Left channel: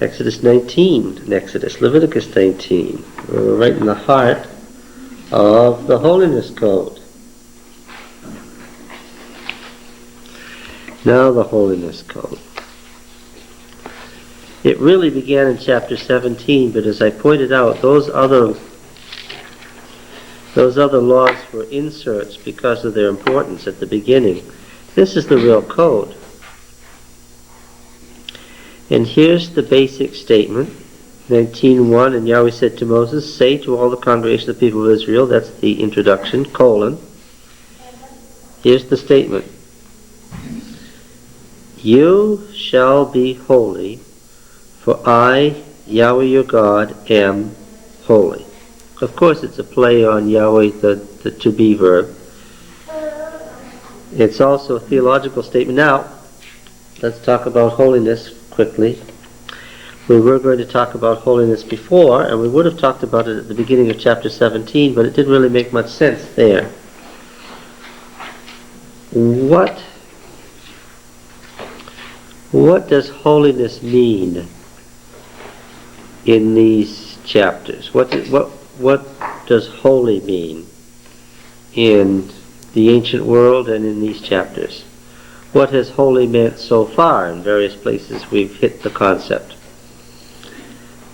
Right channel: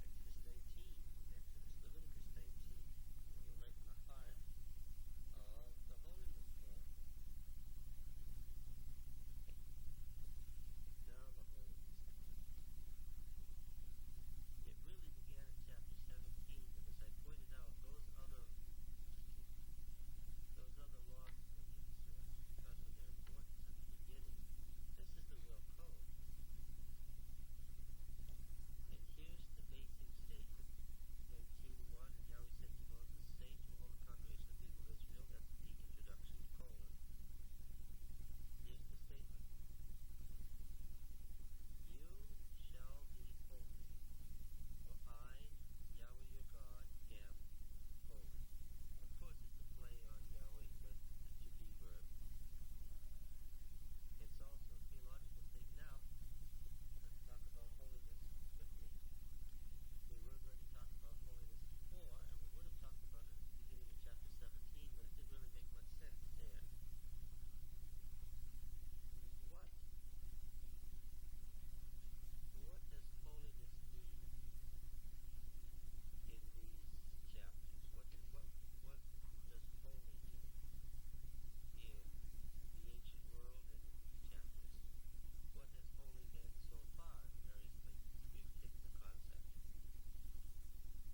Exodus 19, Leviticus 19. We're right in the heart of the Holiness Code. Now the Holiness Code. It really began in chapter 17, but as I pointed out, those other laws were inserts because of their importance at the beginning. This is the real code. And here's the basic statement, 19:1, and Yahweh said to Moses, say to all the congregation of the people of Israel, that's the introduction, colon. Here's the statement. You shall be holy, for I, Yahweh your God, am holy. Of course, it's a play on Yahweh, the to be verb. It's also a theological statement. Now, let's talk about holiness quickly. We were going to talk about holiness before, and we would have talked about it at the beginning of chapter 17, but it didn't really make much sense there. What does holiness mean in these chapters? What does holy mean in the ancient world and in these chapters? What has holy meant so far? In various places we've hit the concept.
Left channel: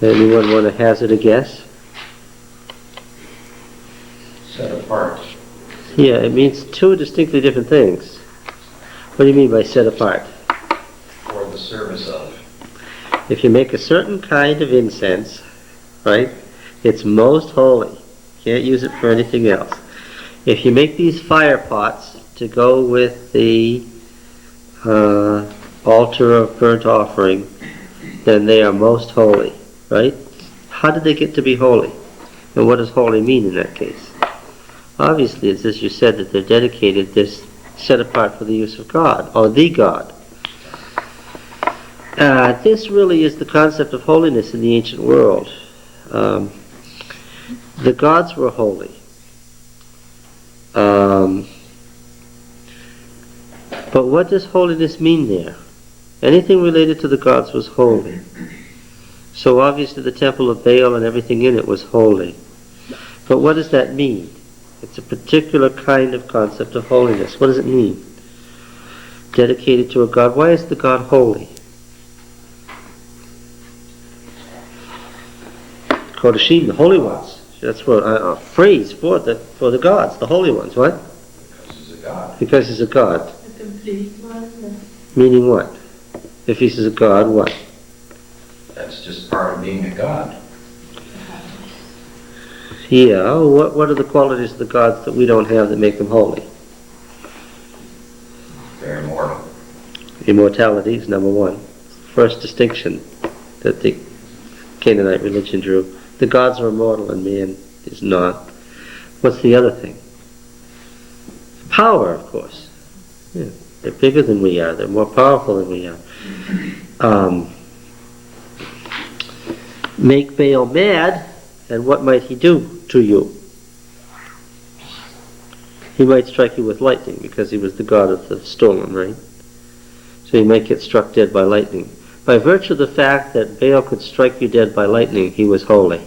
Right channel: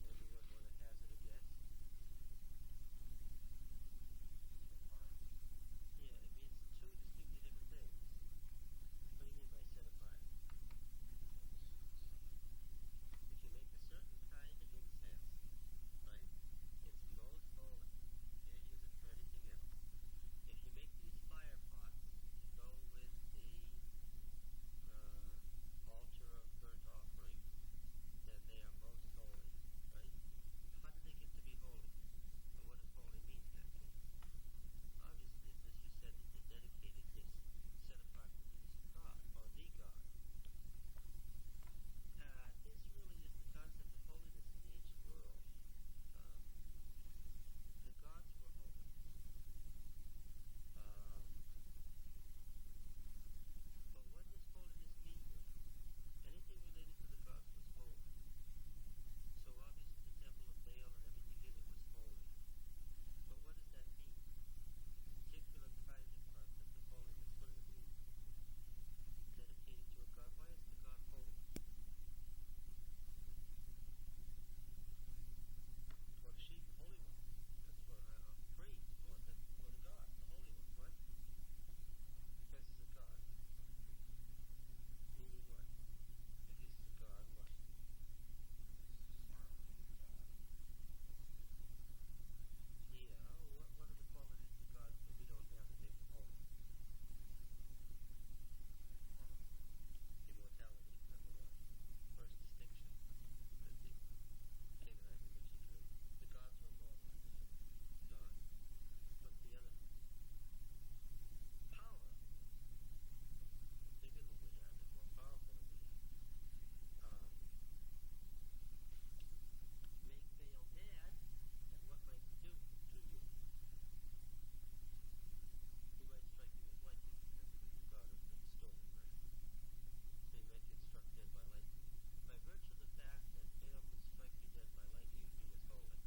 Anyone want to hazard a guess? Set apart. Yeah, it means two distinctly different things. What do you mean by set apart? For the service of. If you make a certain kind of incense, right, it's most holy. Can't use it for anything else. If you make these fire pots to go with the altar of burnt offering, then they are most holy, right? How did they get to be holy? And what does holy mean in that case? Obviously, it's as you said, that they're dedicated, they're set apart for the use of God, or the God. This really is the concept of holiness in the ancient world. The gods were holy. But what does holiness mean there? Anything related to the gods was holy. So obviously the temple of Baal and everything in it was holy. But what does that mean? It's a particular kind of concept of holiness. What does it mean? Dedicated to a God. Why is the God holy? Kodashim, the holy ones. That's what a phrase for the gods, the holy ones. What? Because he's a God. Because he's a God. A complete one. Meaning what? If he's a God, what? That's just part of being a God. Yeah, what are the qualities of the gods that we don't have that make them holy? They're immortal. Immortality is number one. First distinction that the Canaanite religion drew. The gods are immortal and man is not. What's the other thing? Power, of course. Yeah, they're bigger than we are. They're more powerful than we are. Make Baal mad, and what might he do to you? He might strike you with lightning because he was the god of the storm, right? So you might get struck dead by lightning. By virtue of the fact that Baal could strike you dead by lightning, he was holy.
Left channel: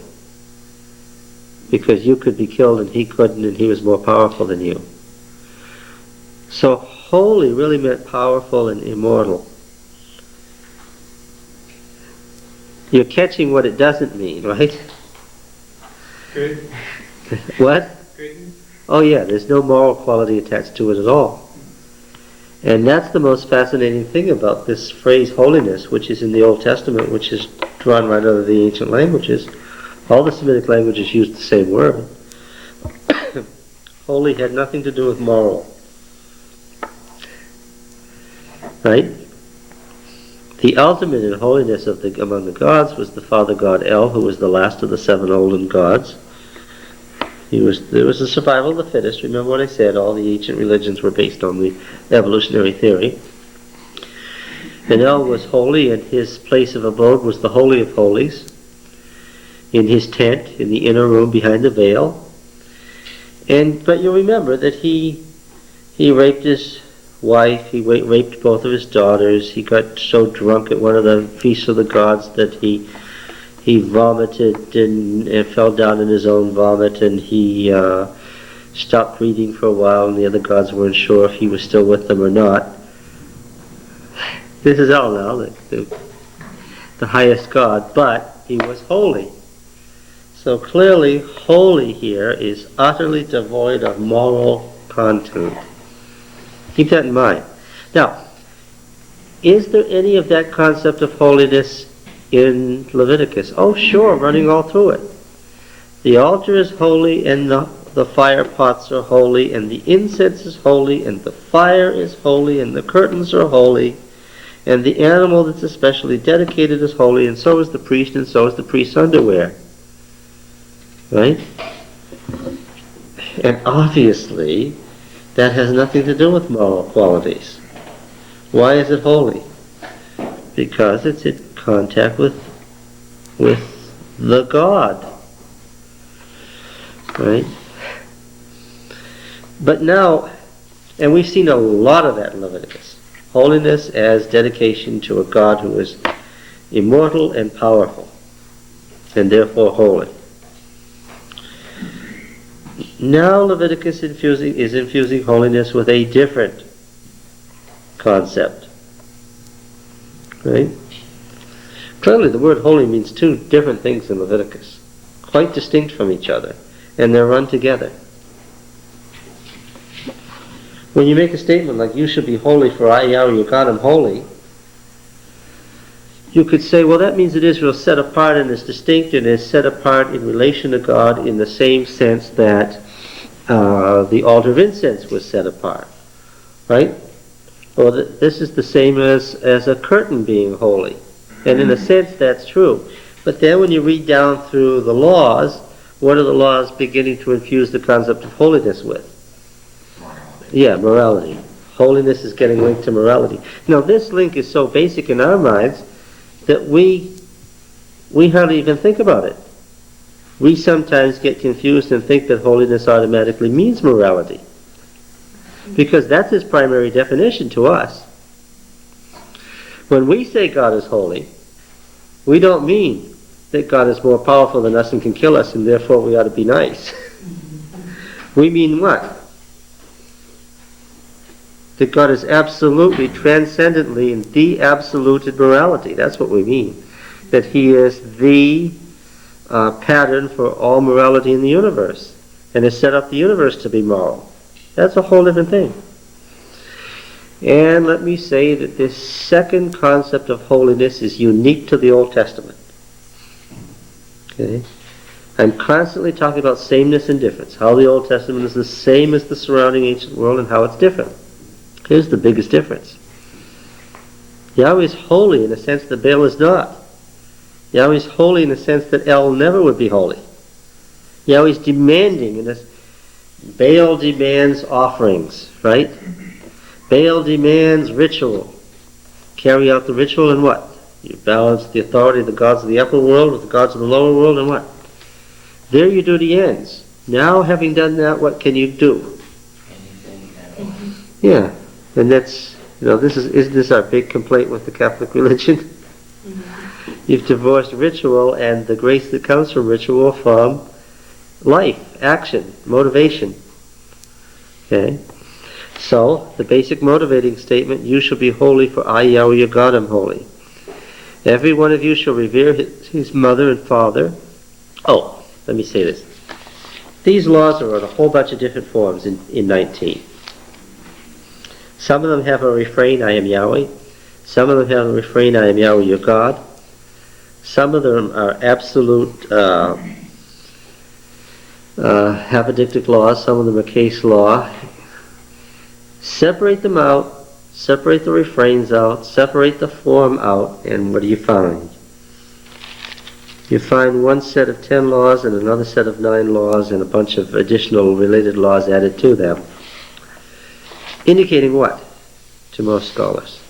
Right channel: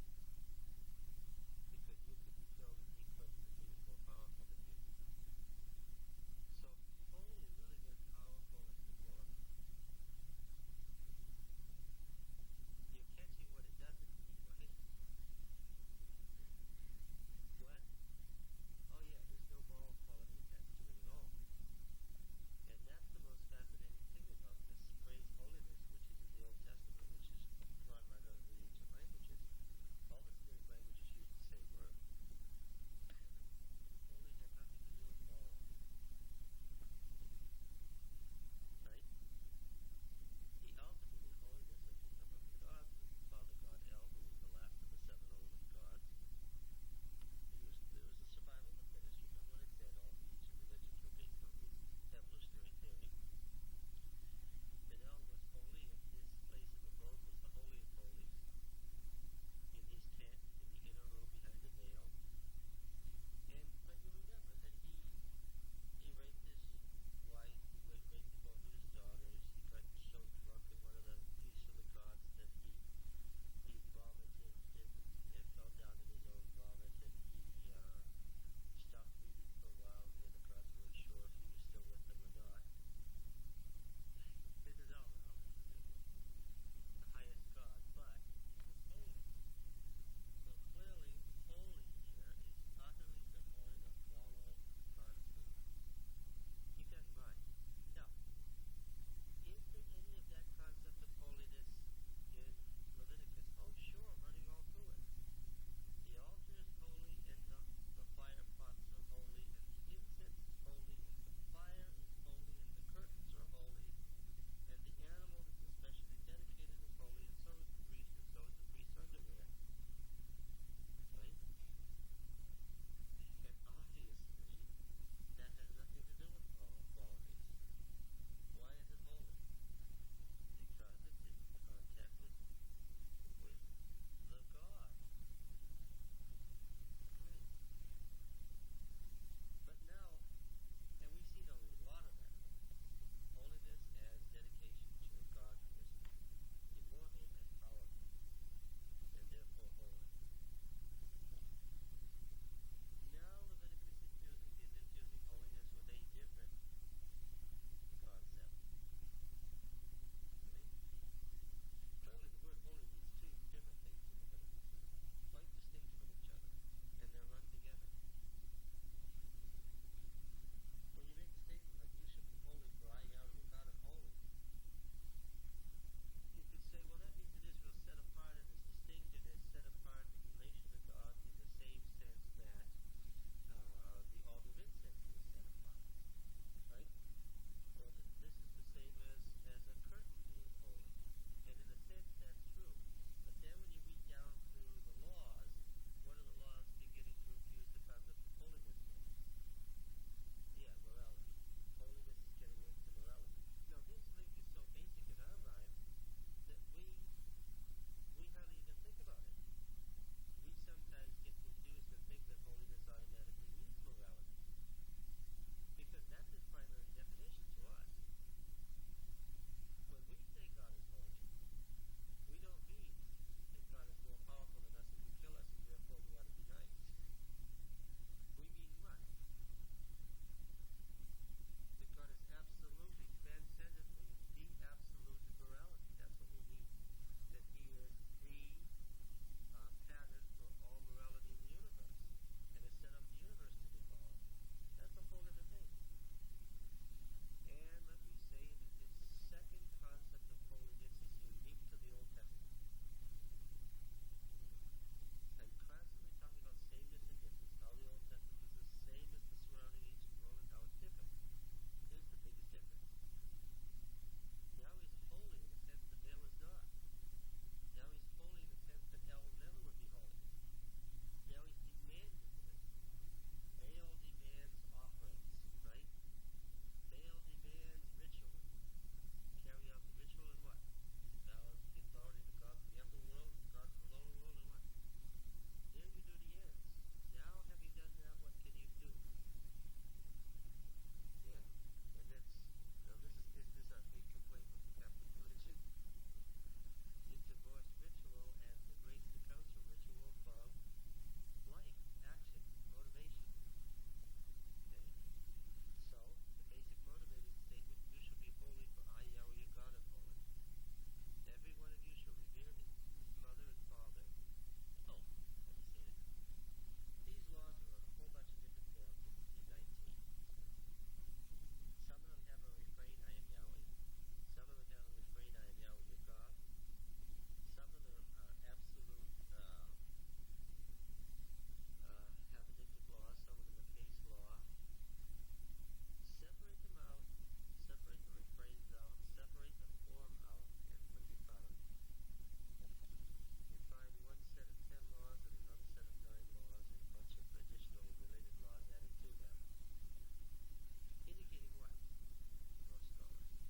Because you could be killed and he couldn't, and he was more powerful than you. So holy really meant powerful and immortal. You're catching what it doesn't mean, right? Good. What? Good. Oh yeah, there's no moral quality attached to it at all. And that's the most fascinating thing about this phrase holiness, which is in the Old Testament, which is drawn right out of the ancient languages. All the Semitic languages use the same word. Holy had nothing to do with moral. Right? The ultimate in holiness among the gods was the father god El, who was the last of the seven olden gods. There was a survival of the fittest. Remember what I said, all the ancient religions were based on the evolutionary theory. And El was holy, and his place of abode was the Holy of Holies, in his tent, in the inner room behind the veil. But you'll remember that he raped his wife. He raped both of his daughters. He got so drunk at one of the feasts of the gods that he vomited and fell down in his own vomit, and he stopped breathing for a while, and the other gods weren't sure if he was still with them or not. This is all now the highest god, but he was holy. So clearly, holy here is utterly devoid of moral content. Keep that in mind. Now, is there any of that concept of holiness in Leviticus? Oh, sure, running all through it. The altar is holy, and the fire pots are holy, and the incense is holy, and the fire is holy, and the curtains are holy, and the animal that's especially dedicated is holy, and so is the priest, and so is the priest's underwear. Right? And obviously, that has nothing to do with moral qualities. Why is it holy? Because it's in contact with the God. Right? But now, and we've seen a lot of that in Leviticus, holiness as dedication to a God who is immortal and powerful, and therefore holy. Now Leviticus is infusing holiness with a different concept. Right? Clearly the word holy means two different things in Leviticus, quite distinct from each other, and they're run together. When you make a statement like, you should be holy for I, Yahweh, your God, am holy, you could say, well, that means that Israel is set apart and is distinct and is set apart in relation to God in the same sense that the altar of incense was set apart. Right? Or this is the same as a curtain being holy. And in a sense, that's true. But then when you read down through the laws, what are the laws beginning to infuse the concept of holiness with? Yeah, morality. Holiness is getting linked to morality. Now, this link is so basic in our minds that we hardly even think about it. We sometimes get confused and think that holiness automatically means morality, because that's its primary definition to us. When we say God is holy, we don't mean that God is more powerful than us and can kill us and therefore we ought to be nice. We mean what? That God is absolutely, transcendently, and the absolute in morality. That's what we mean. That He is the pattern for all morality in the universe, and has set up the universe to be moral. That's a whole different thing. And let me say that this second concept of holiness is unique to the Old Testament. Okay? I'm constantly talking about sameness and difference, how the Old Testament is the same as the surrounding ancient world and how it's different. Here's the biggest difference. Yahweh is holy in a sense that Baal is not. Yahweh is holy in a sense that El never would be holy. Yahweh is demanding in this. Baal demands offerings, right? Baal demands ritual. Carry out the ritual and what? You balance the authority of the gods of the upper world with the gods of the lower world and what? There your duty ends. Now, having done that, what can you do? Yeah. And that's, isn't this our big complaint with the Catholic religion? Mm-hmm. You've divorced ritual and the grace that comes from ritual from life, action, motivation. Okay? So, the basic motivating statement, you shall be holy for I, Yahweh, your God, am holy. Every one of you shall revere his mother and father. Oh, let me say this. These laws are in a whole bunch of different forms in 19. Some of them have a refrain, I am Yahweh. Some of them have a refrain, I am Yahweh, your God. Some of them are absolute apodictic laws. Some of them are case law. Separate them out. Separate the refrains out. Separate the form out. And what do you find? You find one set of 10 laws and another set of 9 laws and a bunch of additional related laws added to them. Indicating what to most scholars?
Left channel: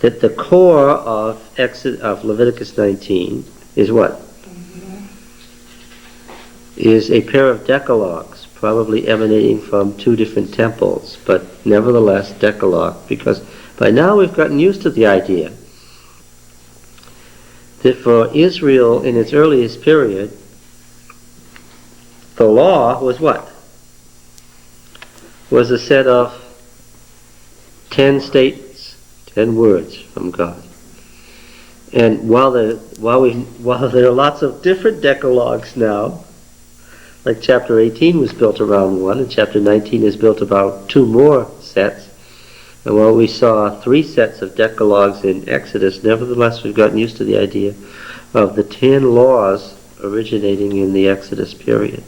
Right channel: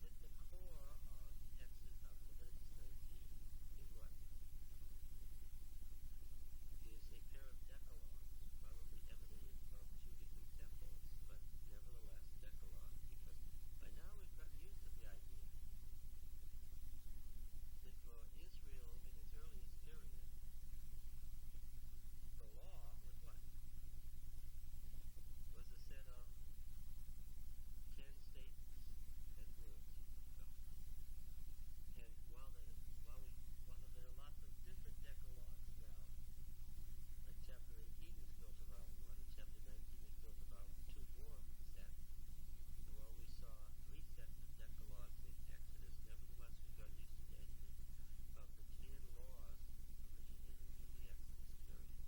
That the core of Leviticus 19 is what? Is a pair of decalogues, probably emanating from two different temples, but nevertheless Decalogue, because by now we've gotten used to the idea that for Israel in its earliest period, the law was what? Was a set of 10 statements, 10 words from God. And while there are lots of different decalogues now, like chapter 18 was built around one, and chapter 19 is built about two more sets, and while we saw 3 sets of decalogues in Exodus, nevertheless we've gotten used to the idea of the 10 laws originating in the Exodus period.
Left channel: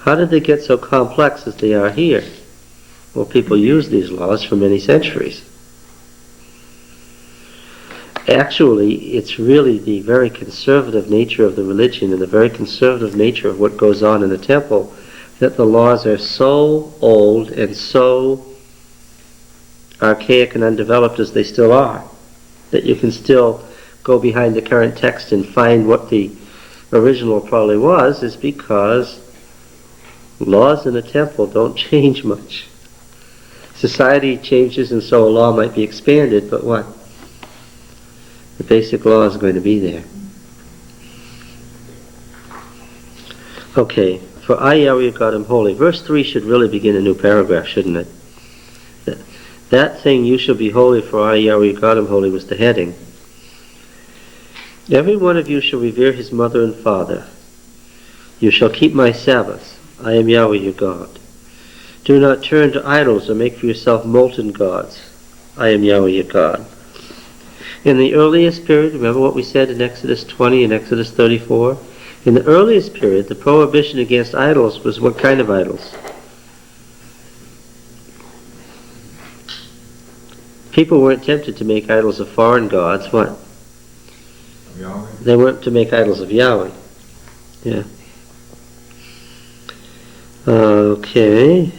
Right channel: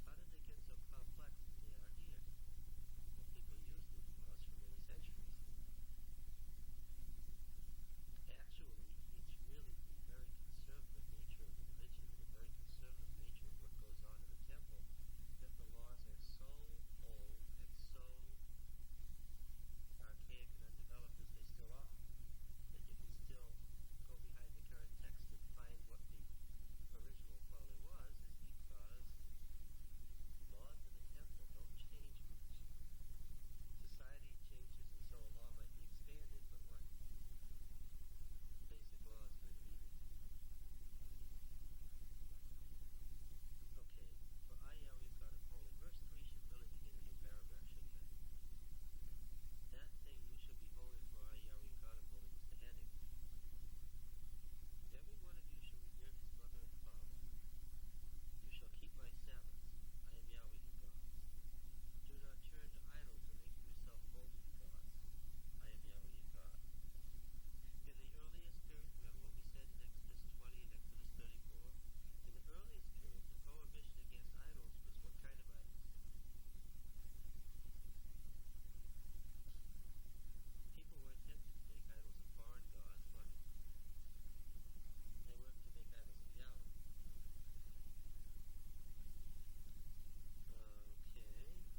How did they get so complex as they are here? Well, people use these laws for many centuries. Actually, it's really the very conservative nature of the religion and the very conservative nature of what goes on in the temple that the laws are so old and so archaic and undeveloped as they still are, that you can still go behind the current text and find what the original probably was, is because laws in a temple don't change much. Society changes and so a law might be expanded, but what? The basic law is going to be there. Okay, for I, Yahweh, God, am holy. Verse 3 should really begin a new paragraph, shouldn't it? That thing, you shall be holy, for I, Yahweh, God, am holy, was the heading. Every one of you shall revere his mother and father. You shall keep my Sabbaths. I am Yahweh, your God. Do not turn to idols or make for yourself molten gods. I am Yahweh, your God. In the earliest period, remember what we said in Exodus 20 and Exodus 34? In the earliest period, the prohibition against idols was what kind of idols? People weren't tempted to make idols of foreign gods. What? Yahweh. They weren't to make idols of Yahweh. Yeah. Okay.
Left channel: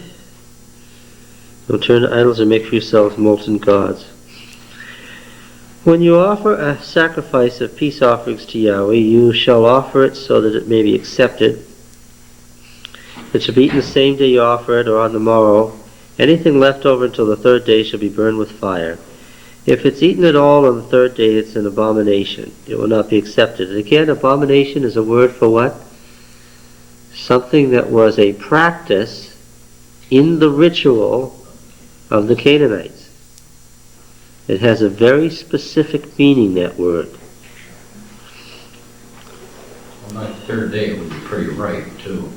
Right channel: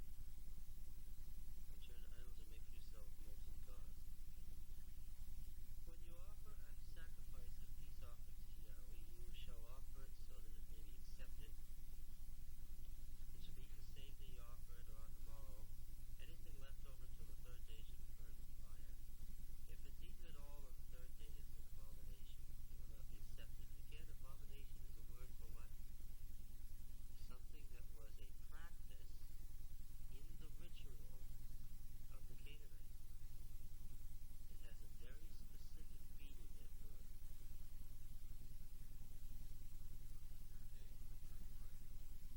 Don't turn to idols or make for yourselves molten gods. When you offer a sacrifice of peace offerings to Yahweh, you shall offer it so that it may be accepted. It shall be eaten the same day you offer it, or on the morrow. Anything left over until the 3rd day shall be burned with fire. If it's eaten at all on the 3rd day, it's an abomination. It will not be accepted. And again, abomination is a word for what? Something that was a practice in the ritual of the Canaanites. It has a very specific meaning, that word. Well, on the 3rd day it would be pretty ripe, too.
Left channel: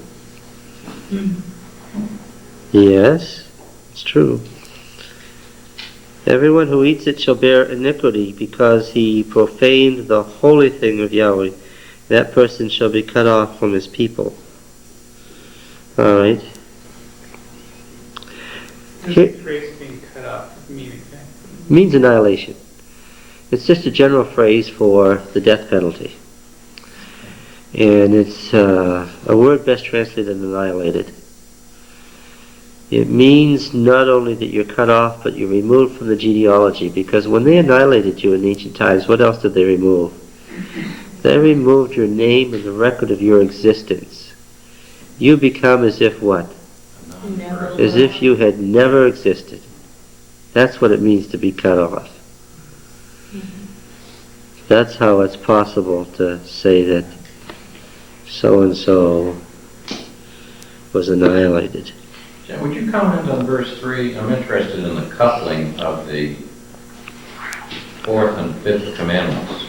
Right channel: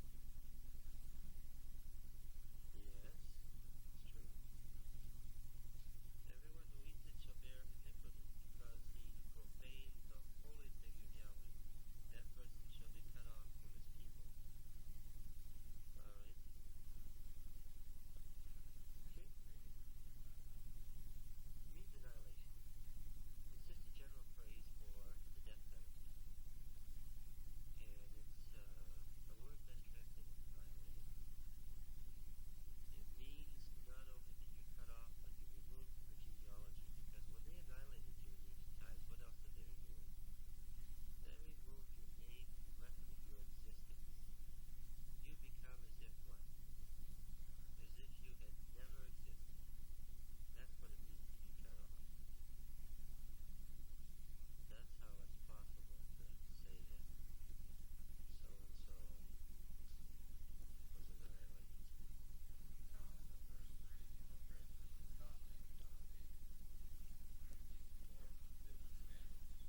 Yes, it's true. Everyone who eats it shall bear iniquity, because he profaned the holy thing of Yahweh. That person shall be cut off from his people. All right. Does the phrase being cut off mean exactly? Means annihilation. It's just a general phrase for the death penalty. And it's a word best translated annihilated. It means not only that you're cut off, but you're removed from the genealogy, because when they annihilated you in ancient times, what else did they remove? They removed your name and the record of your existence. You become as if what? As if you had never existed. That's what it means to be cut off. That's how it's possible to say that so-and-so was annihilated. Jen, would you comment on verse 3? I'm interested in the coupling of the 4th and 5th commandments.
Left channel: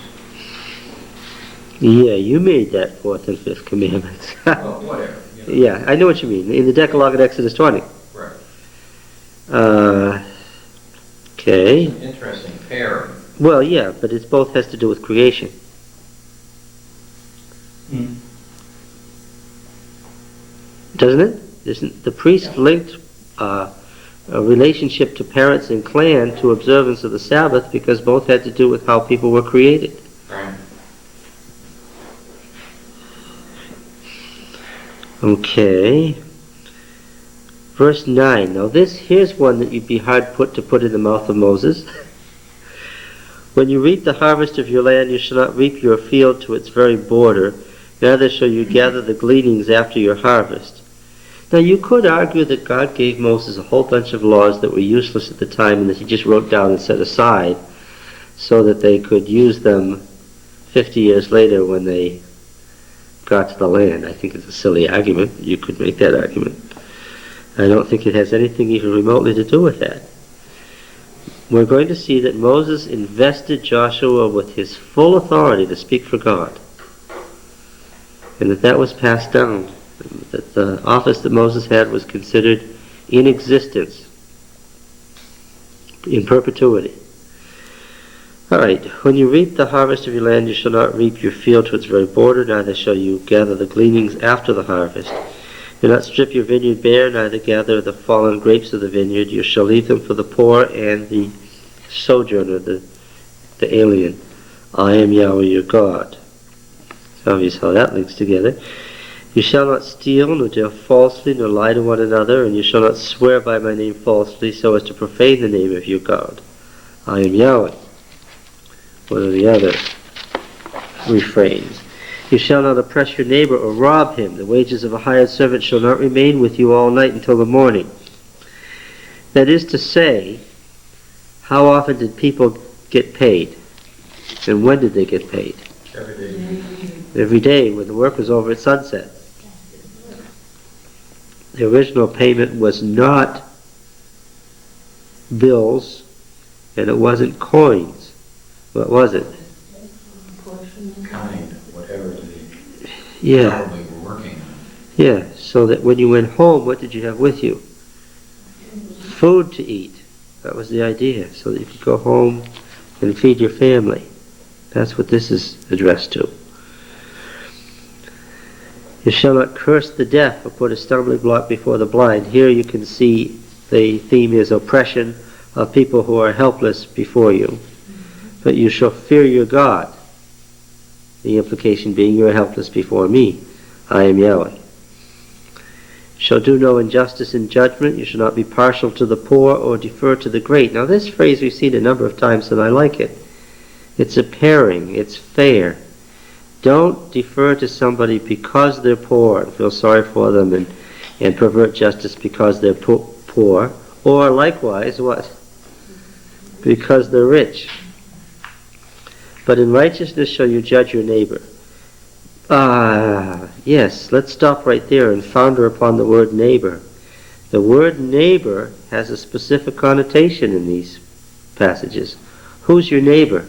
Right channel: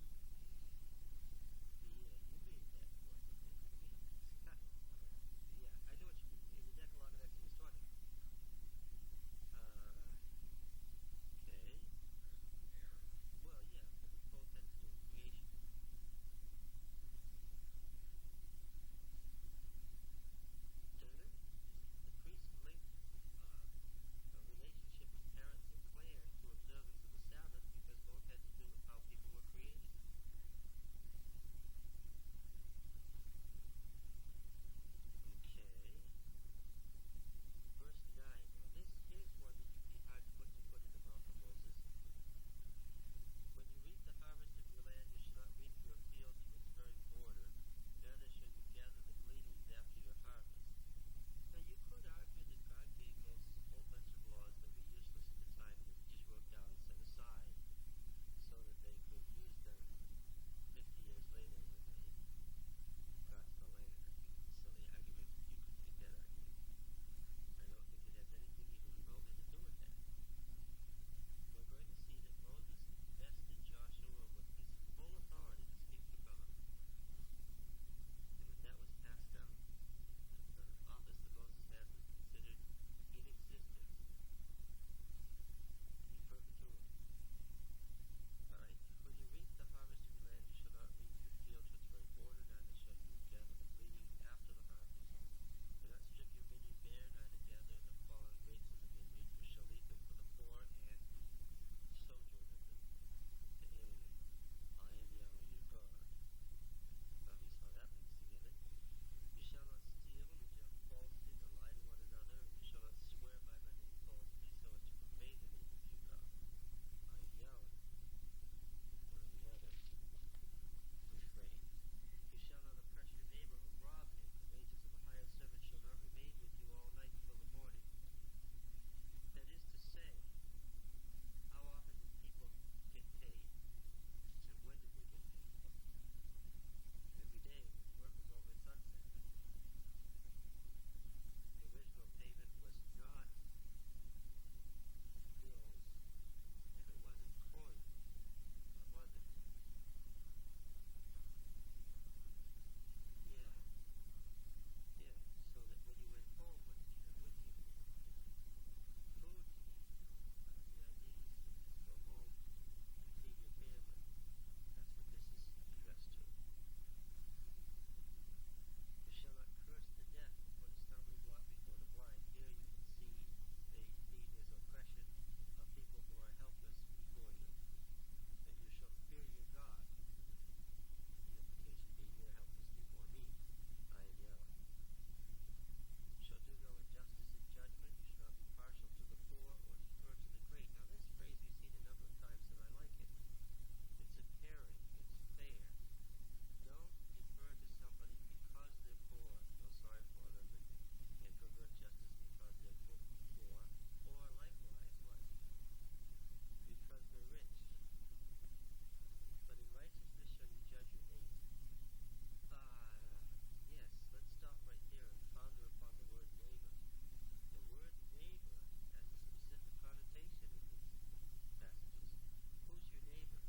Yeah, you made that 4th and 5th commandments. Well, whatever. You know. Yeah, I know what you mean. In the Decalogue in Exodus 20. Right. Okay. It's an interesting pairing. Well, yeah, but it both has to do with creation. Doesn't it? Isn't the priest linked a relationship to parents and clan to observance of the Sabbath, because both had to do with how people were created? Right. Okay. Verse 9. Now here's one that you'd be hard put to put in the mouth of Moses. When you reap the harvest of your land, you shall not reap your field to its very border, neither shall you gather the gleanings after your harvest. Now you could argue that God gave Moses a whole bunch of laws that were useless at the time and that he just wrote down and set aside so that they could use them 50 years later when they got to the land. I think it's a silly argument. You could make that argument. I don't think it has anything even remotely to do with that. We're going to see that Moses invested Joshua with his full authority to speak for God, and that was passed down, that the office that Moses had was considered in existence, in perpetuity. All right, when you reap the harvest of your land, you shall not reap your field to its very border, neither shall you gather the gleanings after the harvest. Do not strip your vineyard bare, neither gather the fallen grapes of the vineyard. You shall leave them for the poor and the sojourner, the alien. I am Yahweh your God. It's obvious how that links together. You shall not steal, nor deal falsely, nor lie to one another, and you shall not swear by my name falsely, so as to profane the name of your God. I am Yahweh. What are the other refrains? You shall not oppress your neighbor or rob him. The wages of a hired servant shall not remain with you all night until the morning. That is to say, how often did people get paid? And when did they get paid? Every day. Every day when the work was over at sunset. The original payment was not bills, and it wasn't coins. What was it? Kind, whatever they Yeah. probably were working on. Yeah, so that when you went home, what did you have with you? Food to eat. That was the idea, so that you could go home and feed your family. That's what this is addressed to. You shall not curse the deaf or put a stumbling block before the blind. Here you can see the theme is oppression of people who are helpless before you. But you shall fear your God. The implication being you are helpless before me. I am Yahweh. Shall do no injustice in judgment. You shall not be partial to the poor or defer to the great. Now this phrase we've seen a number of times and I like it. It's a pairing. It's fair. Don't defer to somebody because they're poor and feel sorry for them and pervert justice because they're poor. Or likewise, what? Because they're rich. But in righteousness shall you judge your neighbor. Yes, let's stop right there and founder upon the word neighbor. The word neighbor has a specific connotation in these passages. Who's your neighbor?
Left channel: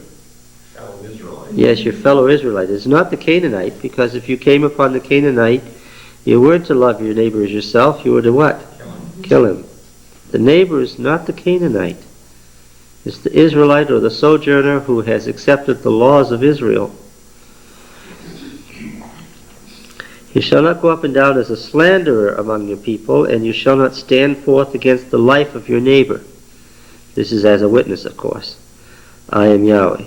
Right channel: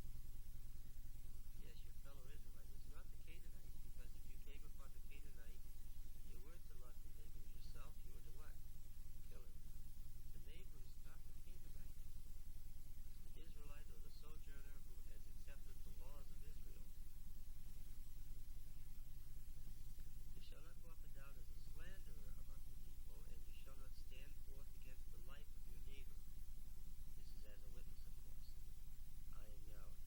Fellow Israelite. Yes, your fellow Israelite. It's not the Canaanite, because if you came upon the Canaanite, you weren't to love your neighbor as yourself, you were to what? Kill him. The neighbor is not the Canaanite. It's the Israelite or the sojourner who has accepted the laws of Israel. You shall not go up and down as a slanderer among your people, and you shall not stand forth against the life of your neighbor. This is as a witness, of course. I am Yahweh.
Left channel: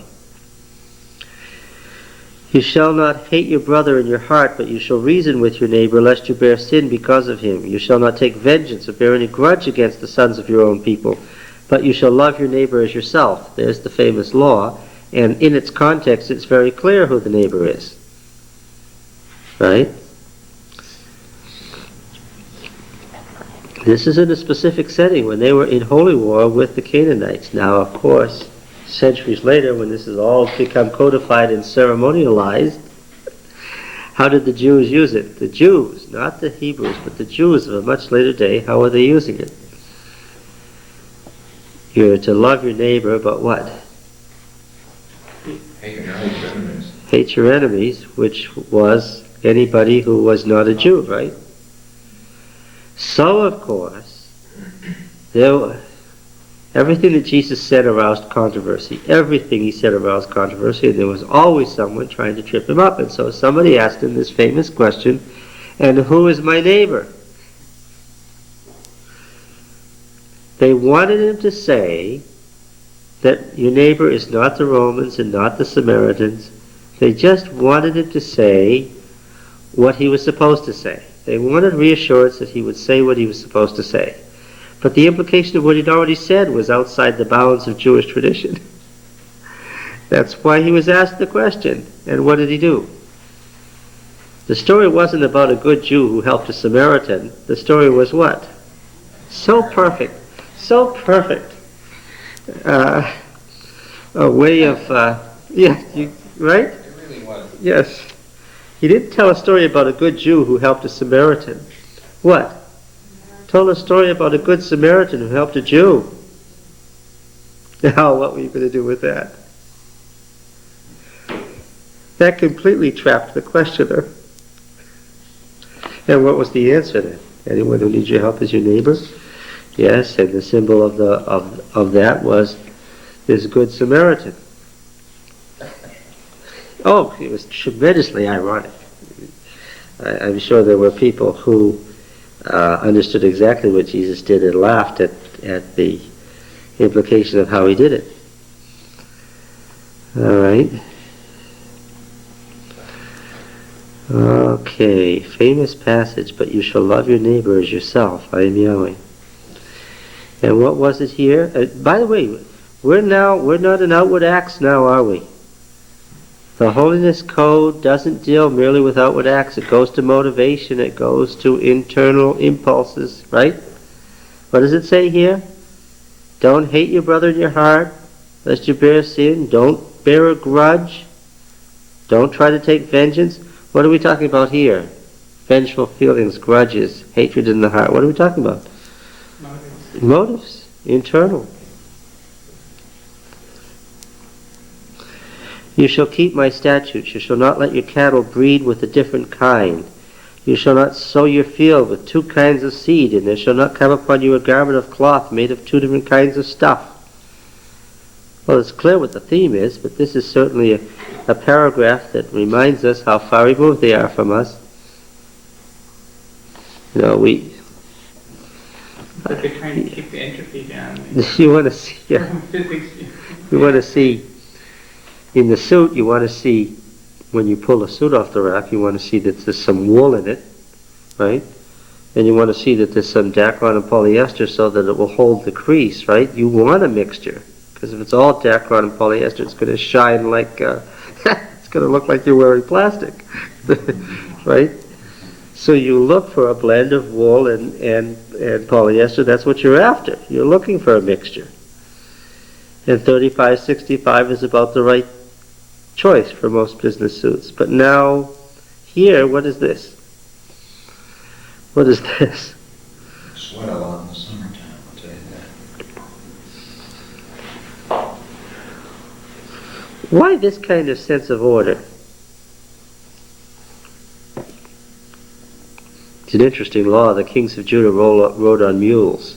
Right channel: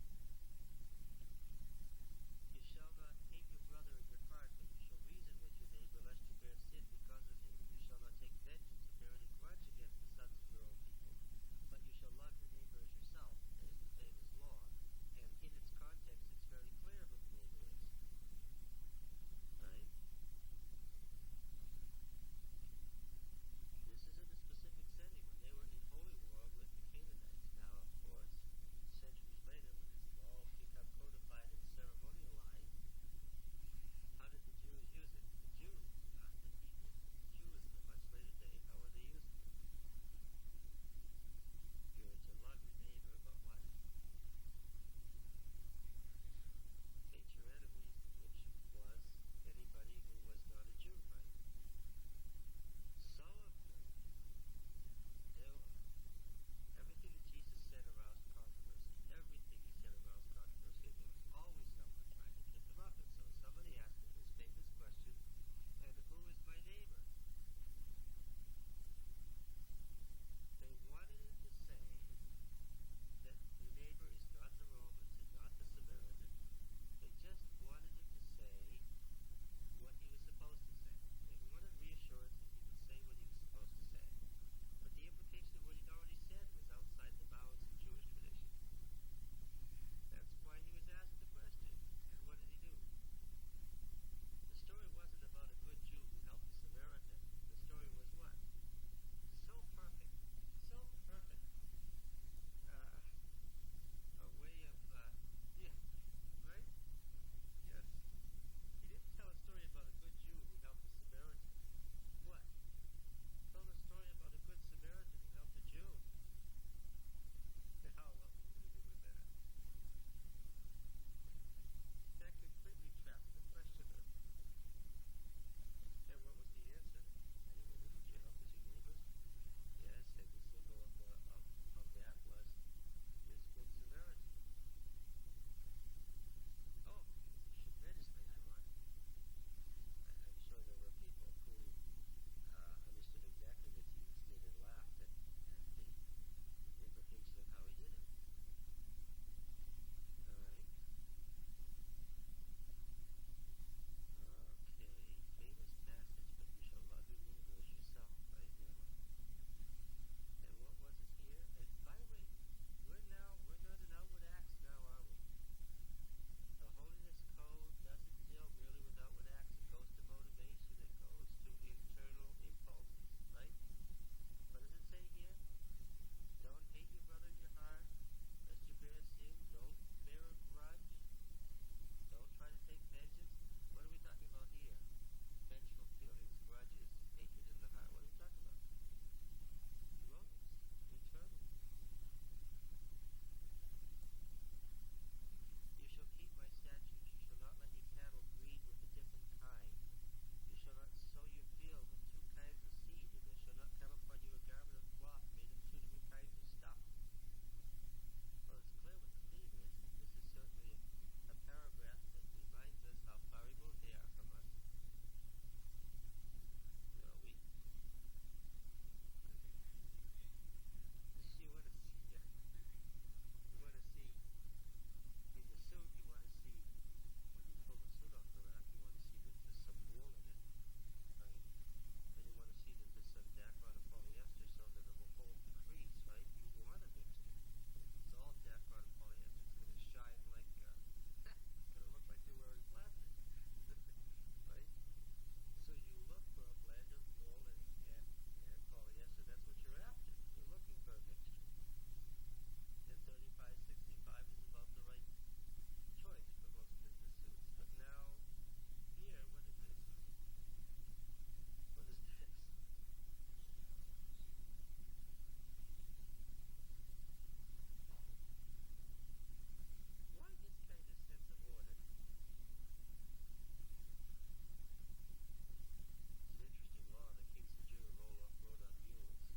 You shall not hate your brother in your heart, but you shall reason with your neighbor, lest you bear sin because of him. You shall not take vengeance or bear any grudge against the sons of your own people, but you shall love your neighbor as yourself. There's the famous law, and in its context it's very clear who the neighbor is. Right? This is in a specific setting when they were in holy war with the Canaanites. Now, of course, centuries later, when this has all become codified and ceremonialized, how did the Jews use it? The Jews, not the Hebrews, but the Jews of a much later day, how are they using it? You're to love your neighbor, but what? Hate your enemies. Hate your enemies, which was anybody who was not a Jew, right? So, of course, everything that Jesus said aroused controversy. Everything he said aroused controversy, and there was always someone trying to trip him up. And so somebody asked him this famous question, and who is my neighbor? They wanted him to say that your neighbor is not the Romans and not the Samaritans. They just wanted him to say what he was supposed to say. They wanted reassurance that he would say what he was supposed to say. But the implication of what he'd already said was outside the bounds of Jewish tradition. That's why he was asked the question. And what did he do? The story wasn't about a good Jew who helped a Samaritan. The story was what? So perfect. So perfect. A way of, yeah, right? It really was. Yes. He didn't tell a story about a good Jew who helped a Samaritan. What? Told a story about a good Samaritan who helped a Jew. Now, what were you going to do with that? That completely trapped the questioner. And what was the answer then? Anyone who needs your help is your neighbor? Yes, and the symbol of that was this good Samaritan. Oh, it was tremendously ironic. I'm sure there were people who understood exactly what Jesus did and laughed at the implication of how he did it. All right. Okay, famous passage, but you shall love your neighbor as yourself. I am Yahweh. And what was it here? By the way, we're not in outward acts now, are we? The Holiness Code doesn't deal merely with outward acts. It goes to motivation. It goes to internal impulses, right? What does it say here? Don't hate your brother in your heart, lest you bear sin. Don't bear a grudge. Don't try to take vengeance. What are we talking about here? Vengeful feelings, grudges, hatred in the heart. What are we talking about? Motives. Internal. You shall keep my statutes. You shall not let your cattle breed with a different kind. You shall not sow your field with two kinds of seed, and there shall not come upon you a garment of cloth made of two different kinds of stuff. Well, it's clear what the theme is, but this is certainly a paragraph that reminds us how far removed they are from us. You know, But they're trying to keep the entropy down. you want to see, yeah, Physics. you want to see, in the suit, you want to see, when you pull the suit off the rack, you want to see that there's some wool in it, right? And you want to see that there's some Dacron and polyester so that it will hold the crease, right? You want a mixture, because if it's all Dacron and polyester, it's going to shine like, it's going to look like you're wearing plastic, right? So you look for a blend of wool and polyester. That's what you're after. You're looking for a mixture. And 3565 is about the right choice for most business suits. But now, here, what is this? What is this? Sweat a lot in the summertime, I'll tell you that. Why this kind of sense of order? It's an interesting law. The kings of Judah rode on mules.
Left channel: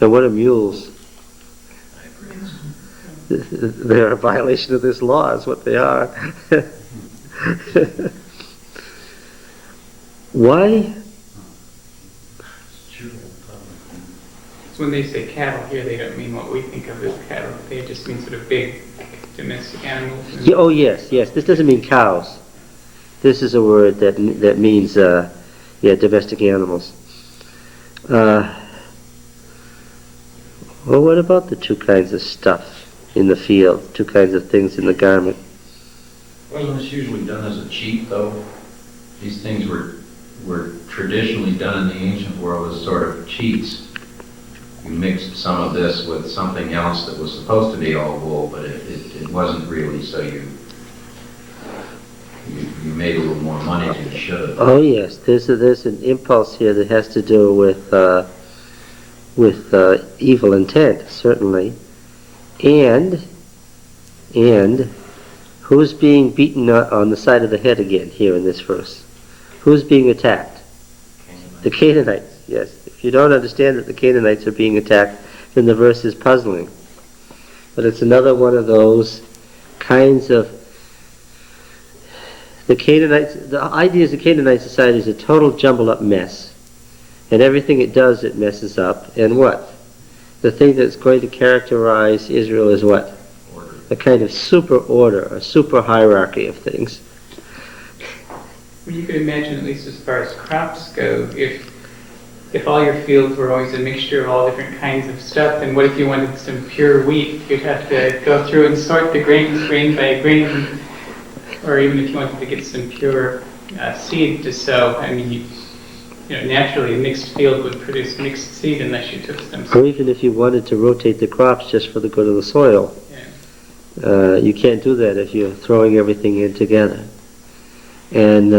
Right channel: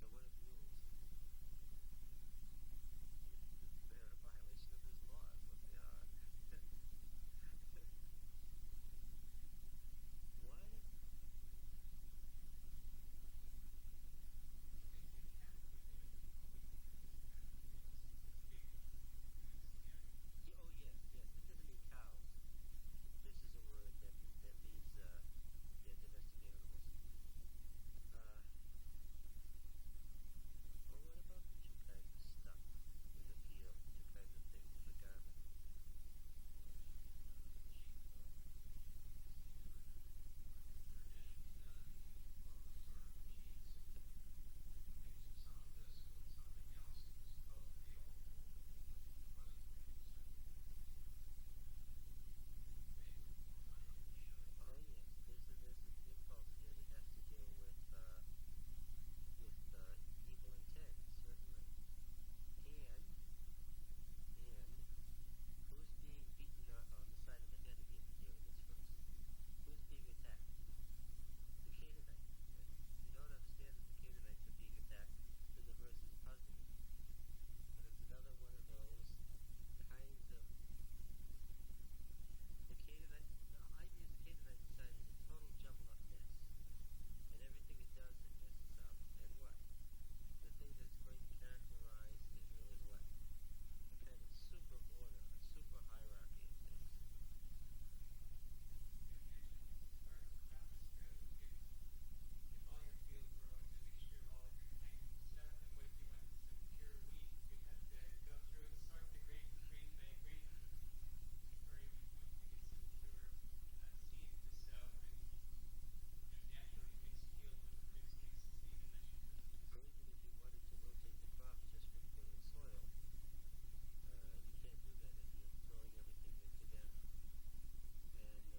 And what are mules? They're a violation of this law, is what they are. Why? So when they say cattle here, they don't mean what we think of as cattle. They just mean sort of big domestic animals. Yeah, oh yes. This doesn't mean cows. This is a word that means domestic animals. Well, what about the two kinds of stuff in the field, two kinds of things in the garment? Wasn't this usually done as a cheat, though? These things were traditionally done in the ancient world as sort of cheats. You mixed some of this with something else that was supposed to be all wool, but it wasn't really, so you made a little more money than you should have. Oh yes, there's an impulse here that has to do with evil intent, certainly, and who's being beaten on the side of the head again here in this verse? Who's being attacked? The Canaanites. Yes. If you don't understand that the Canaanites are being attacked, then the verse is puzzling. But it's another one of those kinds of the Canaanites. The idea is the Canaanite society is a total jumbled up mess, and everything it does it messes up. And what? The thing that's going to characterize Israel is what? Order. A kind of super order, a super hierarchy of things. Well, you could imagine, at least as far as crops go, if all your fields were always a mixture of all different kinds of stuff, then what if you wanted some pure wheat? You'd have to go through and sort the grains grain by grain. Or even if you wanted to get some pure seed to sow. I mean, naturally a mixed field would produce mixed seed unless you took some. Or even if you wanted to rotate the crops just for the good of the soil. Yeah. You can't do that if you're throwing everything in together. And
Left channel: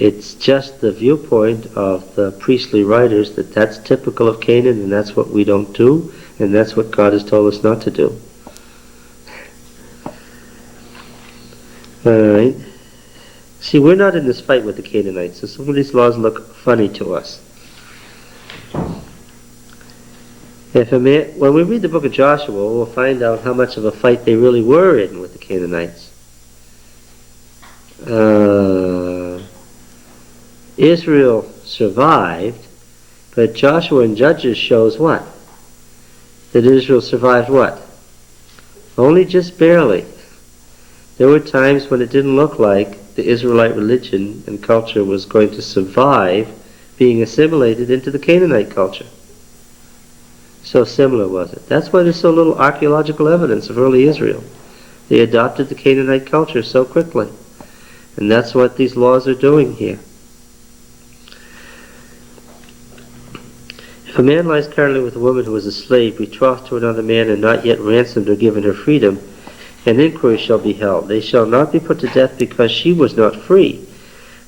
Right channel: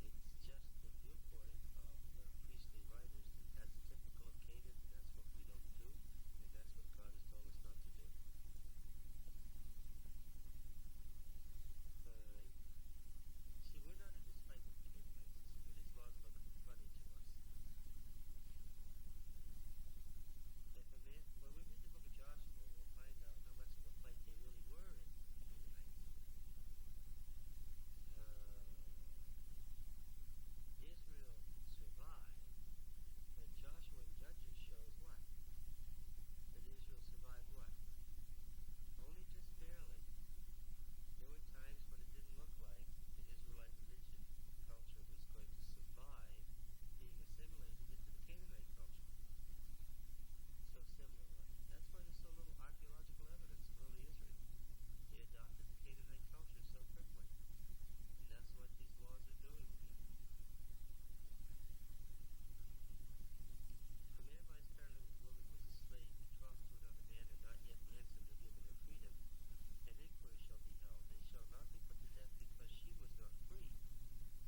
it's just the viewpoint of the priestly writers that that's typical of Canaan, and that's what we don't do, and that's what God has told us not to do. Alright. See, we're not in this fight with the Canaanites, so some of these laws look funny to us. When we read the book of Joshua, we'll find out how much of a fight they really were in with the Canaanites. Israel survived, but Joshua and Judges shows what? That Israel survived what? Only just barely. There were times when it didn't look like the Israelite religion and culture was going to survive being assimilated into the Canaanite culture. So similar was it. That's why there's so little archaeological evidence of early Israel. They adopted the Canaanite culture so quickly. And that's what these laws are doing here. If a man lies carnally with a woman who is a slave, betrothed to another man and not yet ransomed or given her freedom, an inquiry shall be held. They shall not be put to death because she was not free,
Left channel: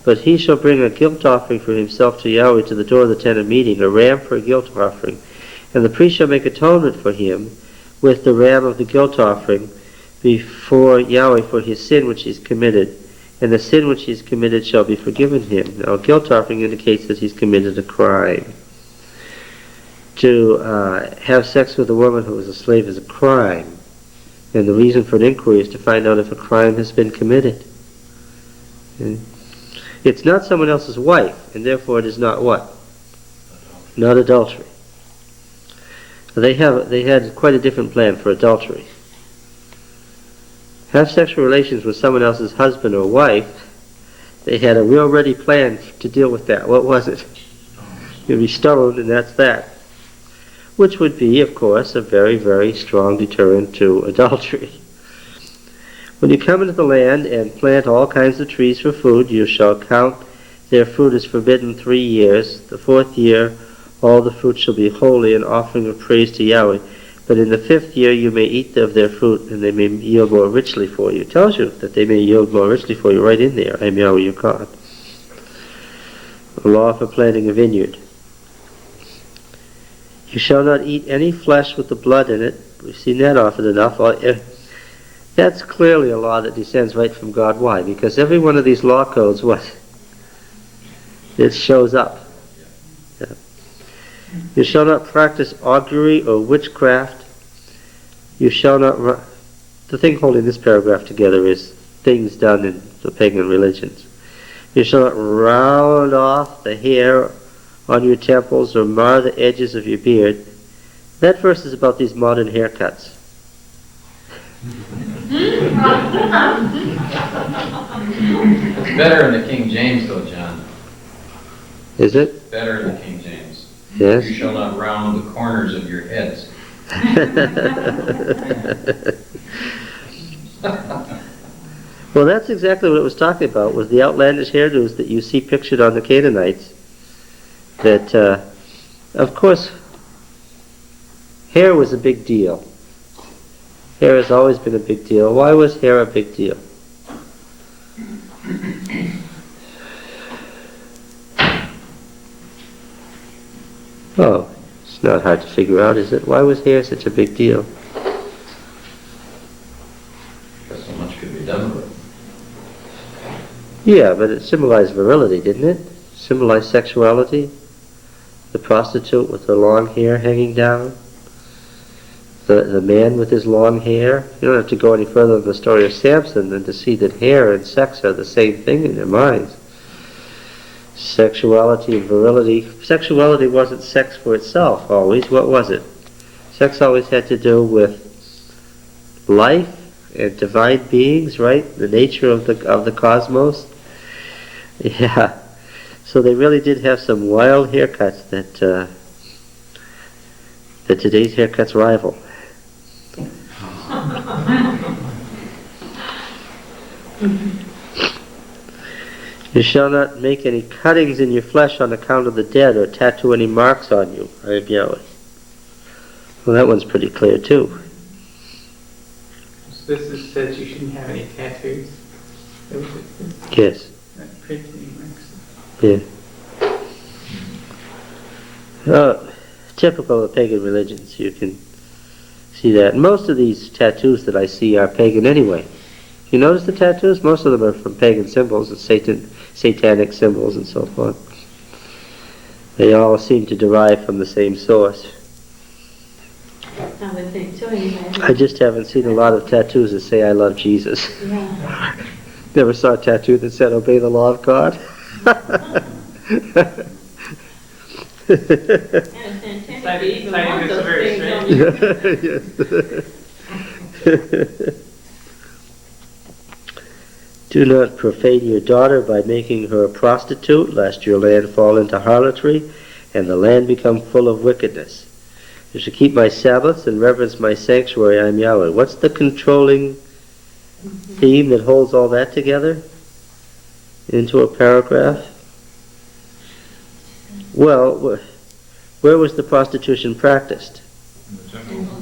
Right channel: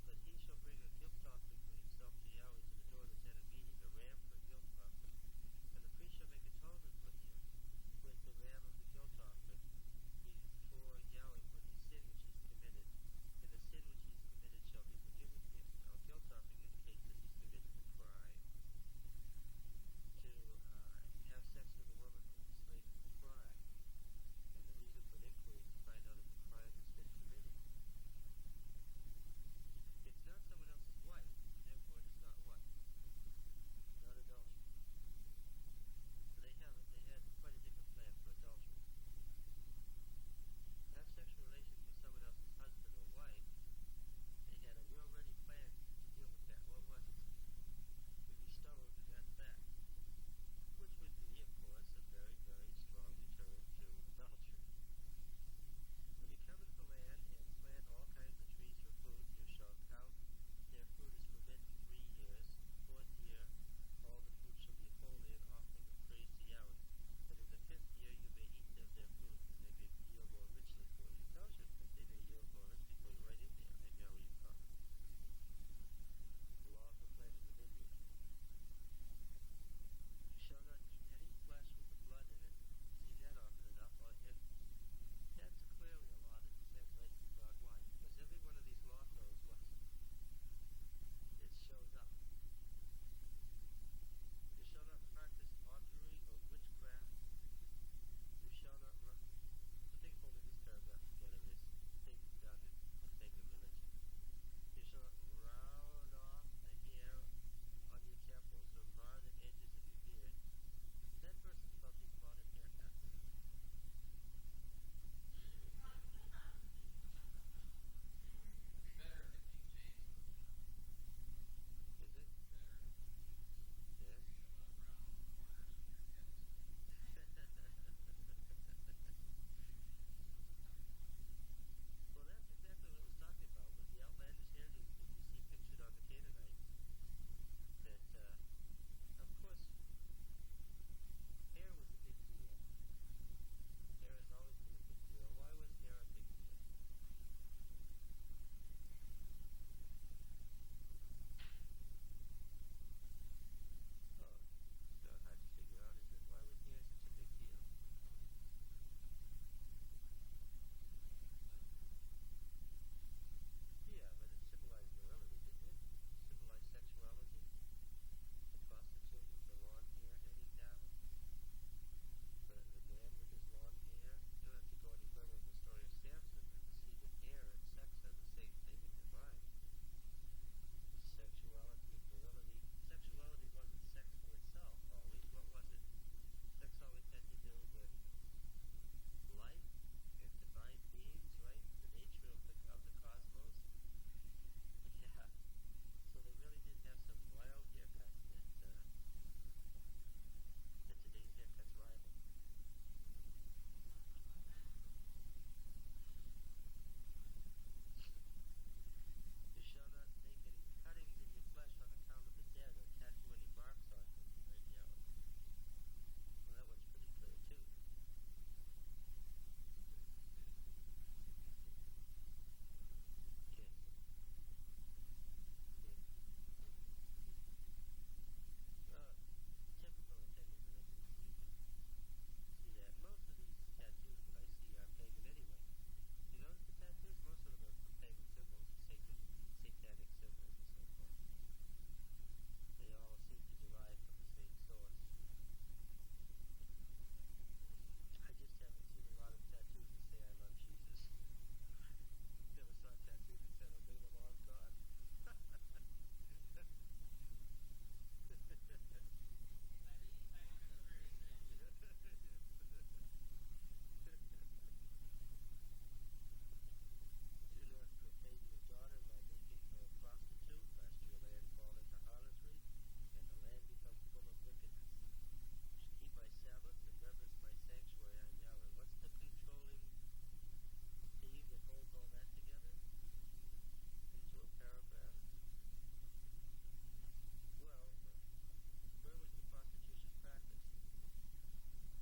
but he shall bring a guilt offering for himself to Yahweh to the door of the tent of meeting, a ram for a guilt offering. And the priest shall make atonement for him with the ram of the guilt offering before Yahweh for his sin which he has committed. And the sin which he has committed shall be forgiven him. Now, a guilt offering indicates that he's committed a crime. To have sex with a woman who is a slave is a crime. And the reason for an inquiry is to find out if a crime has been committed. Okay? It's not someone else's wife, and therefore it is not what? Not adultery. They had quite a different plan for adultery. Have sexual relations with someone else's husband or wife, they had a real ready plan to deal with that. What was it? You'd be stoned, and that's that. Which would be, of course, a very, very strong deterrent to adultery. When you come into the land and plant all kinds of trees for food, you shall count their fruit as forbidden 3 years. The 4th year, all the fruit shall be holy, an offering of praise to Yahweh. But in the 5th year you may eat of their fruit, and they may yield more richly for you. It tells you that they may yield more richly for you right in there. I am Yahweh your God. A law for planting a vineyard. You shall not eat any flesh with the blood in it. We've seen that often enough. That's clearly a law that descends right from God. Why? Because every one of these law codes, what? It shows up. Yeah. You shall not practice augury or witchcraft. You shall not... The thing holding this paragraph together is things done in the pagan religions. You shall not round off the hair on your temples or mar the edges of your beard. That verse is about these modern haircuts. It's better in the King James though, John. Is it? Better in the King James. Yes. You shall not round the corners of your heads. Well, that's exactly what it was talking about, was the outlandish hairdos that you see pictured on the Canaanites. That, of course, hair was a big deal. Hair has always been a big deal. Why was hair a big deal? Oh, it's not hard to figure out, is it? Why was hair such a big deal? Because so much could be done with it. Yeah, but it symbolized virility, didn't it? Symbolized sexuality. The prostitute with the long hair hanging down. The man with his long hair. You don't have to go any further than the story of Samson than to see that hair and sex are the same thing in their minds. Sexuality and virility. Sexuality wasn't sex for itself always. What was it? Sex always had to do with life and divine beings, right? The nature of the cosmos. Yeah. So they really did have some wild haircuts that today's haircuts rival. You shall not make any cuttings in your flesh on account of the dead, or tattoo any marks on you. I am Yahweh. Well, that one's pretty clear too. So this says you shouldn't have any tattoos. That was it. Yes. Not printing marks. Yeah. Typical of pagan religions, you can see that. Most of these tattoos that I see are pagan anyway. You notice the tattoos? Most of them are from pagan symbols and satanic symbols and so forth. They all seem to derive from the same source. I would think so anyway. I just haven't seen a lot of tattoos that say I love Jesus. Yeah. Never saw a tattoo that said obey the law of God. And it's intended to even want those things on you. Yes. Do not profane your daughter by making her a prostitute, lest your land fall into harlotry, and the land become full of wickedness. You shall keep my Sabbaths and reverence my sanctuary. I am Yahweh. What's the controlling theme that holds all that together into a paragraph? Well, where was the prostitution practiced?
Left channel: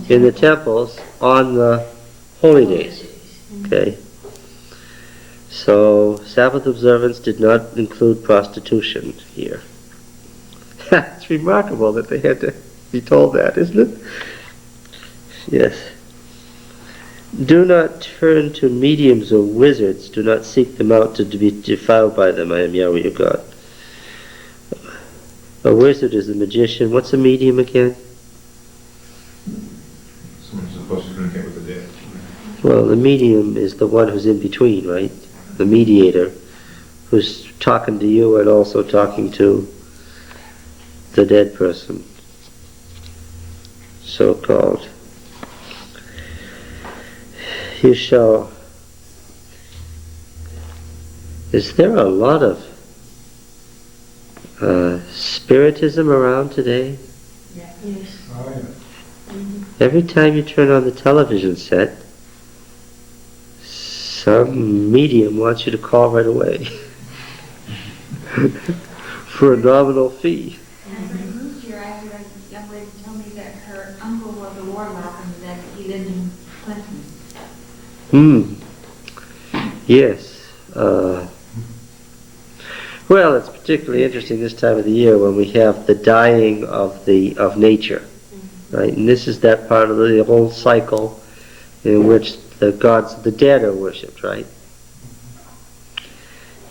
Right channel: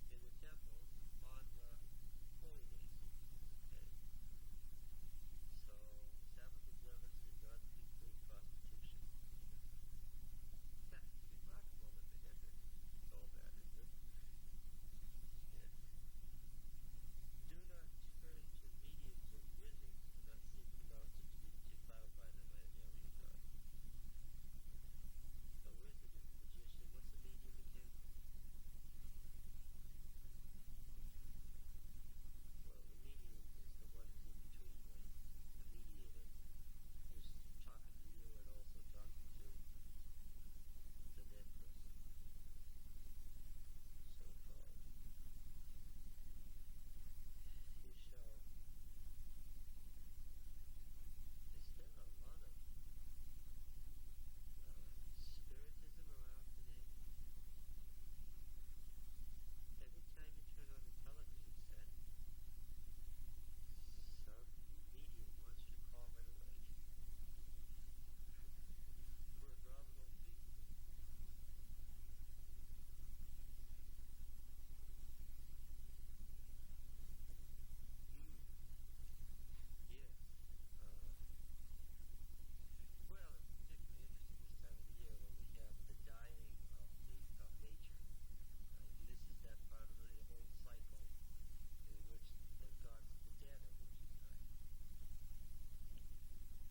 In the temples on the holy days. Okay. So Sabbath observance did not include prostitution here. It's remarkable that they had to be told that, isn't it? Yes. Do not turn to mediums or wizards. Do not seek them out to be defiled by them. I am Yahweh your God. A wizard is a magician. What's a medium again? Someone's supposed to communicate with the dead. Well, the medium is the one who's in between, right? The mediator, who's talking to you and also talking to the dead person, so-called. You shall... Is there a lot of spiritism around today? Yes. Oh, yeah. Every time you turn on the television set, some medium wants you to call right away for a nominal fee. And I moved here, I had a young lady tell me that her uncle was a warlock and that he lived in Clinton. Yes. Well, it's particularly interesting this time of the year when we have the dying of nature, right? And this is that part of the whole cycle in which the gods of the dead are worshipped, right?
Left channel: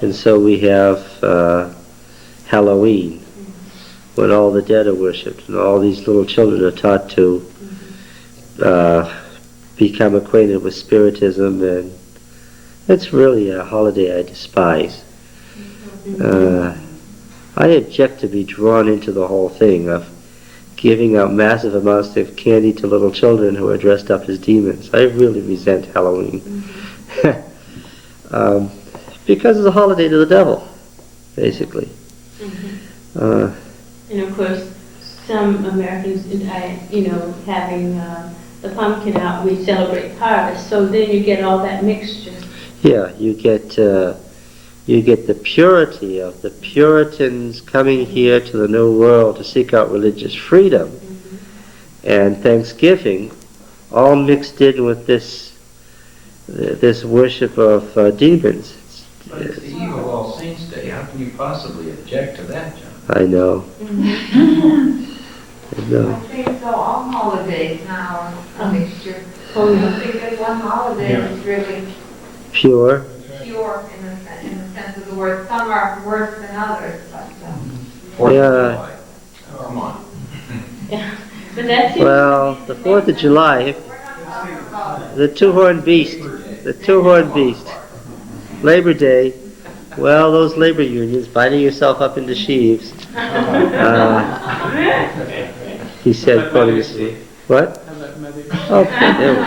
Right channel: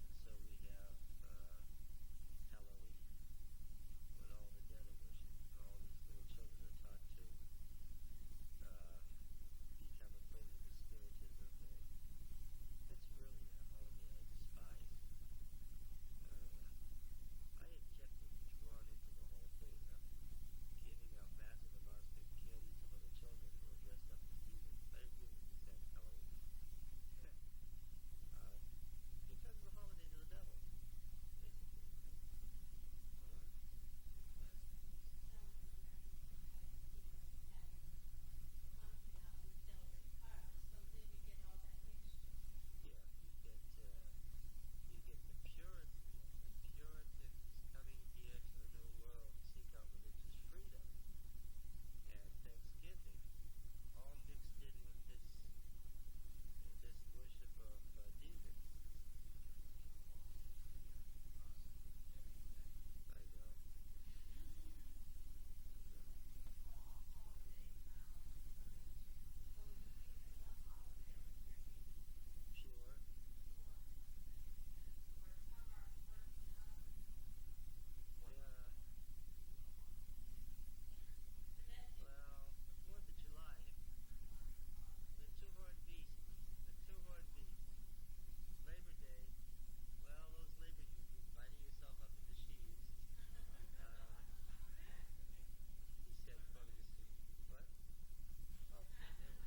And so we have Halloween, when all the dead are worshipped, and all these little children are taught to become acquainted with spiritism, and it's really a holiday I despise. I object to be drawn into the whole thing of giving out massive amounts of candy to little children who are dressed up as demons. I really resent Halloween. Because it's a holiday to the devil, basically. And of course, some Americans, having the pumpkin out, we celebrate harvest, so then you get all that mixture. Yeah, you get the purity of the Puritans coming here to the New World to seek out religious freedom, and Thanksgiving, all mixed in with this worship of demons. But it's the Eve of All Saints Day. How can you possibly object to that, John? I know. I know. I think so, all holidays now are a mixture. I Oh, don't yeah. think there's one holiday that's really Pure. pure in the sense of the word. Some are worse than others, but Fourth Yeah. of July. Oh, come on. Yeah. But that seems Well, the 4th of July, we're not talking about the two-horned beast, Labor Day. Well, those labor unions binding yourself up into sheaves. He said, quoting this. What? How about Mother's Day? Oh, there we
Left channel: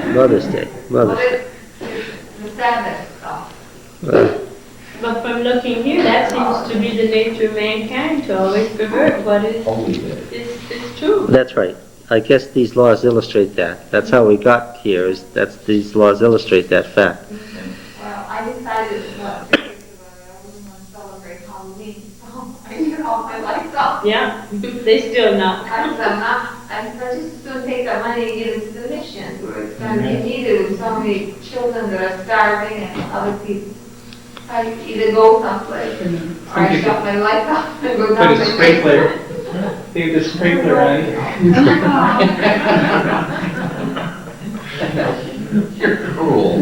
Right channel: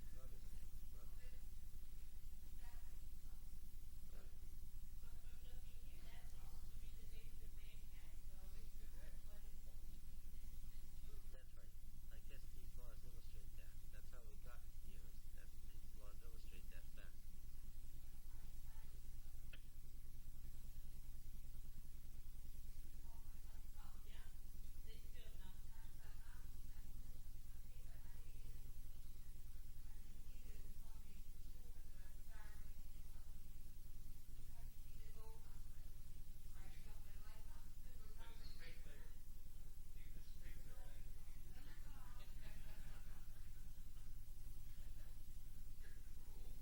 go. Mother's Day. Mother's Day. the Sabbath stuff. But from looking here, that seems to be the nature of mankind, to always pervert what is true. That's right. I guess these laws illustrate that. That's how we got here. These laws illustrate that fact. Well, I decided what to think about it. I wouldn't want Yeah, they still not. I just don't take that money and give it to the missions where it's going to be needed with so many children that are starving and other people. I either go someplace or I shut my lights off and go Put down a my sprinkler, leave the sprinkler on. You're cruel.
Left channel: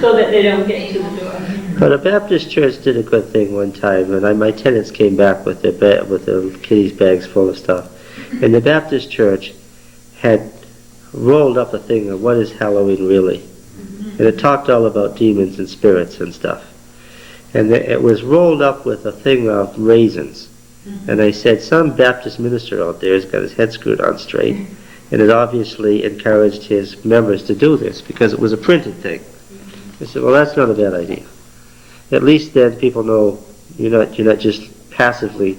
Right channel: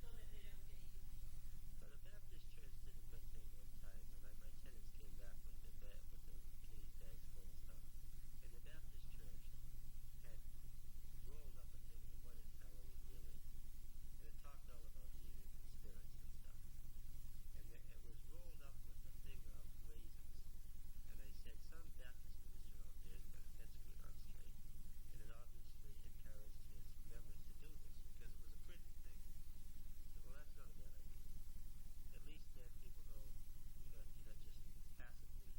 So that they don't get to the door. But a Baptist church did a good thing one time, and my tenants came back with their kitties bags full of stuff. And the Baptist church had rolled up a thing of what is Halloween really. And it talked all about demons and spirits and stuff. And it was rolled up with a thing of raisins. And I said, some Baptist minister out there has got his head screwed on straight. And it obviously encouraged his members to do this because it was a printed thing. I said, well, that's not a bad idea. At least then people know you're not just passively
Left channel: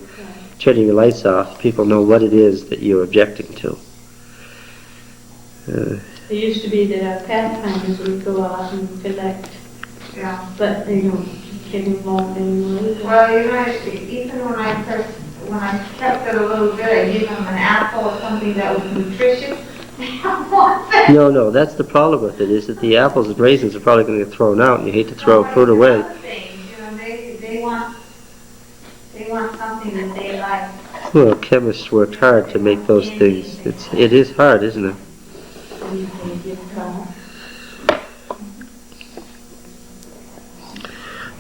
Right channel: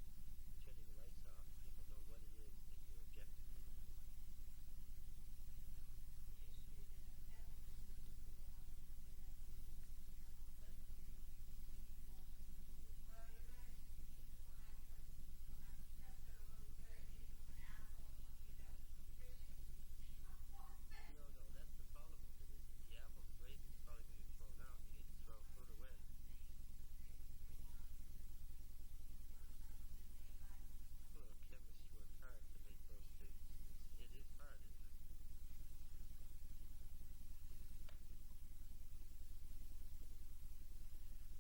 turning your lights off. People know what it is that you're objecting to. It used to be that our pathfinders would go out and collect, Yeah. but they don't get involved anymore. Well, even when I kept it a little bit, I gave them an apple or something that was nutritious. They don't want that. No, that's the problem with it, is that the apples and raisins are probably going to get thrown out, and you hate to throw fruit away. Other things, they want something that they like. Well, chemists worked hard to make those things. It is hard, isn't it?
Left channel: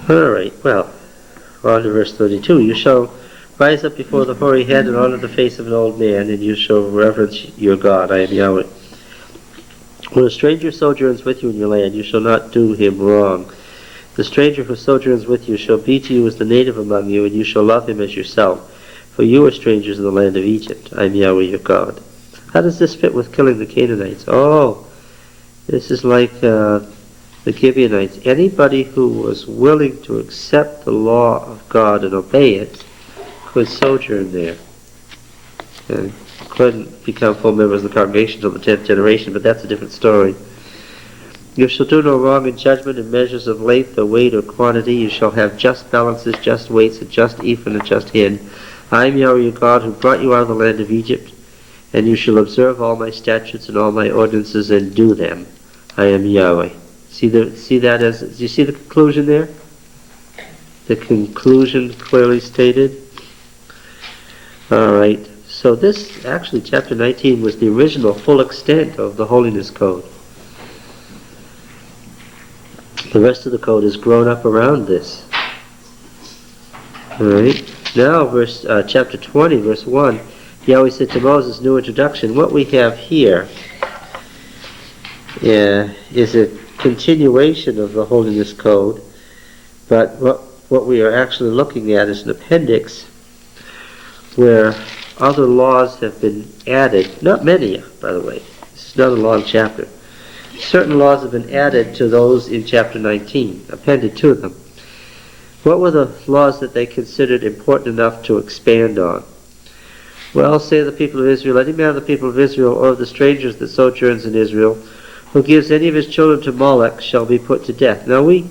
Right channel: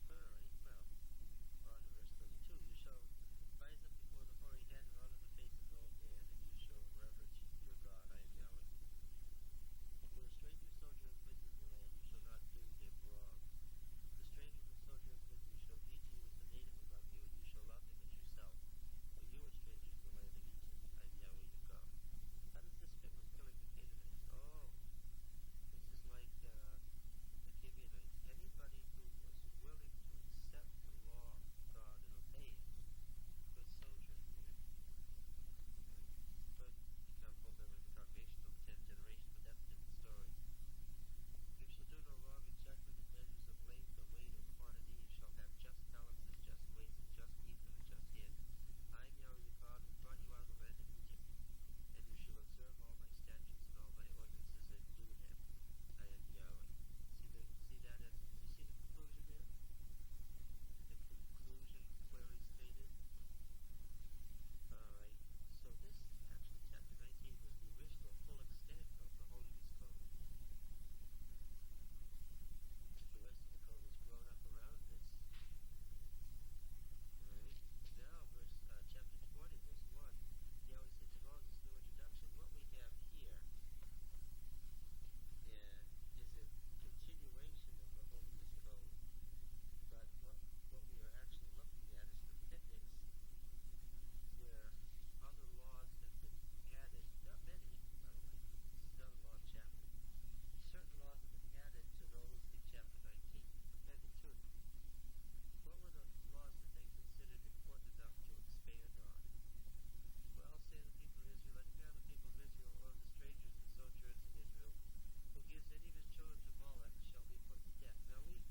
All right, well, on to verse 32. You shall rise up before the hoary head and honor the face of an old man, and you shall reverence your God. I am Yahweh. When a stranger sojourns with you in your land, you shall not do him wrong. The stranger who sojourns with you shall be to you as the native among you, and you shall love him as yourself. For you are strangers in the land of Egypt. I am Yahweh your God. How does this fit with killing the Canaanites? Oh, this is like the Gibeonites. Anybody who was willing to accept the law of God and obey it could sojourn there. And couldn't become full members of the congregation until the 10th generation, but that's a different story. You shall do no wrong in judgment in measures of length or weight or quantity. You shall have just balances, just weights, a just ephah and a just hin. I am Yahweh your God who brought you out of the land of Egypt, and you shall observe all my statutes and all my ordinances and do them. I am Yahweh. Do you see the conclusion there? The conclusion clearly stated. All right. So this, actually, chapter 19 was the original full extent of the Holiness Code. The rest of the code has grown up around this. All right. Now, chapter 20, verse 1, Yahweh said to Moses, new introduction. What we have here is a continuation of the Holiness Code, but what we are actually looking at is an appendix where other laws have been added. Not many, by the way. This is not a long chapter. Certain laws have been added to those in chapter 19, appended to them. What were the laws that they considered important enough to expand on? Well, say the people of Israel, any man of the people of Israel or of the strangers that sojourns in Israel, who gives any of his children to Moloch shall be put to death. Now we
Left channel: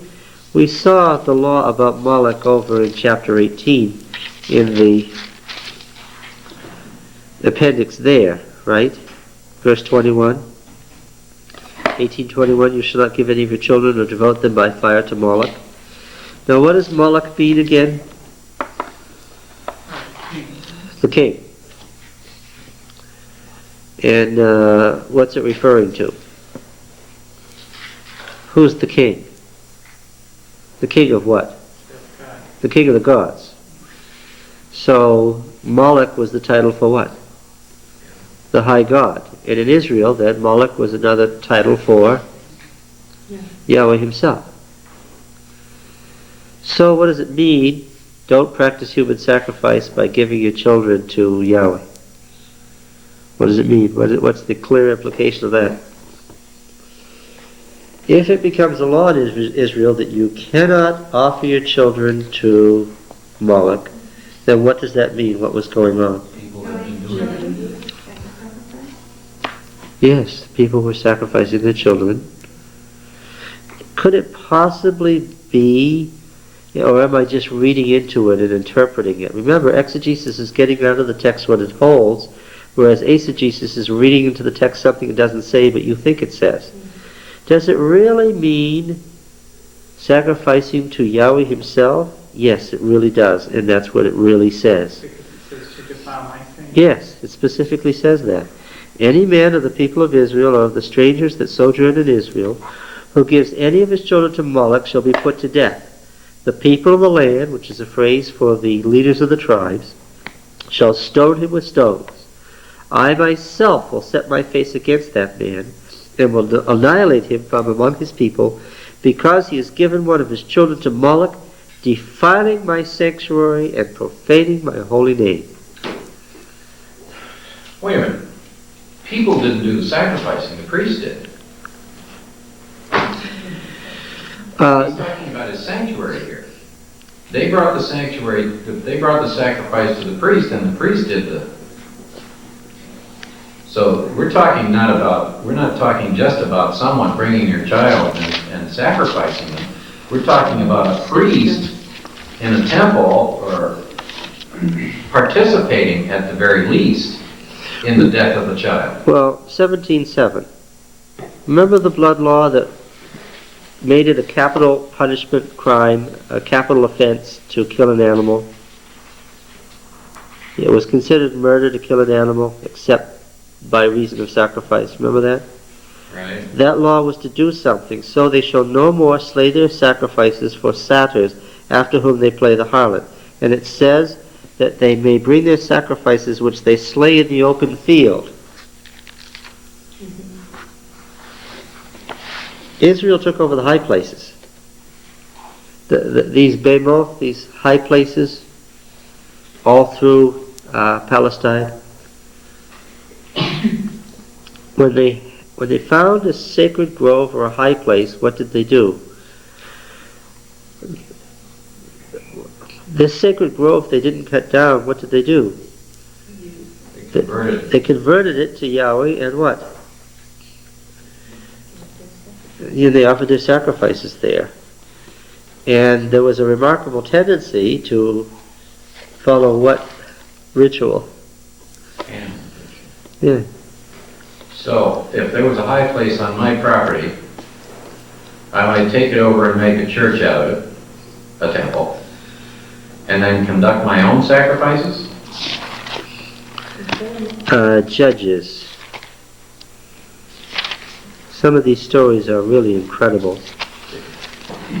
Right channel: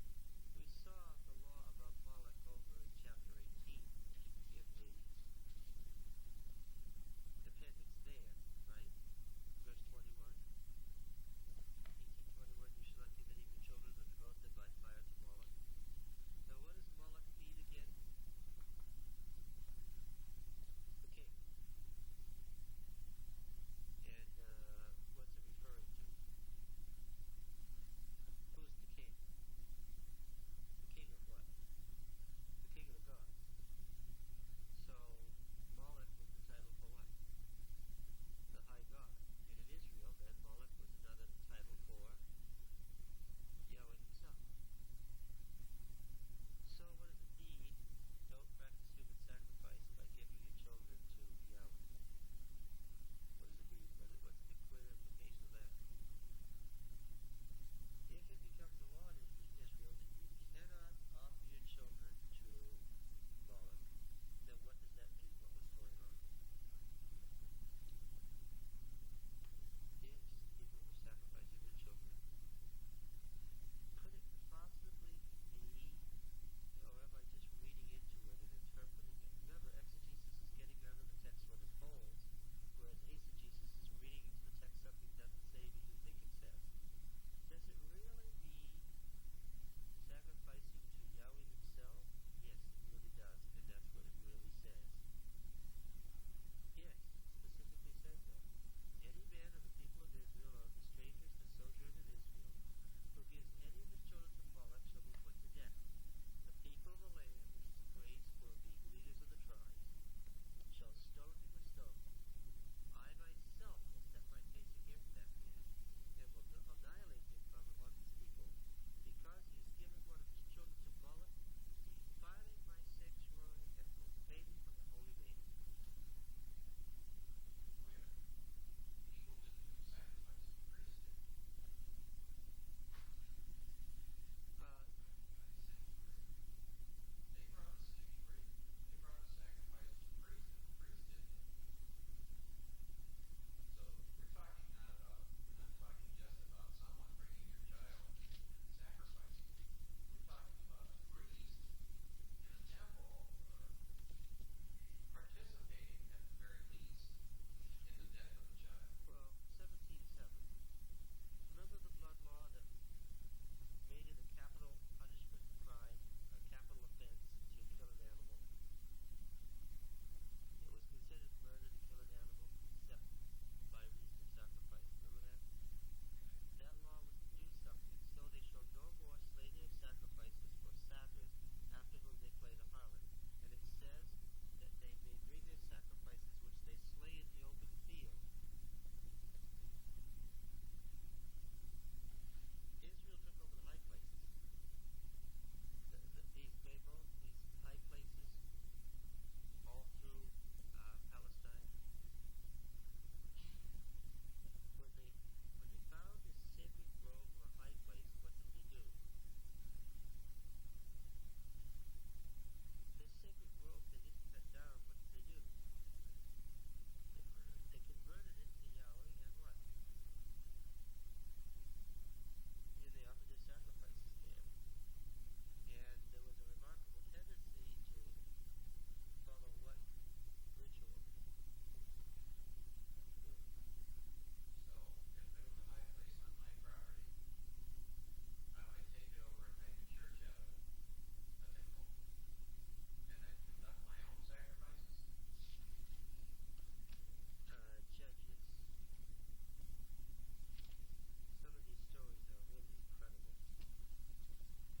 saw the law about Moloch over in chapter 18 in the appendix there, right? Verse 21. 18:21, you shall not give any of your children or devote them by fire to Moloch. Now what does Moloch mean again? The king. And what's it referring to? Who's the king? The king of what? The king of the gods. So Moloch was the title for what? The high god. And in Israel, then, Moloch was another title for Yahweh himself. So what does it mean? Don't practice human sacrifice by giving your children to Yahweh. What does it mean? What's the clear implication of that? If it becomes a law in Israel that you cannot offer your children to Moloch, then what does that mean? What was going on? People have been doing it. Yes, people were sacrificing their children. Could it possibly be Or am I just reading into it and interpreting it? Remember, exegesis is getting out of the text what it holds, whereas eisegesis is reading into the text something it doesn't say but you think it says. Does it really mean sacrificing to Yahweh himself? Yes, it really does, and that's what it really says. Because it says to defile my sin. Yes, it specifically says that. Any man of the people of Israel or of the strangers that sojourn in Israel who gives any of his children to Moloch shall be put to death. The people of the land, which is a phrase for the leaders of the tribes, shall stone him with stones. I myself will set my face against that man and will annihilate him from among his people, because he has given one of his children to Moloch, defiling my sanctuary and profaning my holy name. Wait a minute. People didn't do the sacrificing, the priest did. He's talking about his sanctuary here. They brought the sacrifice to the priest, and the priest did the... So we're not talking just about someone bringing your child and sacrificing them. We're talking about a priest in a temple, or participating at the very least in the death of the child. Well, 17:7. Remember the blood law that made it a capital punishment crime, a capital offense to kill an animal? It was considered murder to kill an animal, except by reason of sacrifice. Remember that? Right. That law was to do something. So they shall no more slay their sacrifices for satyrs, after whom they play the harlot. And it says that they may bring their sacrifices which they slay in the open field. Israel took over the high places. These behemoth, these high places, all through Palestine. When they found a sacred grove or a high place, what did they do? This sacred grove they didn't cut down. What did they do? They converted it to Yahweh, and what? They offered their sacrifices there. And there was a remarkable tendency to follow what ritual? Yeah. So, if there was a high place on my property, I might take it over and make a church out of it, a temple, and then conduct my own sacrifices? Judges. Some of these stories are really incredible.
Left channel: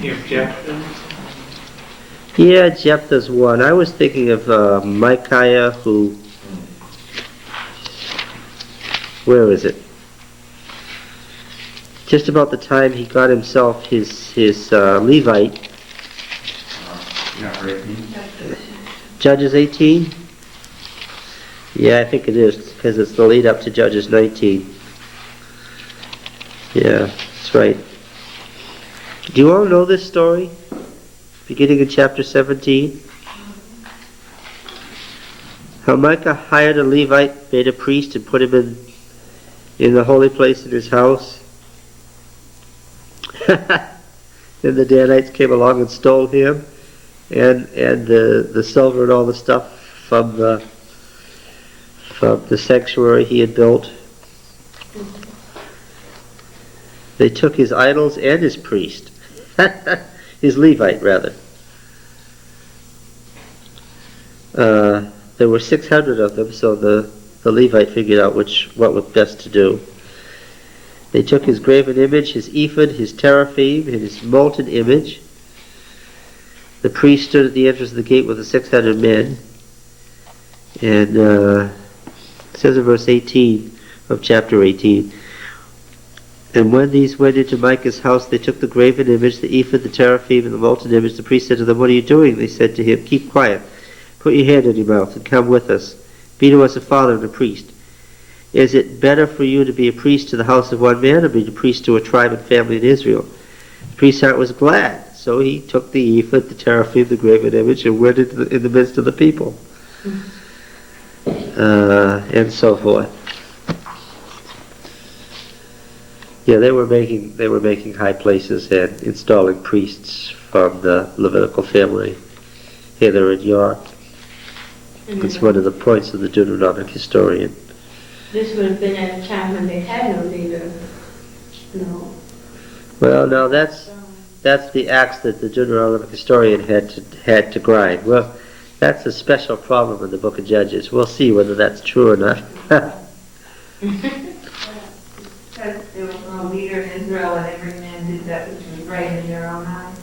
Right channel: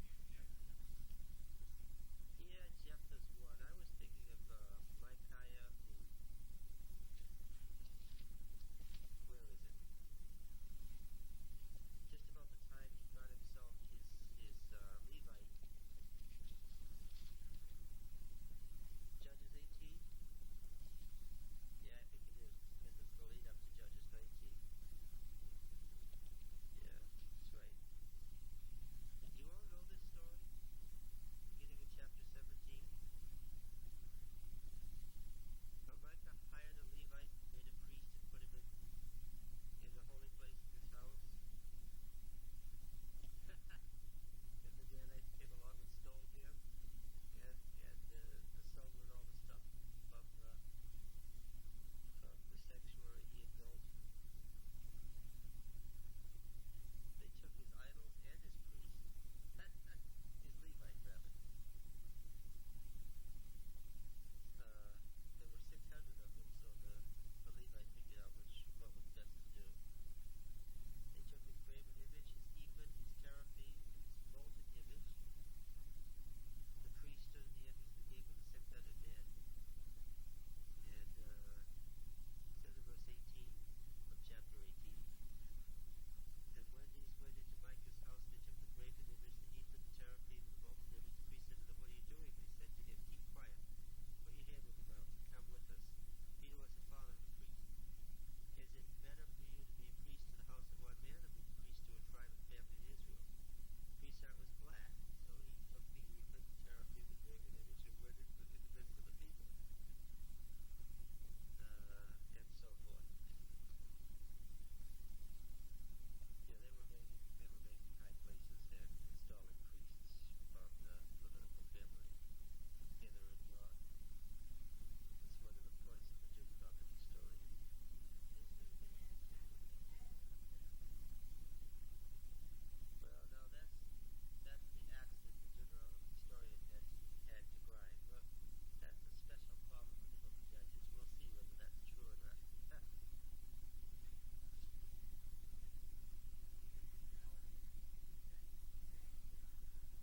You have Jephthah. Yeah, Jephthah's one. I was thinking of Micaiah, who... Where is it? Just about the time he got himself his Levite. Judges 18? Yeah, I think it is, because it's the lead up to Judges 19. Yeah, that's right. Do you all know this story? Beginning in chapter 17? How Micah hired a Levite, made a priest, and put him in the holy place in his house. Then the Danites came along and stole him and the silver and all the stuff from the sanctuary he had built. They took his idols and his priest. His Levite, rather. There were 600 of them, so the Levite figured out what was best to do. They took his graven image, his ephod, his teraphim, and his molten image. The priest stood at the entrance of the gate with the 600 men. And it says in verse 18 of chapter 18, and when these went into Micah's house, they took the graven image, the ephod, the teraphim, and the molten image. The priest said to them, "What are you doing?" They said to him, "Keep quiet. Put your hand in your mouth and come with us. Be to us a father and a priest. Is it better for you to be a priest to the house of one man, or be a priest to a tribe and family in Israel?" The priest's heart was glad, so he took the ephod, the teraphim, the graven image, and went in the midst of the people. And so forth. Yeah, they were making high places and installing priests from the Levitical family hither and yon. It's one of the points of the Deuteronomic historian. This would have been at a time when they had no leader. No. Well, no, that's the axe that the Deuteronomic historian had to grind. Well, that's a special problem in the Book of Judges. We'll see whether that's true or not. Because there was no leader in Israel and every man did that which was right in their own eyes.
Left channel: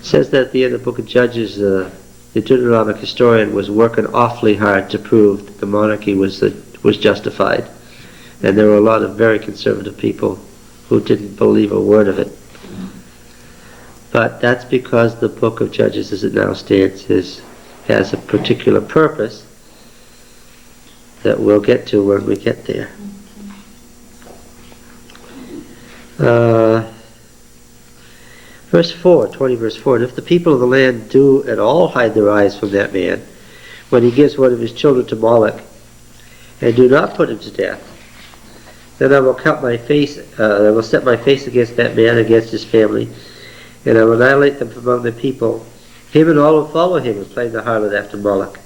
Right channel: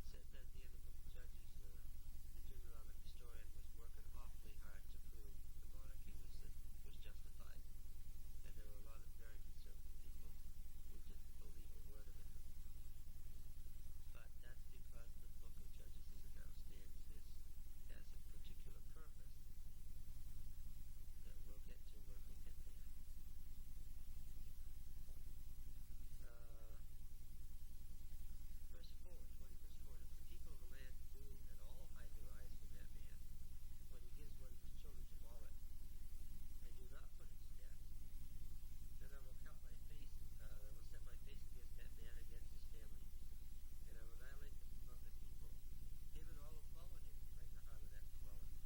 It says that at the end of the Book of Judges, the Deuteronomic historian was working awfully hard to prove that the monarchy was justified. And there were a lot of very conservative people who didn't believe a word of it. But that's because the Book of Judges, as it now stands, has a particular purpose that we'll get to when we get there. Verse 4, 20 verse 4, and if the people of the land do at all hide their eyes from that man, when he gives one of his children to Moloch, and do not put him to death, then I will set my face against that man, against his family, and I will annihilate them from among the people, him and all who follow him, and playing the harlot after Moloch.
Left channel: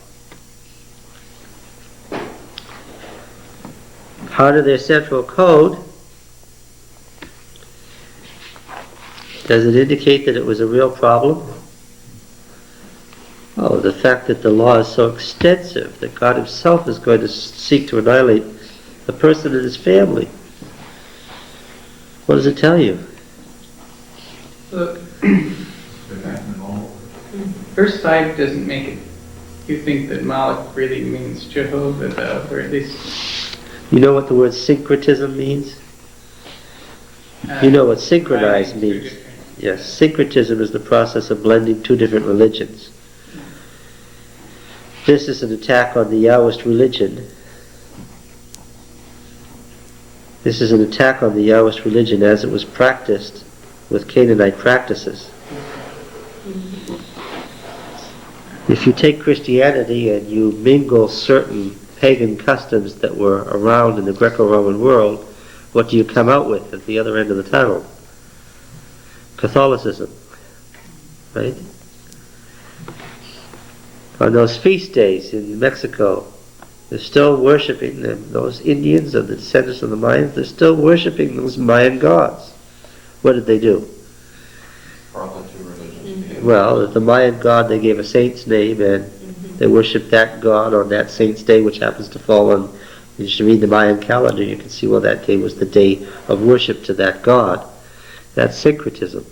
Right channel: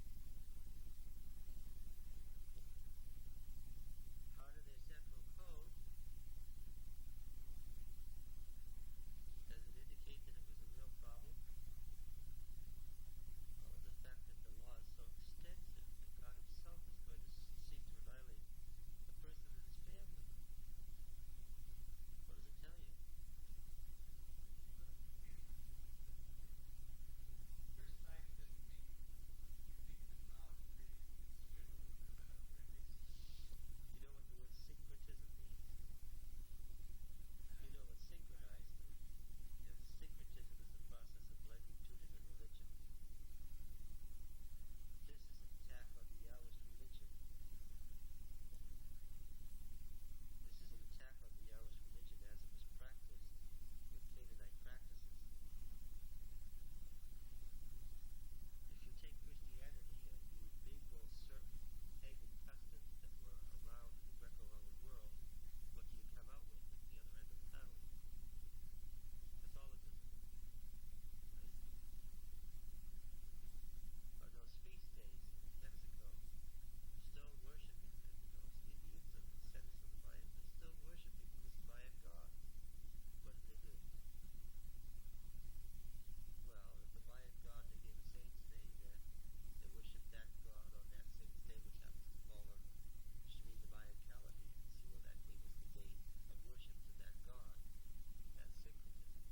Part of their central code, does it indicate that it was a real problem? Oh, the fact that the law is so extensive that God himself is going to seek to annihilate the person and his family. What does it tell you? Look, verse 5 doesn't make it. You think that Moloch really means Jehovah, though, or at least... You know what the word syncretism means? You know what synchronize means. Yes, syncretism is the process of blending two different religions. This is an attack on the Yahwist religion. This is an attack on the Yahwist religion as it was practiced with Canaanite practices. If you take Christianity and you mingle certain pagan customs that were around in the Greco-Roman world, what do you come out with at the other end of the tunnel? Catholicism, right? On those feast days in Mexico, they're still worshiping them. Those Indians of the descendants of the Mayans, they're still worshiping those Mayan gods. What did they do? Brought the two religions. Well, the Mayan god, they gave a saint's name, and they worshiped that god on that saint's day, which happens to fall on, you should read the Mayan calendar, you can see, well, that day was the day of worship to that god. That's syncretism.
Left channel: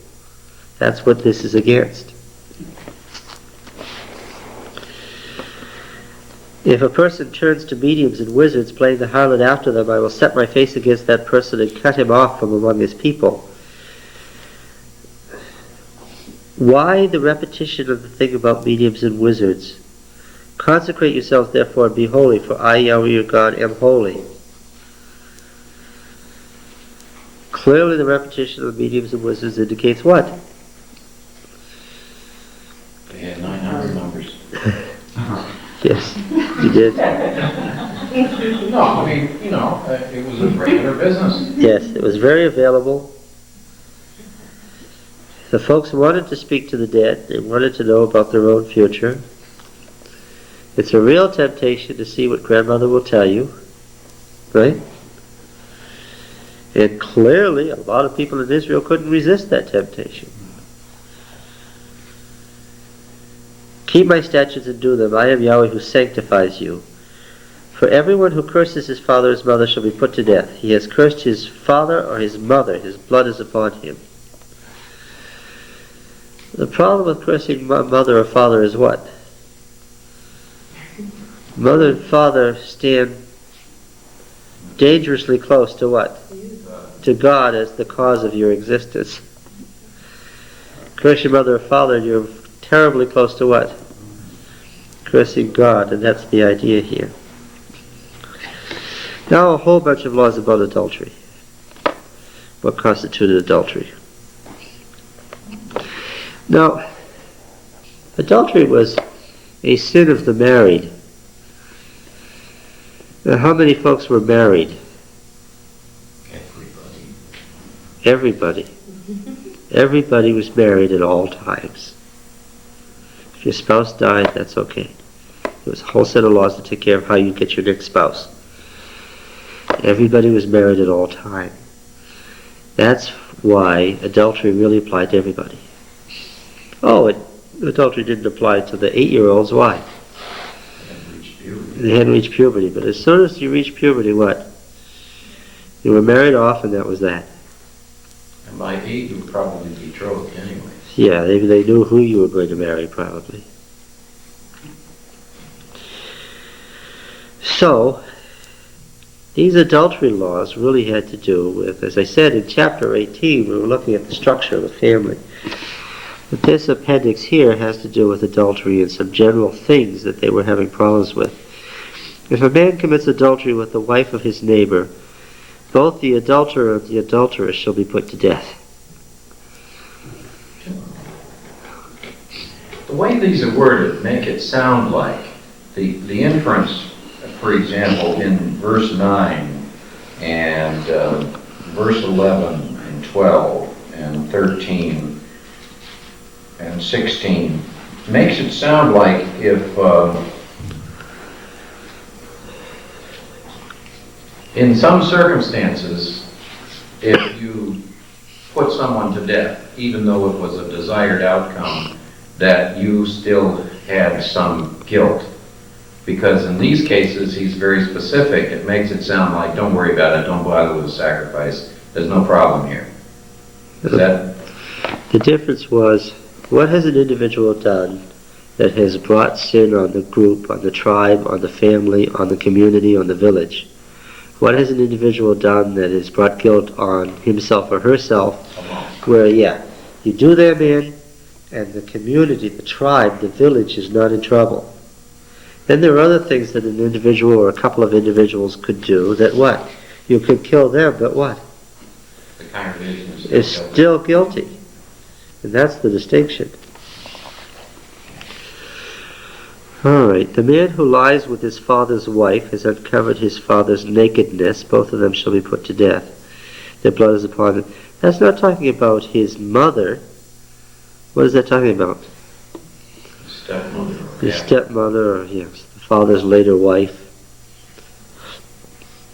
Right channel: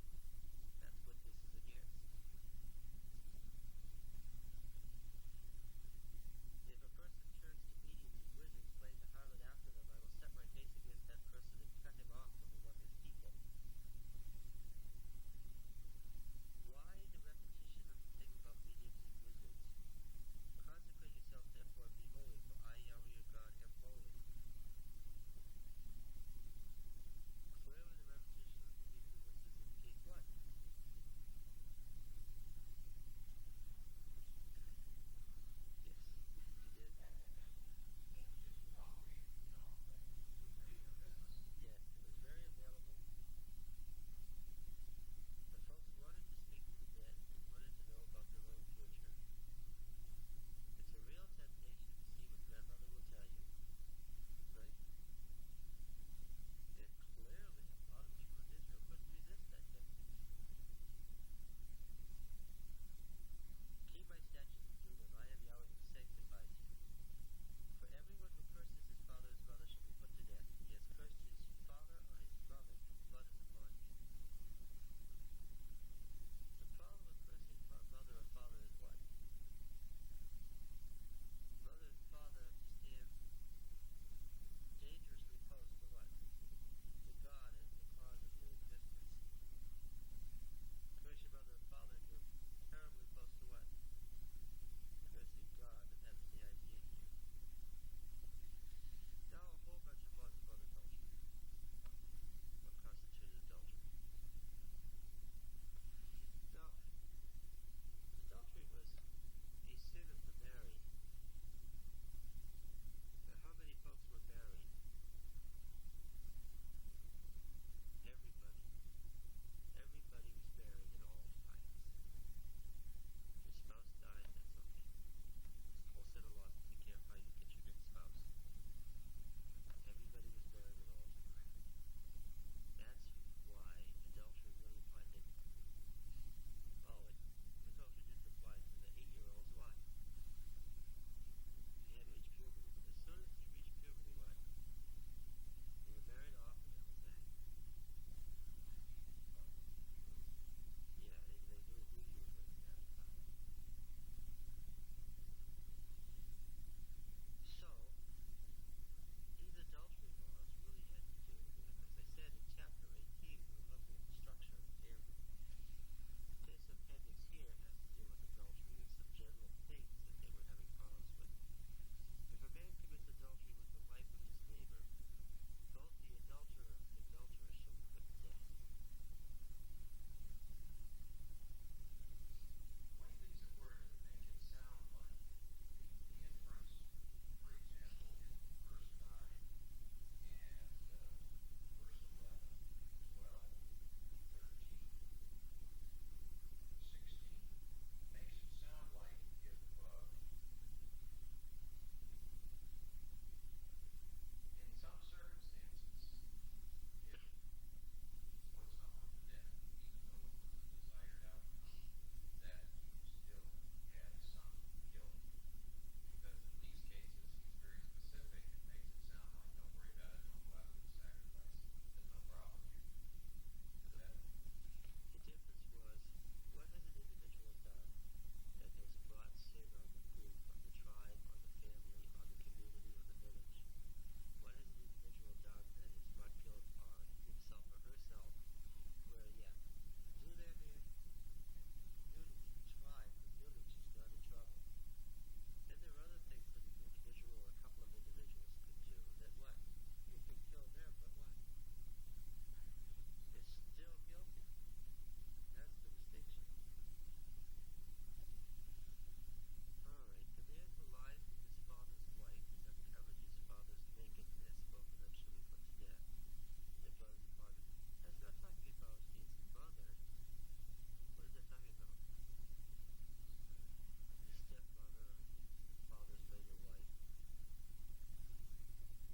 That's what this is against. If a person turns to mediums and wizards playing the harlot after them, I will set my face against that person and cut him off from among his people. Why the repetition of the thing about mediums and wizards? Consecrate yourselves therefore and be holy, for I, Yahweh your God, am holy. Clearly the repetition of the mediums and wizards indicates what? They had 900 numbers. Yes, you did. No, I mean, it was a regular business. Yes, it was very available. The folks wanted to speak to the dead. They wanted to know about their own future. It's a real temptation to see what grandmother will tell you, right? And clearly, a lot of people in Israel couldn't resist that temptation. Keep my statutes and do them. I am Yahweh who sanctifies you. For everyone who curses his father or his mother shall be put to death. He has cursed his father or his mother. His blood is upon him. The problem with cursing mother or father is what? Mother and father stand dangerously close to what? To God as the cause of your existence. Curse your mother or father, you're terribly close to what? Cursing God, and that's the idea here. Now a whole bunch of laws about adultery. What constituted adultery? Now, adultery was a sin of the married. Now, how many folks were married? Everybody. Everybody. Everybody was married at all times. If your spouse died, that's okay. There was a whole set of laws to take care of how you get your next spouse. Everybody was married at all times. That's why adultery really applied to everybody. Oh, adultery didn't apply to the 8-year-olds. Why? They hadn't reached puberty. But as soon as you reach puberty, what? You were married off, and that was that. And by 8, you were probably betrothed anyway. Yeah, they knew who you were going to marry, probably. So, these adultery laws really had to do with, as I said in chapter 18, we were looking at the structure of the family. But this appendix here has to do with adultery and some general things that they were having problems with. If a man commits adultery with the wife of his neighbor, both the adulterer and the adulteress shall be put to death. The way these are worded make it sound like the inference, for example, in verse 9 and verse 11 and 12 and 13 and 16 makes it sound like if in some circumstances, if you put someone to death, even though it was a desired outcome, that you still had some guilt. Because in these cases, he's very specific. It makes it sound like, don't worry about it, don't bother with the sacrifice. There's no problem here. Is that? The difference was, what has an individual done that has brought sin on the group, on the tribe, on the family, on the community, on the village? What has an individual done that has brought guilt on himself or herself, where, you do them in, and the community, the tribe, the village is not in trouble. Then there are other things that an individual or a couple of individuals could do that what? You could kill them, but what? The congregation Is still guilty. And that's the distinction. Alright, the man who lies with his father's wife has uncovered his father's nakedness. Both of them shall be put to death. Their blood is upon them. That's not talking about his mother. What is that talking about? Stepmother. His stepmother, or yes, the father's later wife.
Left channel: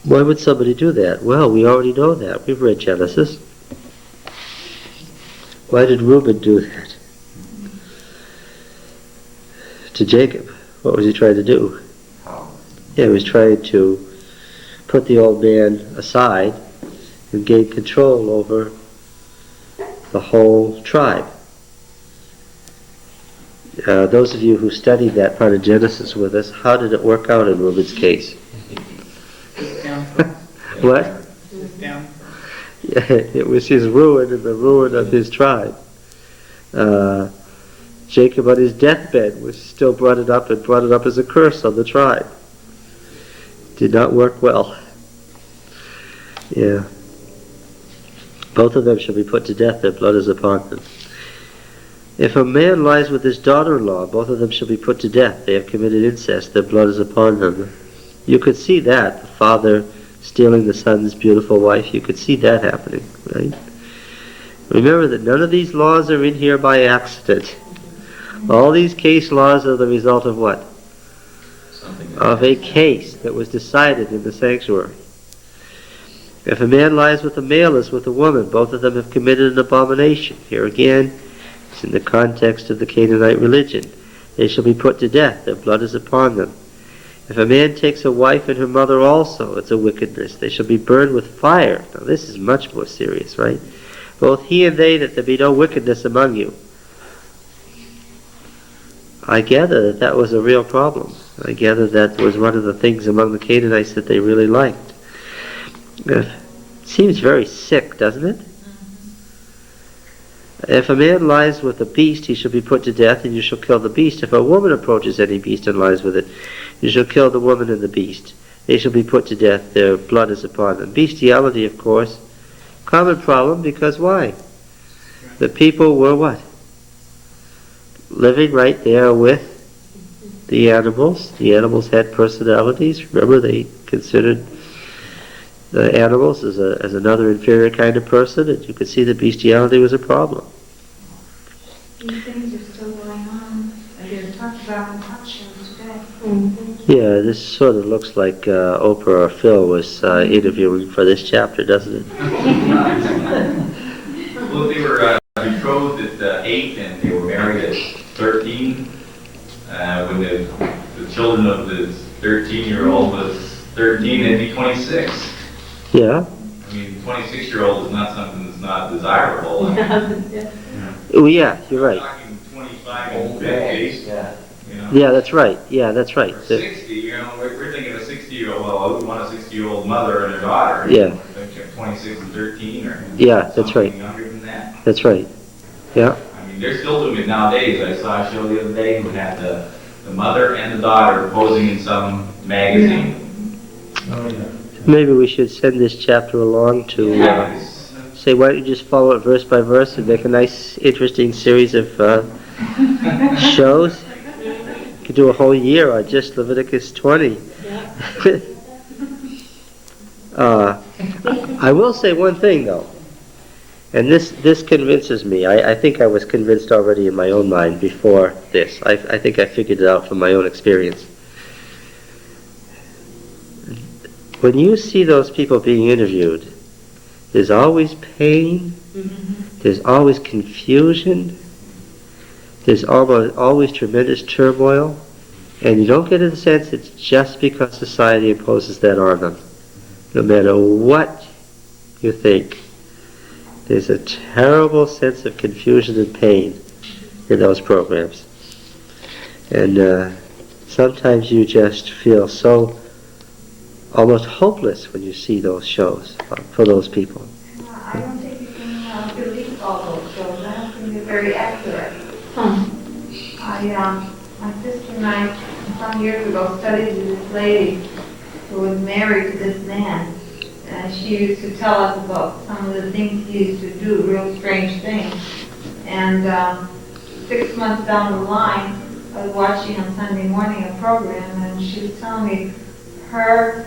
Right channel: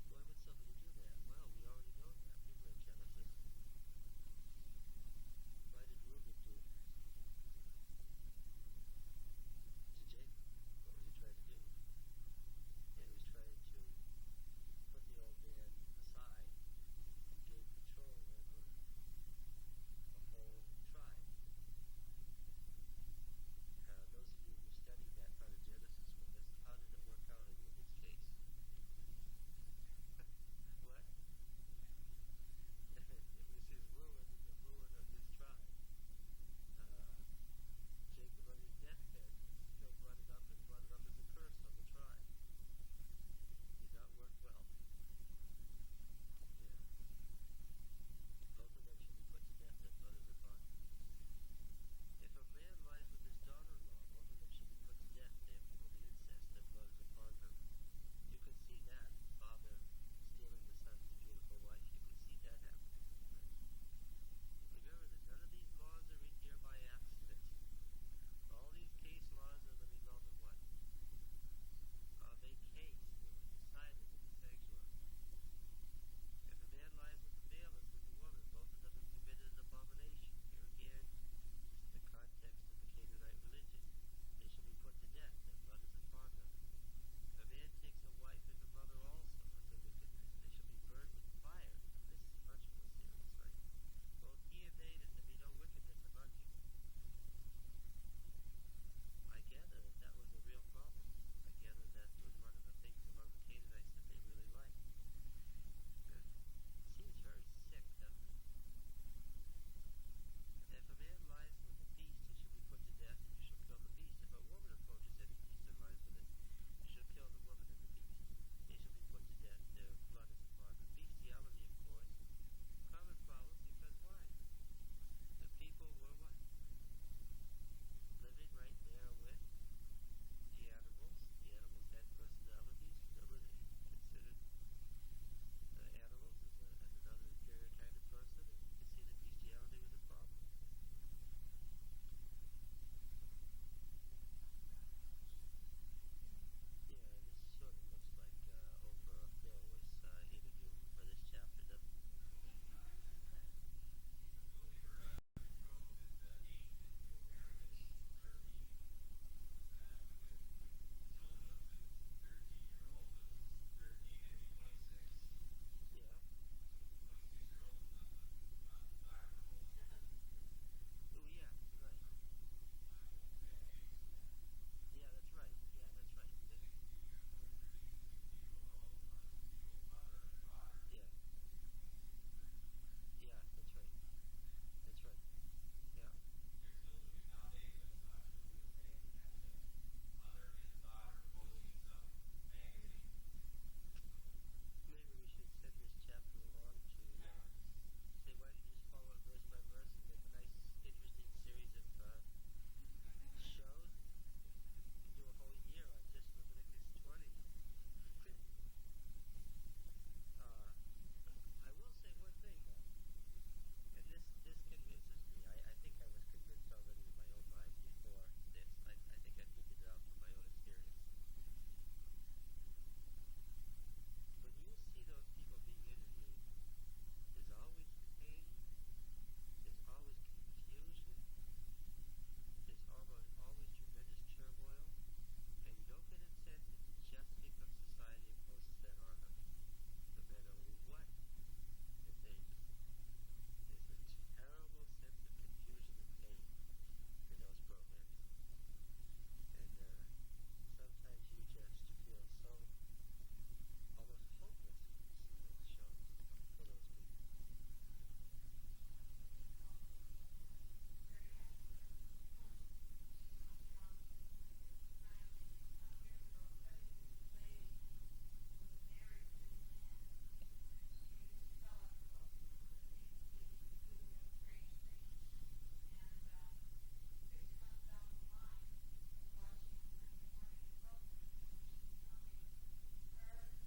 Why would somebody do that? Well, we already know that. We've read Genesis. Why did Reuben do that? To Jacob. What was he trying to do? How? Yeah, he was trying to put the old man aside and gain control over the whole tribe. Those of you who studied that part of Genesis with us, how did it work out in Reuben's case? What? Yeah, it was his ruin and the ruin of his tribe. Jacob on his deathbed was still brought it up as a curse on the tribe. Did not work well. Yeah. Both of them shall be put to death, their blood is upon them. If a man lies with his daughter-in-law, both of them shall be put to death. They have committed incest, their blood is upon them. You could see that, the father stealing the son's beautiful wife, you could see that happening, right? Remember that none of these laws are in here by accident. All these case laws are the result of what? Of a case that was decided in the sanctuary. If a man lies with a male as with a woman, both of them have committed an abomination. Here again, it's in the context of the Canaanite religion. They shall be put to death, their blood is upon them. If a man takes a wife and her mother also, it's a wickedness. They shall be burned with fire. Now this is much more serious, right? Both he and they, that there be no wickedness among you. I gather that was a real problem. I gather that was one of the things among the Canaanites that they really liked. It seems very sick, doesn't it? If a man lies with a beast, he shall be put to death, and you shall kill the beast. If a woman approaches any beast and lies with it, you shall kill the woman and the beast. They shall be put to death, their blood is upon them. Bestiality, of course, common problem, because why? The people were what? Living right there with the animals. The animals had personalities. Remember, they considered the animals as another inferior kind of person, and you could see that bestiality was a problem. These things are still going on. They're talked about in talk shows today. Yeah, this sort of looks like Oprah or Phil was interviewing for this chapter, doesn't it? Well, they were betrothed at 8 and they were married at 13. When the children of the 13-year-old was 13, they'd be 26. Yeah. I mean, 26-year-old is not something that's not desirable. Oh, yeah, you're right. We're talking 25 and 50. Yeah. You know? Yeah, that's right. Yeah, that's right. Or 60, you know, we're thinking of a 60-year-old, well, I would want a 60-year-old mother and her daughter. Yeah. 26 and 13 or Yeah, that's something right. younger than that. That's right. Yeah. I mean, they're still doing it nowadays. I saw a show the other day who had the mother and the daughter posing in some magazine. Oh, yeah. Maybe we should send this chapter along to say, why don't you just follow it verse by verse and make a nice, interesting series of shows? You could do a whole year on just Leviticus 20. I will say one thing, though, and this convinces me. I think I was convinced already in my own mind before this. I think I figured it out from my own experience. When you see those people being interviewed, there's always pain, there's always confusion, there's always tremendous turmoil, and you don't get the sense it's just because society imposes that on them. No matter what you think, there's a terrible sense of confusion and pain in those programs. And sometimes you just feel so almost hopeless when you see those shows for those people. I don't think you can believe all those shows. I don't think they're very accurate. My sister and I, some years ago, studied with this lady who was married to this man. And she used to tell us about some of the things he used to do, real strange things. And 6 months down the line, I was watching on Sunday morning a program, and she was telling me her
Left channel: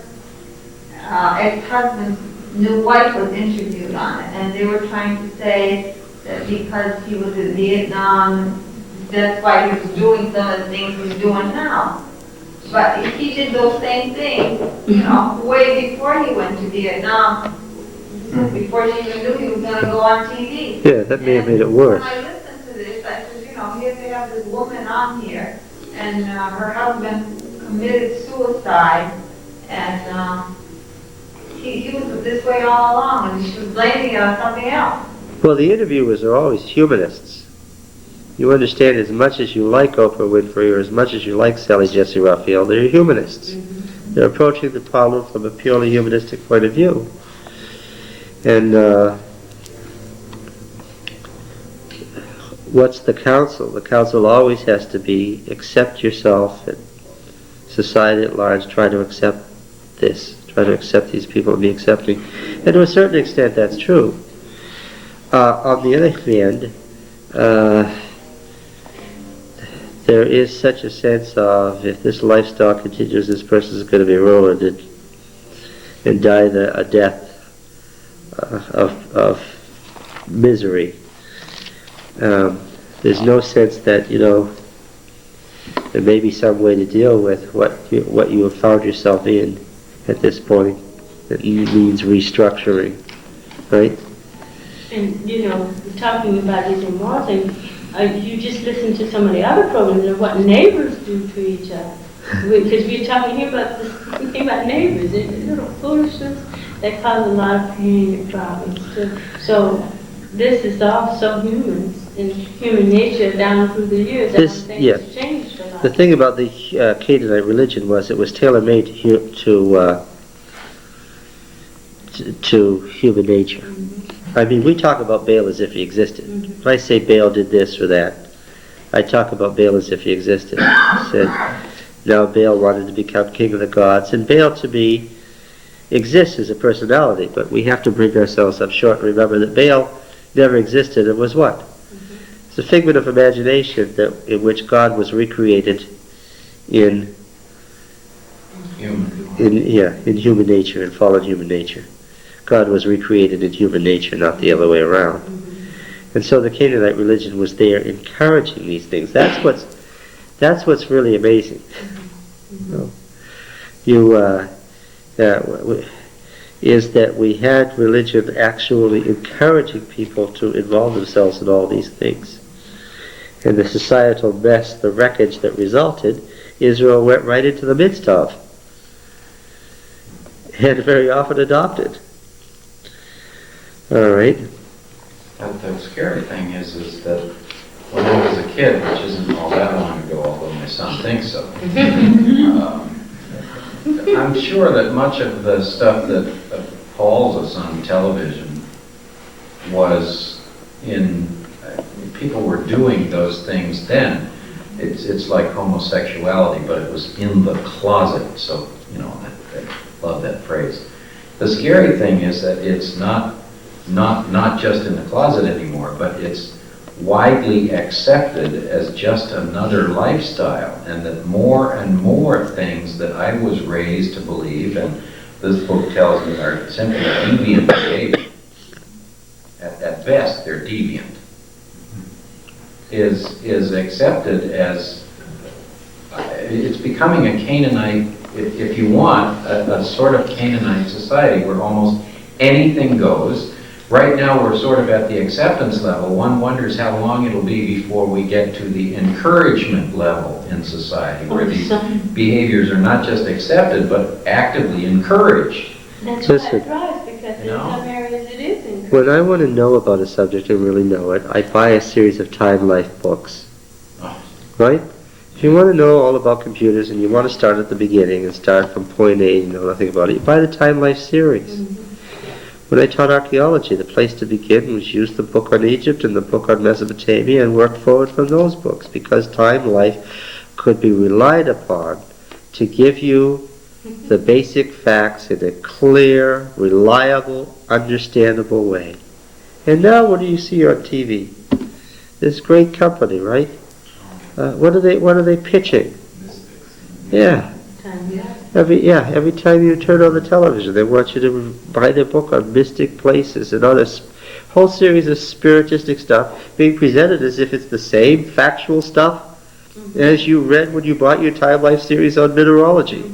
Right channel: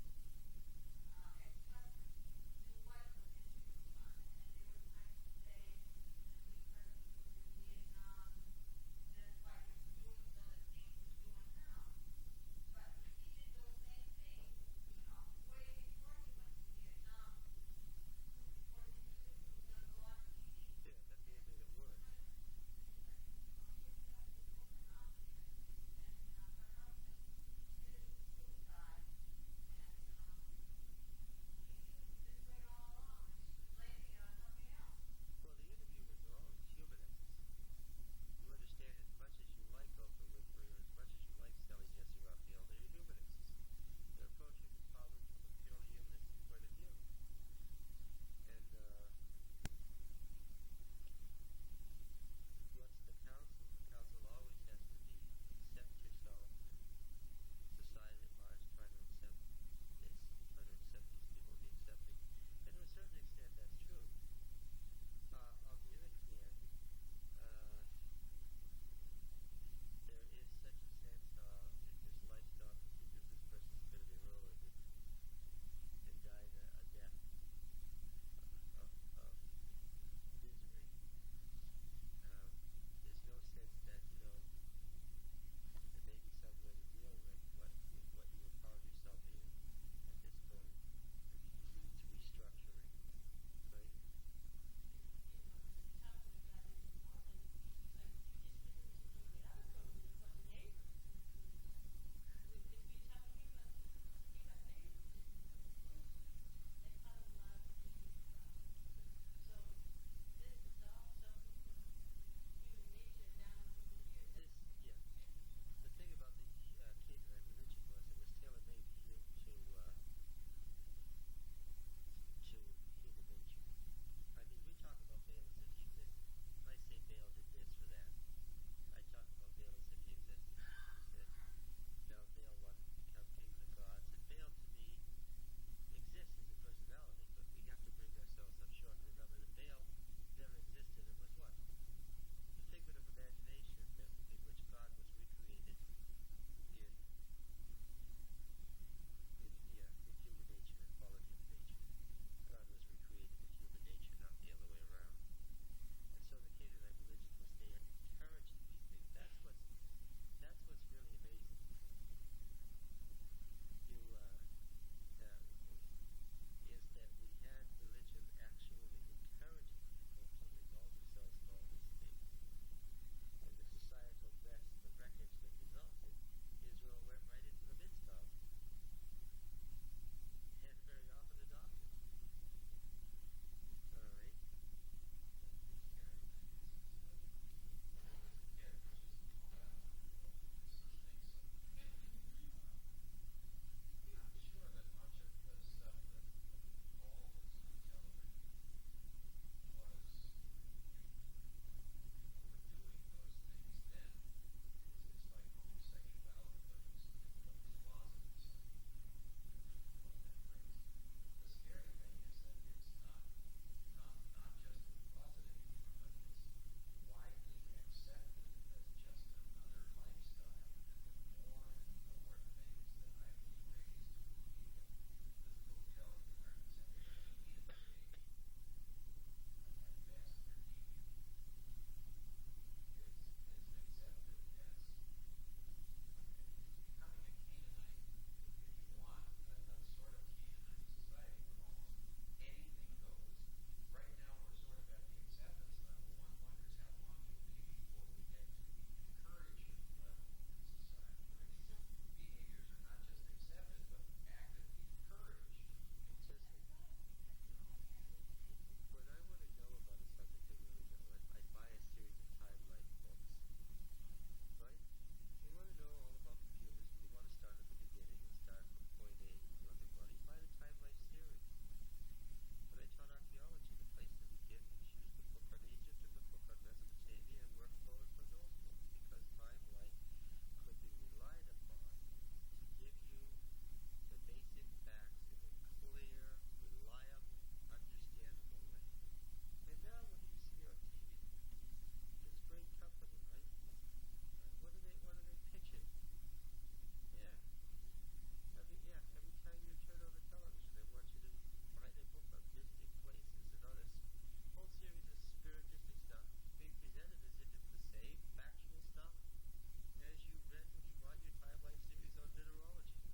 ex-husband's new wife was interviewed on it, and they were trying to say that because he was in Vietnam, that's why he was doing some of the things he's doing now. But if he did those same things, you know, way before he went to Vietnam, before she even knew he was going to go on TV. Yeah, that may have made it worse. When I listened to this, I said, you know, here they have this woman on here, and her husband committed suicide, and he was this way all along, and she was blaming it on something else. Well, the interviewers are always humanists. You understand, as much as you like Oprah Winfrey or as much as you like Sally Jesse Raphael, they're humanists. They're approaching the problem from a purely humanistic point of view. And what's the counsel? The counsel always has to be accept yourself, and society at large try to accept this, try to accept these people and be accepting. And to a certain extent that's true. On the other hand, there is such a sense of, if this lifestyle continues, this person is going to be ruined and die a death of misery. There's no sense that, you know, there may be some way to deal with what you have found yourself in at this point that means restructuring, right? And, you know, talking about these immoral things, you just listen to some of the other programs and what neighbors do to each other. Because we're talking here about this thing about neighbors, and little foolishness that cause a lot of pain and problems too. So this is also humans and human nature down through the years. This, things yeah. changed a lot. The thing about the Canaanite religion was it was tailor-made to human nature. I mean, we talk about Baal as if he existed. When I say Baal did this or that, I talk about Baal as if he existed. I said, now Baal wanted to become king of the gods, and Baal to me exists as a personality, but we have to bring ourselves up short and remember that Baal never existed and was what? It's a figment of imagination in which God was recreated in in human nature, in fallen human nature. God was recreated in human nature, not the other way around. And so the Canaanite religion was there encouraging these things. That's what's really amazing. Is that we had religion actually encouraging people to involve themselves in all these things. And the societal mess, the wreckage that resulted, Israel went right into the midst of, and very often adopted. All right. The scary thing is that when I was a kid, which isn't all that long ago, although my son thinks so, I'm sure that much of the stuff that appalls us on television was people were doing those things then. It's like homosexuality, but it was in the closet. So, I love that phrase. The scary thing is that it's not just in the closet anymore, but it's widely accepted as just another lifestyle, and that more and more things that I was raised to believe, and this book tells me, are simply deviant behavior. At best, they're deviant. Is accepted as it's becoming a Canaanite, if you want, a sort of Canaanite society where almost anything goes. Right now we're sort of at the acceptance level. One wonders how long it'll be before we get to the encouragement level in society, where these behaviors are not just accepted, but actively encouraged. That's why it thrives, because in some areas it is encouraged. When I want to know about a subject and really know it, I buy a series of Time Life books. Right? If you want to know all about computers and you want to start at the beginning and start from point A and you know nothing about it, you buy the Time Life series. When I taught archaeology, the place to begin was use the book on Egypt and the book on Mesopotamia and work forward from those books, because Time Life could be relied upon to give you the basic facts in a clear, reliable, understandable way. And now what do you see on TV? This great company, right? What are they pitching? Yeah. Every time you turn on the television, they want you to buy their book on mystic places and other whole series of spiritistic stuff being presented as if it's the same factual stuff as you read when you bought your Time Life series on mineralogy.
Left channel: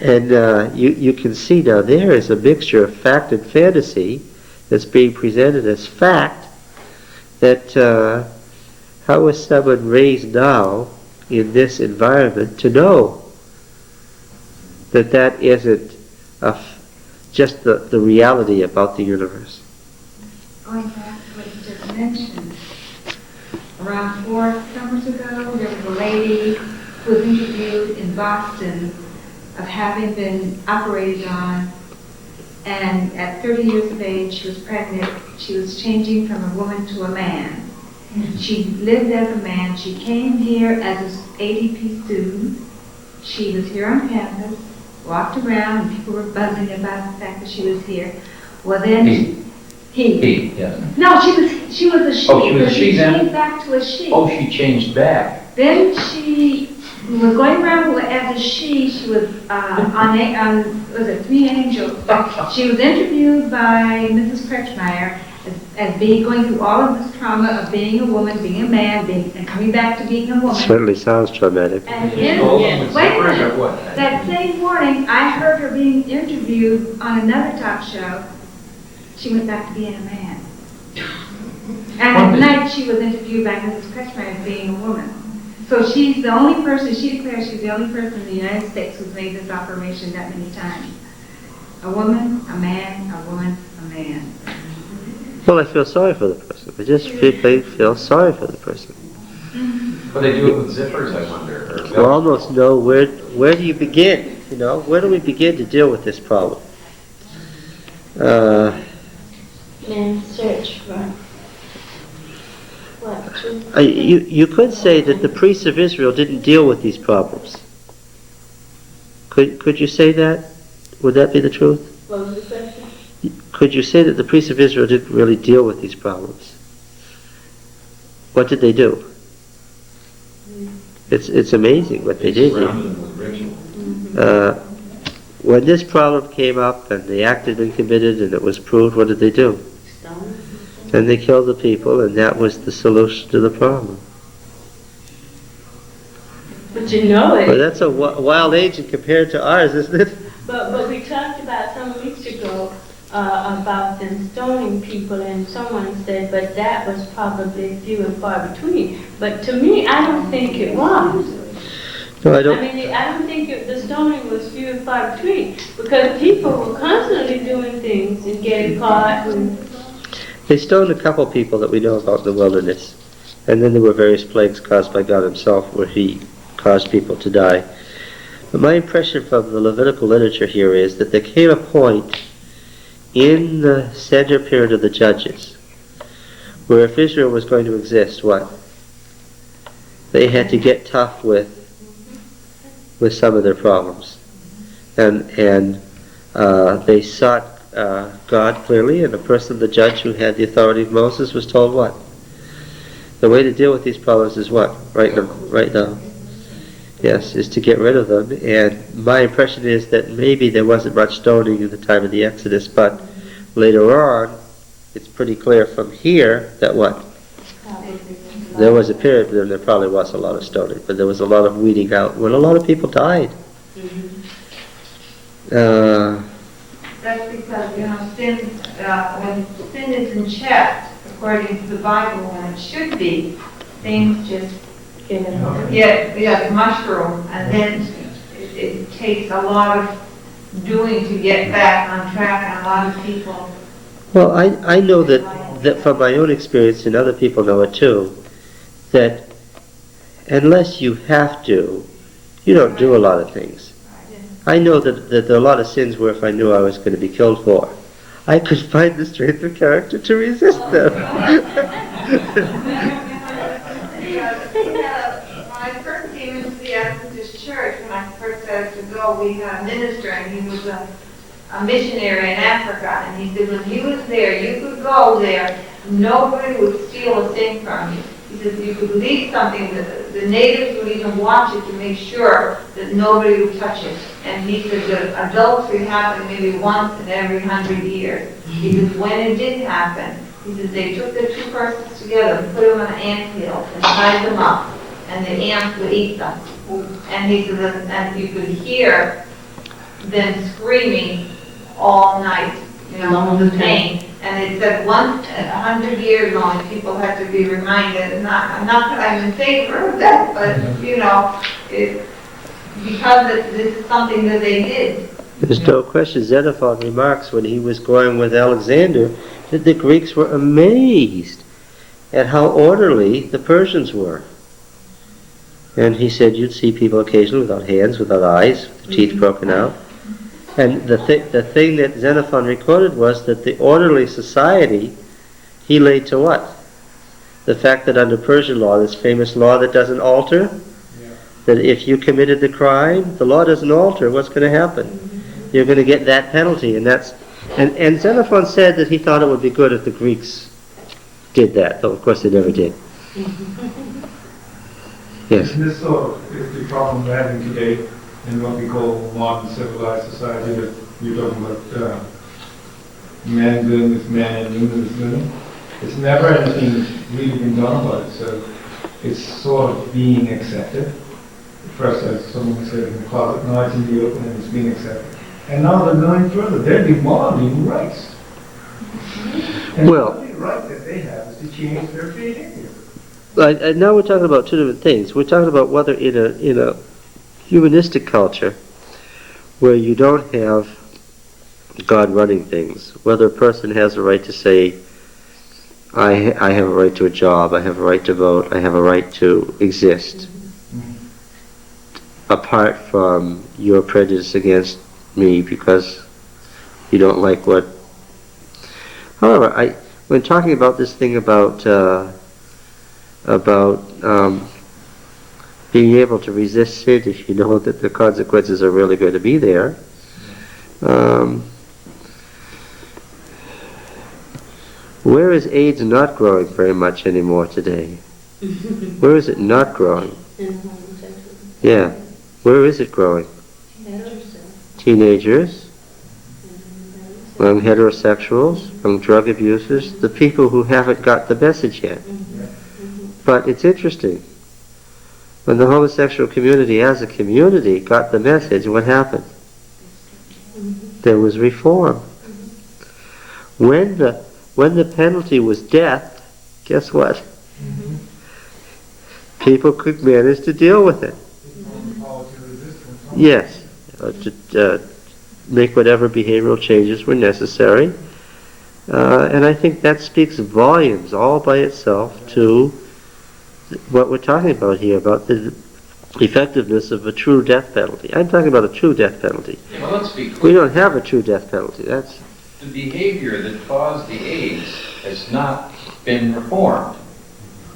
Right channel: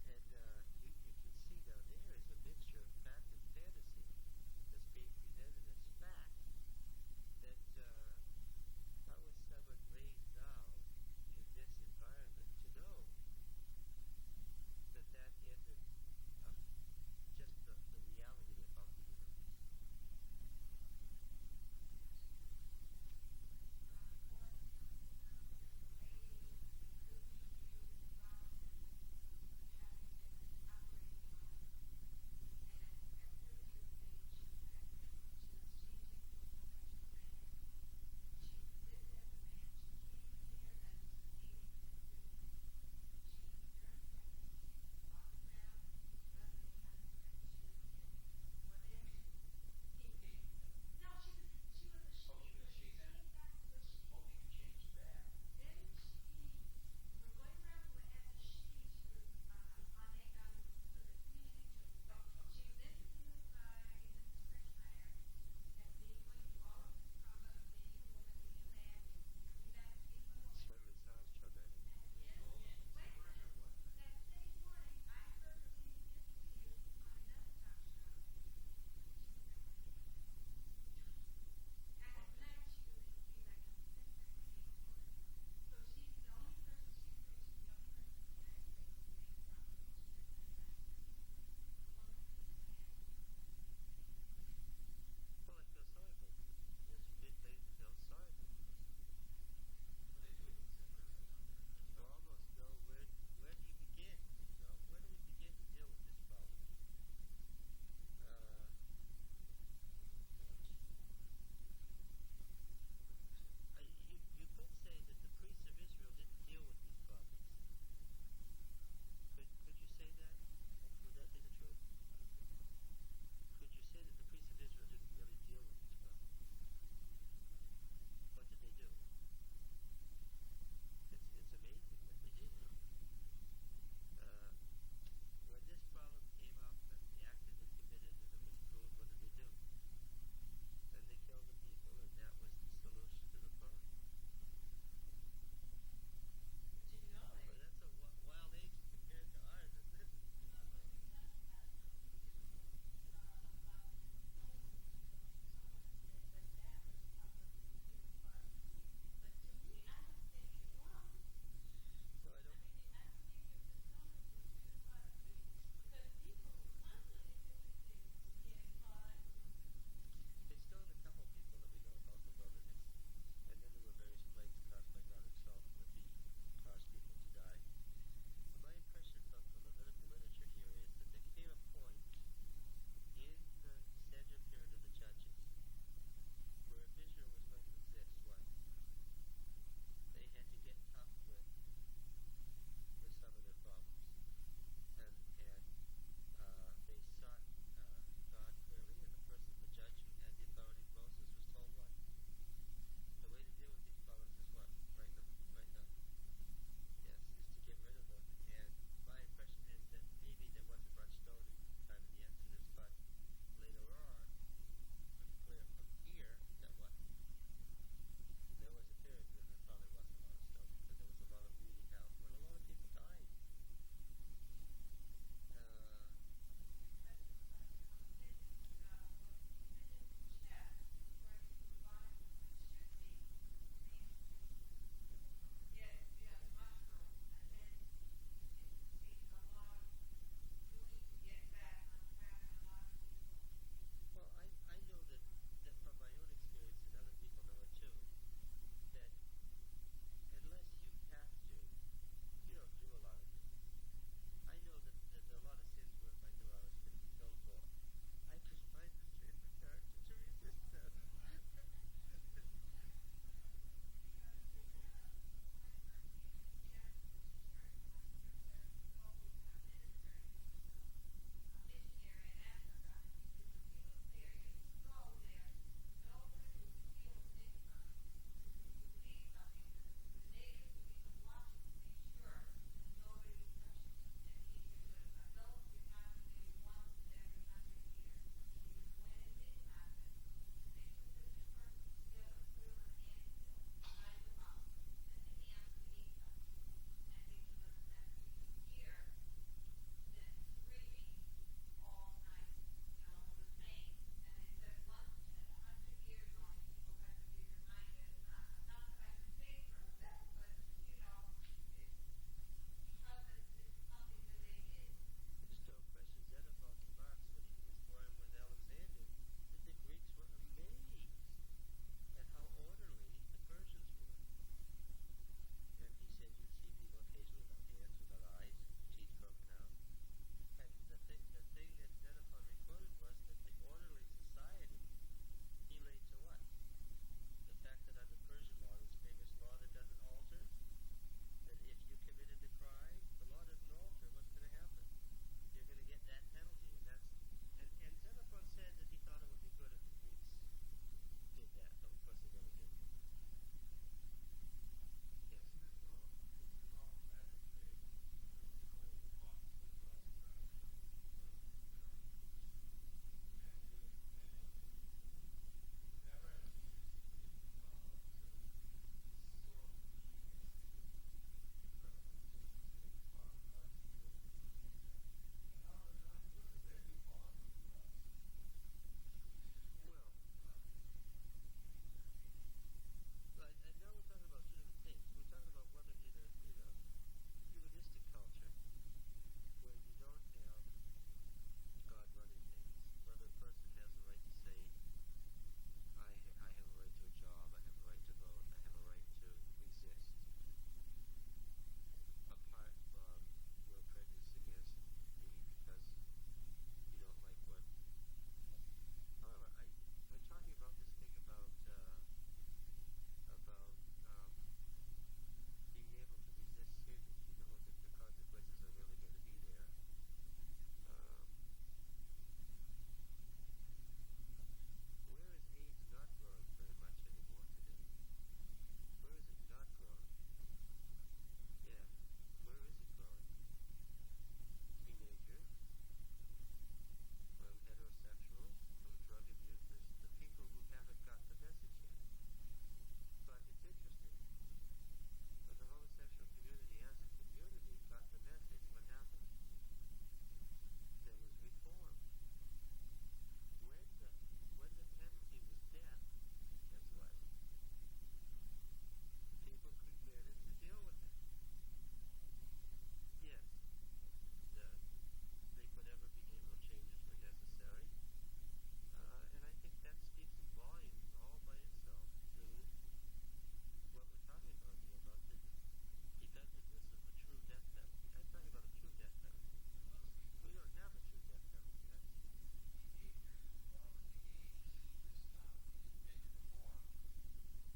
And you can see now there is a mixture of fact and fantasy that's being presented as fact. That how is someone raised now in this environment to know that isn't just the reality about the universe? Going back to what you just mentioned, around 4 summers ago, there was a lady who was interviewed in Boston of having been operated on, and at 30 years of age, she was pregnant. She was changing from a woman to a man. She lived as a man. She came here as an ADP student. She was here on campus, walked around, and people were buzzing about the fact that she was here. Well, then he. Yes. No, she was a she. Oh, she was a she she then? changed back to a she. Oh, she changed back. Then she was going around as a she. She was on was it Three Angels? She was interviewed by Mrs. Kretschmeyer as being going through all of this trauma of being a woman, being a man, and coming back to being a woman. Certainly sounds traumatic. And Wait a minute. That same morning, I heard her being interviewed on another talk show. She went back to being a man. And at night, she was interviewed by Mrs. Kretschmeyer as being a woman. So she's the only person, she declares she's the only person in the United States who's made this operation that many times. A woman, a man, a woman, a man. Well, I feel sorry for the person. I just feel sorry for the person. But they do it with zippers, I wonder. You almost know where do you begin? Where do we begin to deal with this problem? Man, search for what? Truth? You could say that the priests of Israel didn't deal with these problems. Could you say that? Would that be the truth? What was the question? Could you say that the priests of Israel didn't really deal with these problems? What did they do? It's amazing what they did. Surrounded them with ritual. When this problem came up and the act had been committed and it was proved, what did they do? Stone. And they killed the people, and that was the solution to the problem. But you know it. But that's a wild age compared to ours, isn't it? But we talked about some weeks ago about them stoning people, and someone said, but that was probably few and far between. But to me, I don't think it was. No, I I don't. mean, I don't think the stoning was few and far between, because people were constantly doing things and getting caught. And They stoned a couple people that we know about in the wilderness. And then there were various plagues caused by God himself where he caused people to die. But my impression from the Levitical literature here is that there came a point in the center period of the Judges where if Israel was going to exist, what? They had to get tough with some of their problems. And they sought God clearly, and the person, the judge who had the authority of Moses, was told what? The way to deal with these problems is what? Right now. Yes, is to get rid of them. And my impression is that maybe there wasn't much stoning in the time of the Exodus, but later on, it's pretty clear from here that what? There was a period when there probably was a lot of stoning, but there was a lot of weeding out when a lot of people died. That's because, sin, when sin isn't checked, according to the Bible, when it should be, things just get mushroom, and then it takes a lot of doing to get back on track, and a lot of people. Well, I know that from my own experience, and other people know it too, that unless you have to, you don't do a lot of things. I know that there are a lot of sins where if I knew I was going to be killed for, I could find the strength of character to resist them. When I first came into the Adventist church, when I first started to go, we had a minister, and he was a missionary in Africa, and he said when he was there, you could go there, nobody would steal a thing from you. He said you could leave something, the natives would even watch it to make sure that nobody would touch it. And he said that adultery happened maybe once in every 100 years. He said when it did happen, he said they took the two persons together and put them on an anthill and tied them up, and the ants would eat them. And he said and you could hear them screaming all night, the pain. And they said once in 100 years only, people had to be reminded, not that I'm in favor of that, but, because this is something that they did. There's no question. Xenophon remarks when he was going with Alexander that the Greeks were amazed at how orderly the Persians were. And he said you'd see people occasionally without hands, without eyes, with their teeth broken out. And the thing that Xenophon recorded was that the orderly society he laid to what? The fact that under Persian law, this famous law that doesn't alter, that if you committed the crime, the law doesn't alter, what's going to happen? You're going to get that penalty, and Xenophon said that he thought it would be good if the Greeks did that, though of course they never did. Yes. And this sort of is the problem we're having today in what we call modern civilized society, that you're talking about man doing with man and women with women. It's never anything really been done about it, so it's sort of being accepted. First, as someone said, in the closet, now it's in the open and it's being accepted. And now they're going further, they're demanding rights. And the only right that they have is to change their behavior. Now we're talking about two different things. We're talking about whether in a humanistic culture where you don't have God running things, whether a person has a right to say, I have a right to a job, I have a right to vote, I have a right to exist, apart from your prejudice against me because you don't like what... However, when talking about this thing about being able to resist sin if you know that the consequences are really going to be there. Where is AIDS not growing very much anymore today? Where is it not growing? Yeah. Where is it growing? teenagers, among heterosexuals, among drug abusers, the people who haven't got the message yet. But it's interesting. When the homosexual community as a community got the message, what happened? There was reform. When the penalty was death, guess what? People could manage to deal with it. Yes. To make whatever behavioral changes were necessary. And I think that speaks volumes all by itself to what we're talking about here, about the effectiveness of a true death penalty. I'm talking about a true death penalty. Well, let's be We clear. don't have a true death penalty. That's The behavior that caused the AIDS has not been reformed.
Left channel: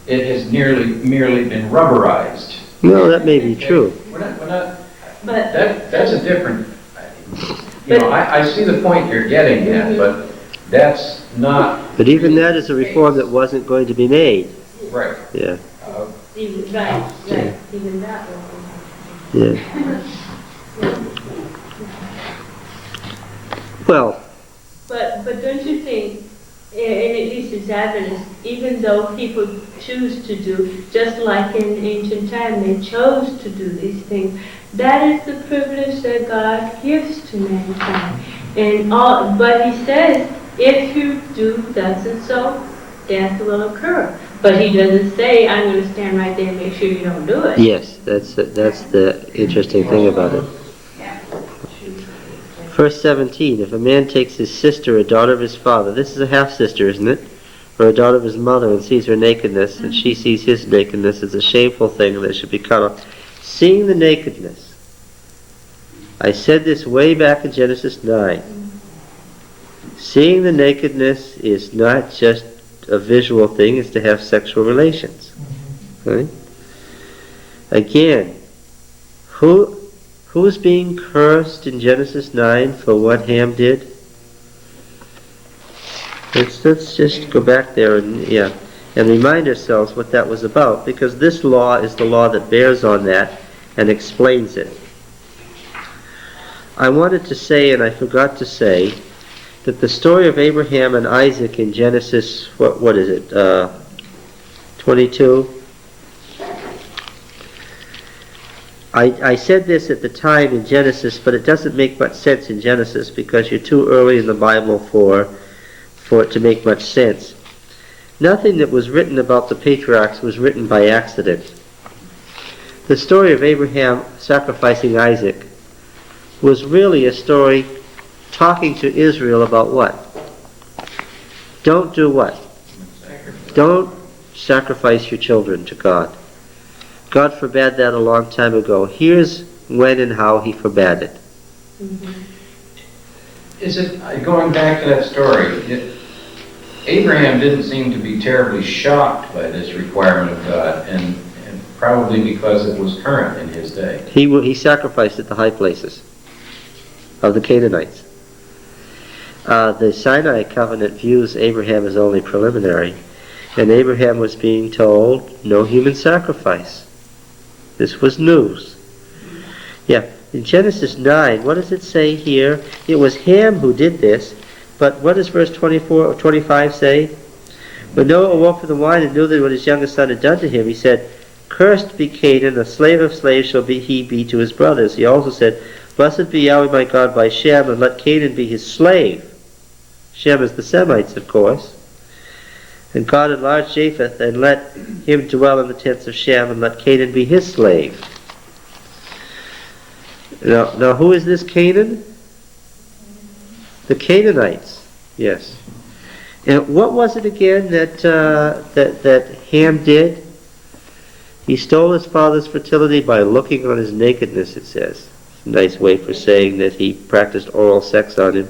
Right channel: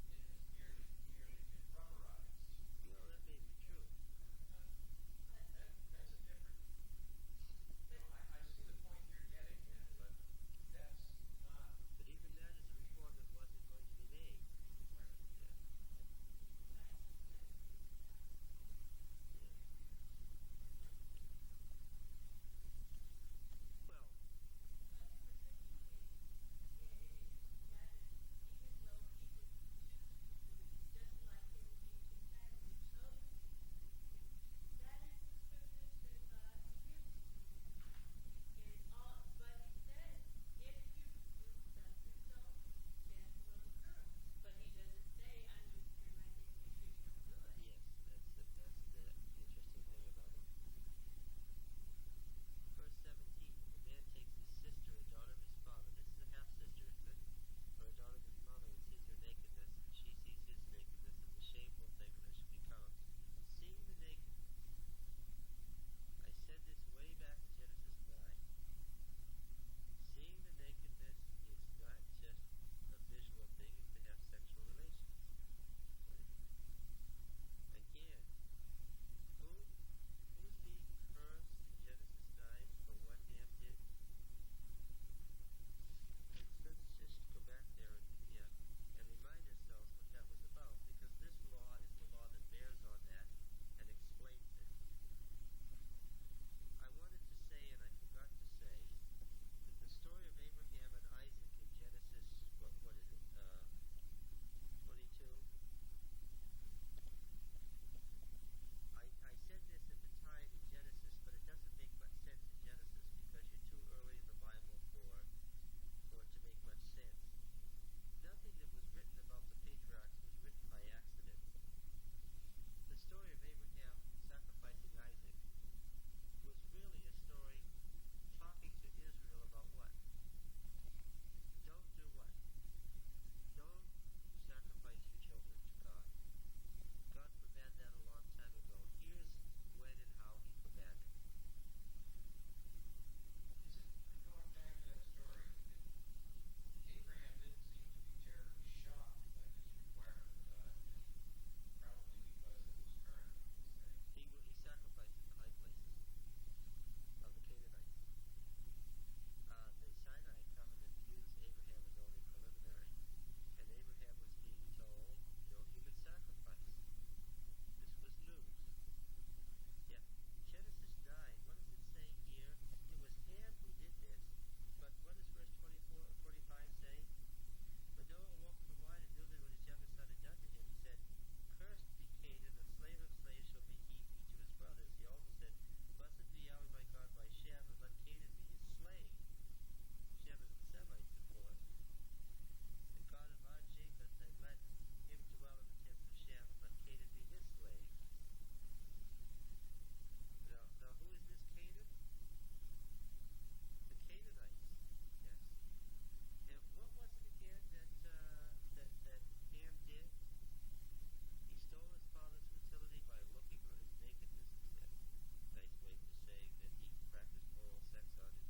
It has merely been rubberized. no, that may be true. We're not, But, that's a different, I see the point you're getting at, but that's not. But even that is a reform that wasn't going to be made. Right. Yeah, even, right, even that was. yeah. Well, But don't you think, and at least as Adventists, even though people choose to do, just like in ancient time, they chose to do these things, that is the privilege that God gives to mankind. But He says, if you do thus and so, death will occur. But He doesn't say, I'm going to stand right there and make sure you don't do it. yes, that's the interesting thing about it. Verse 17, if a man takes his sister, a daughter of his father, this is a half-sister, isn't it? Or a daughter of his mother, and sees her nakedness, and she sees his nakedness, it's a shameful thing that should be cut off. Seeing the nakedness. I said this way back in Genesis 9. Seeing the nakedness is not just a visual thing, it's to have sexual relations. Right? Again, who's being cursed in Genesis 9 for what Ham did? Let's just go back there and remind ourselves what that was about, because this law is the law that bears on that and explains it. I wanted to say, and I forgot to say, that the story of Abraham and Isaac in Genesis, what is it, 22? I said this at the time in Genesis, but it doesn't make much sense in Genesis because you're too early in the Bible for it to make much sense. Nothing that was written about the patriarchs was written by accident. The story of Abraham sacrificing Isaac was really a story talking to Israel about what? Don't do what? Don't sacrifice your children to God. God forbade that a long time ago. Here's when and how He forbade it. Is it, going back to that story, Abraham didn't seem to be terribly shocked by this requirement of God, and probably because it was current in his day. He sacrificed at the high places of the Canaanites. The Sinai covenant views Abraham as only preliminary, and Abraham was being told no human sacrifice. This was news. Yeah, in Genesis 9, what does it say here? It was Ham who did this, but what does verse 24 or 25 say? When Noah awoke from the wine and knew that what his youngest son had done to him, he said, "Cursed be Canaan, a slave of slaves shall he be to his brothers." He also said, "Blessed be Yahweh my God by Shem, and let Canaan be his slave." Shem is the Semites, of course. And God enlarged Japheth, and let him dwell in the tents of Shem, and let Canaan be his slave. Now who is this Canaan? The Canaanites, yes. And what was it again that Ham did? He stole his father's fertility by looking on his nakedness, it says. It's a nice way for saying that he practiced oral sex on him.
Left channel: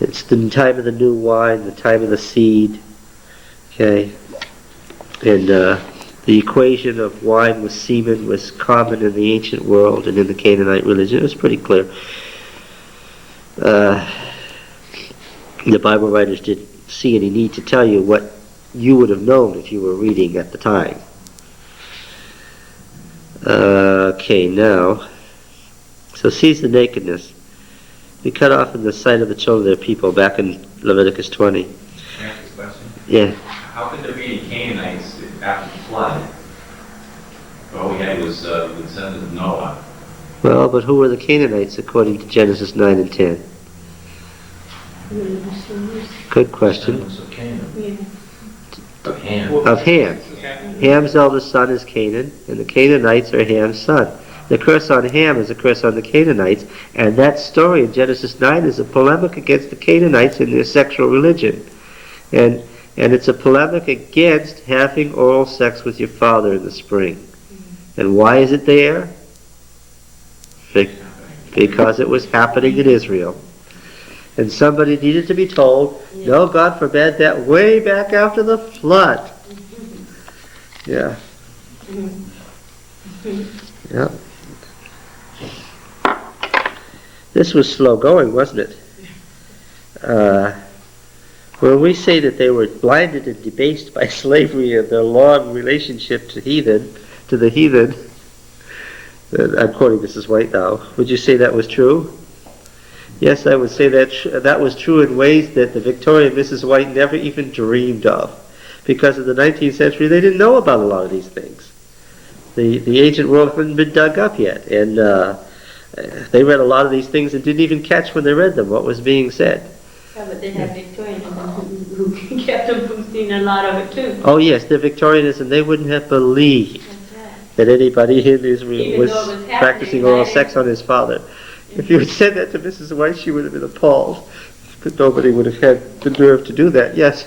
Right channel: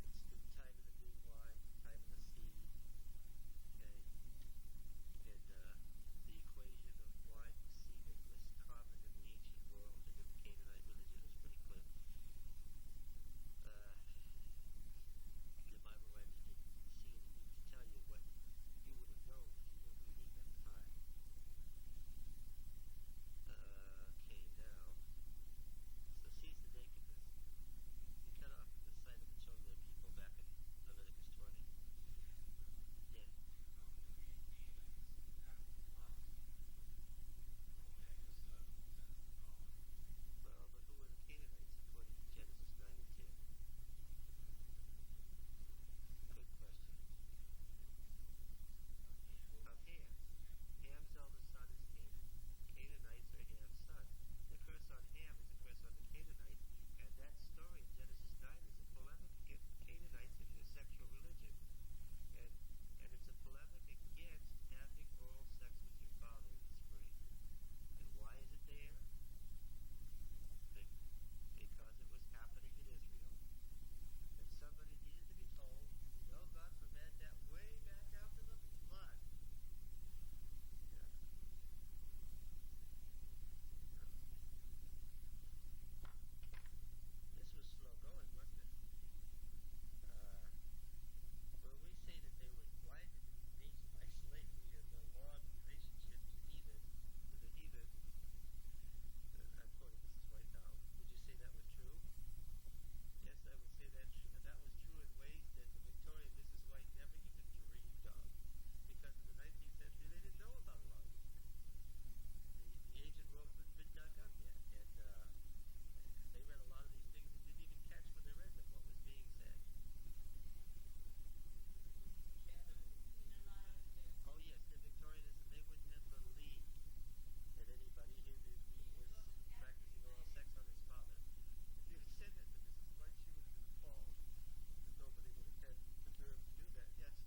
It's the time of the new wine, the time of the seed. Okay? And the equation of wine with semen was common in the ancient world and in the Canaanite religion. It was pretty clear. The Bible writers didn't see any need to tell you what you would have known if you were reading at the time. Okay, now, So sees the nakedness. Be cut off in the sight of the children of their people, back in Leviticus 20. Can I ask this question? Yeah. How could there be any Canaanites after the flood? All we had was the descendants of Noah. Well, but who were the Canaanites according to Genesis 9 and 10? Good question. Descendants of Canaan. Yeah. Of Ham. Of Ham. Okay. Ham's eldest son is Canaan, and the Canaanites are Ham's son. The curse on Ham is a curse on the Canaanites, and that story in Genesis 9 is a polemic against the Canaanites and their sexual religion. And it's a polemic against having oral sex with your father in the spring. And why is it there? Because it was happening in Israel. And somebody needed to be told, no, God forbade that way back after the flood. Yeah. Yeah. This was slow going, wasn't it? When we say that they were blinded and debased by slavery and their long relationship to the heathen, I'm quoting Mrs. White now, would you say that was true? Yes, I would say that was true in ways that the Victorian Mrs. White never even dreamed of. Because in the 19th century, they didn't know about a lot of these things. The ancient world hadn't been dug up yet, and they read a lot of these things and didn't even catch when they read them what was being said. Yeah, but they had Victorians who kept them from seeing a lot of it too. Oh yes, the Victorianism, they wouldn't have believed That's right. that anybody in Israel Even was though it was happening, practicing oral right? sex on his father. If you had said that to Mrs. White, she would have been appalled. But nobody would have had the nerve to do that, yes.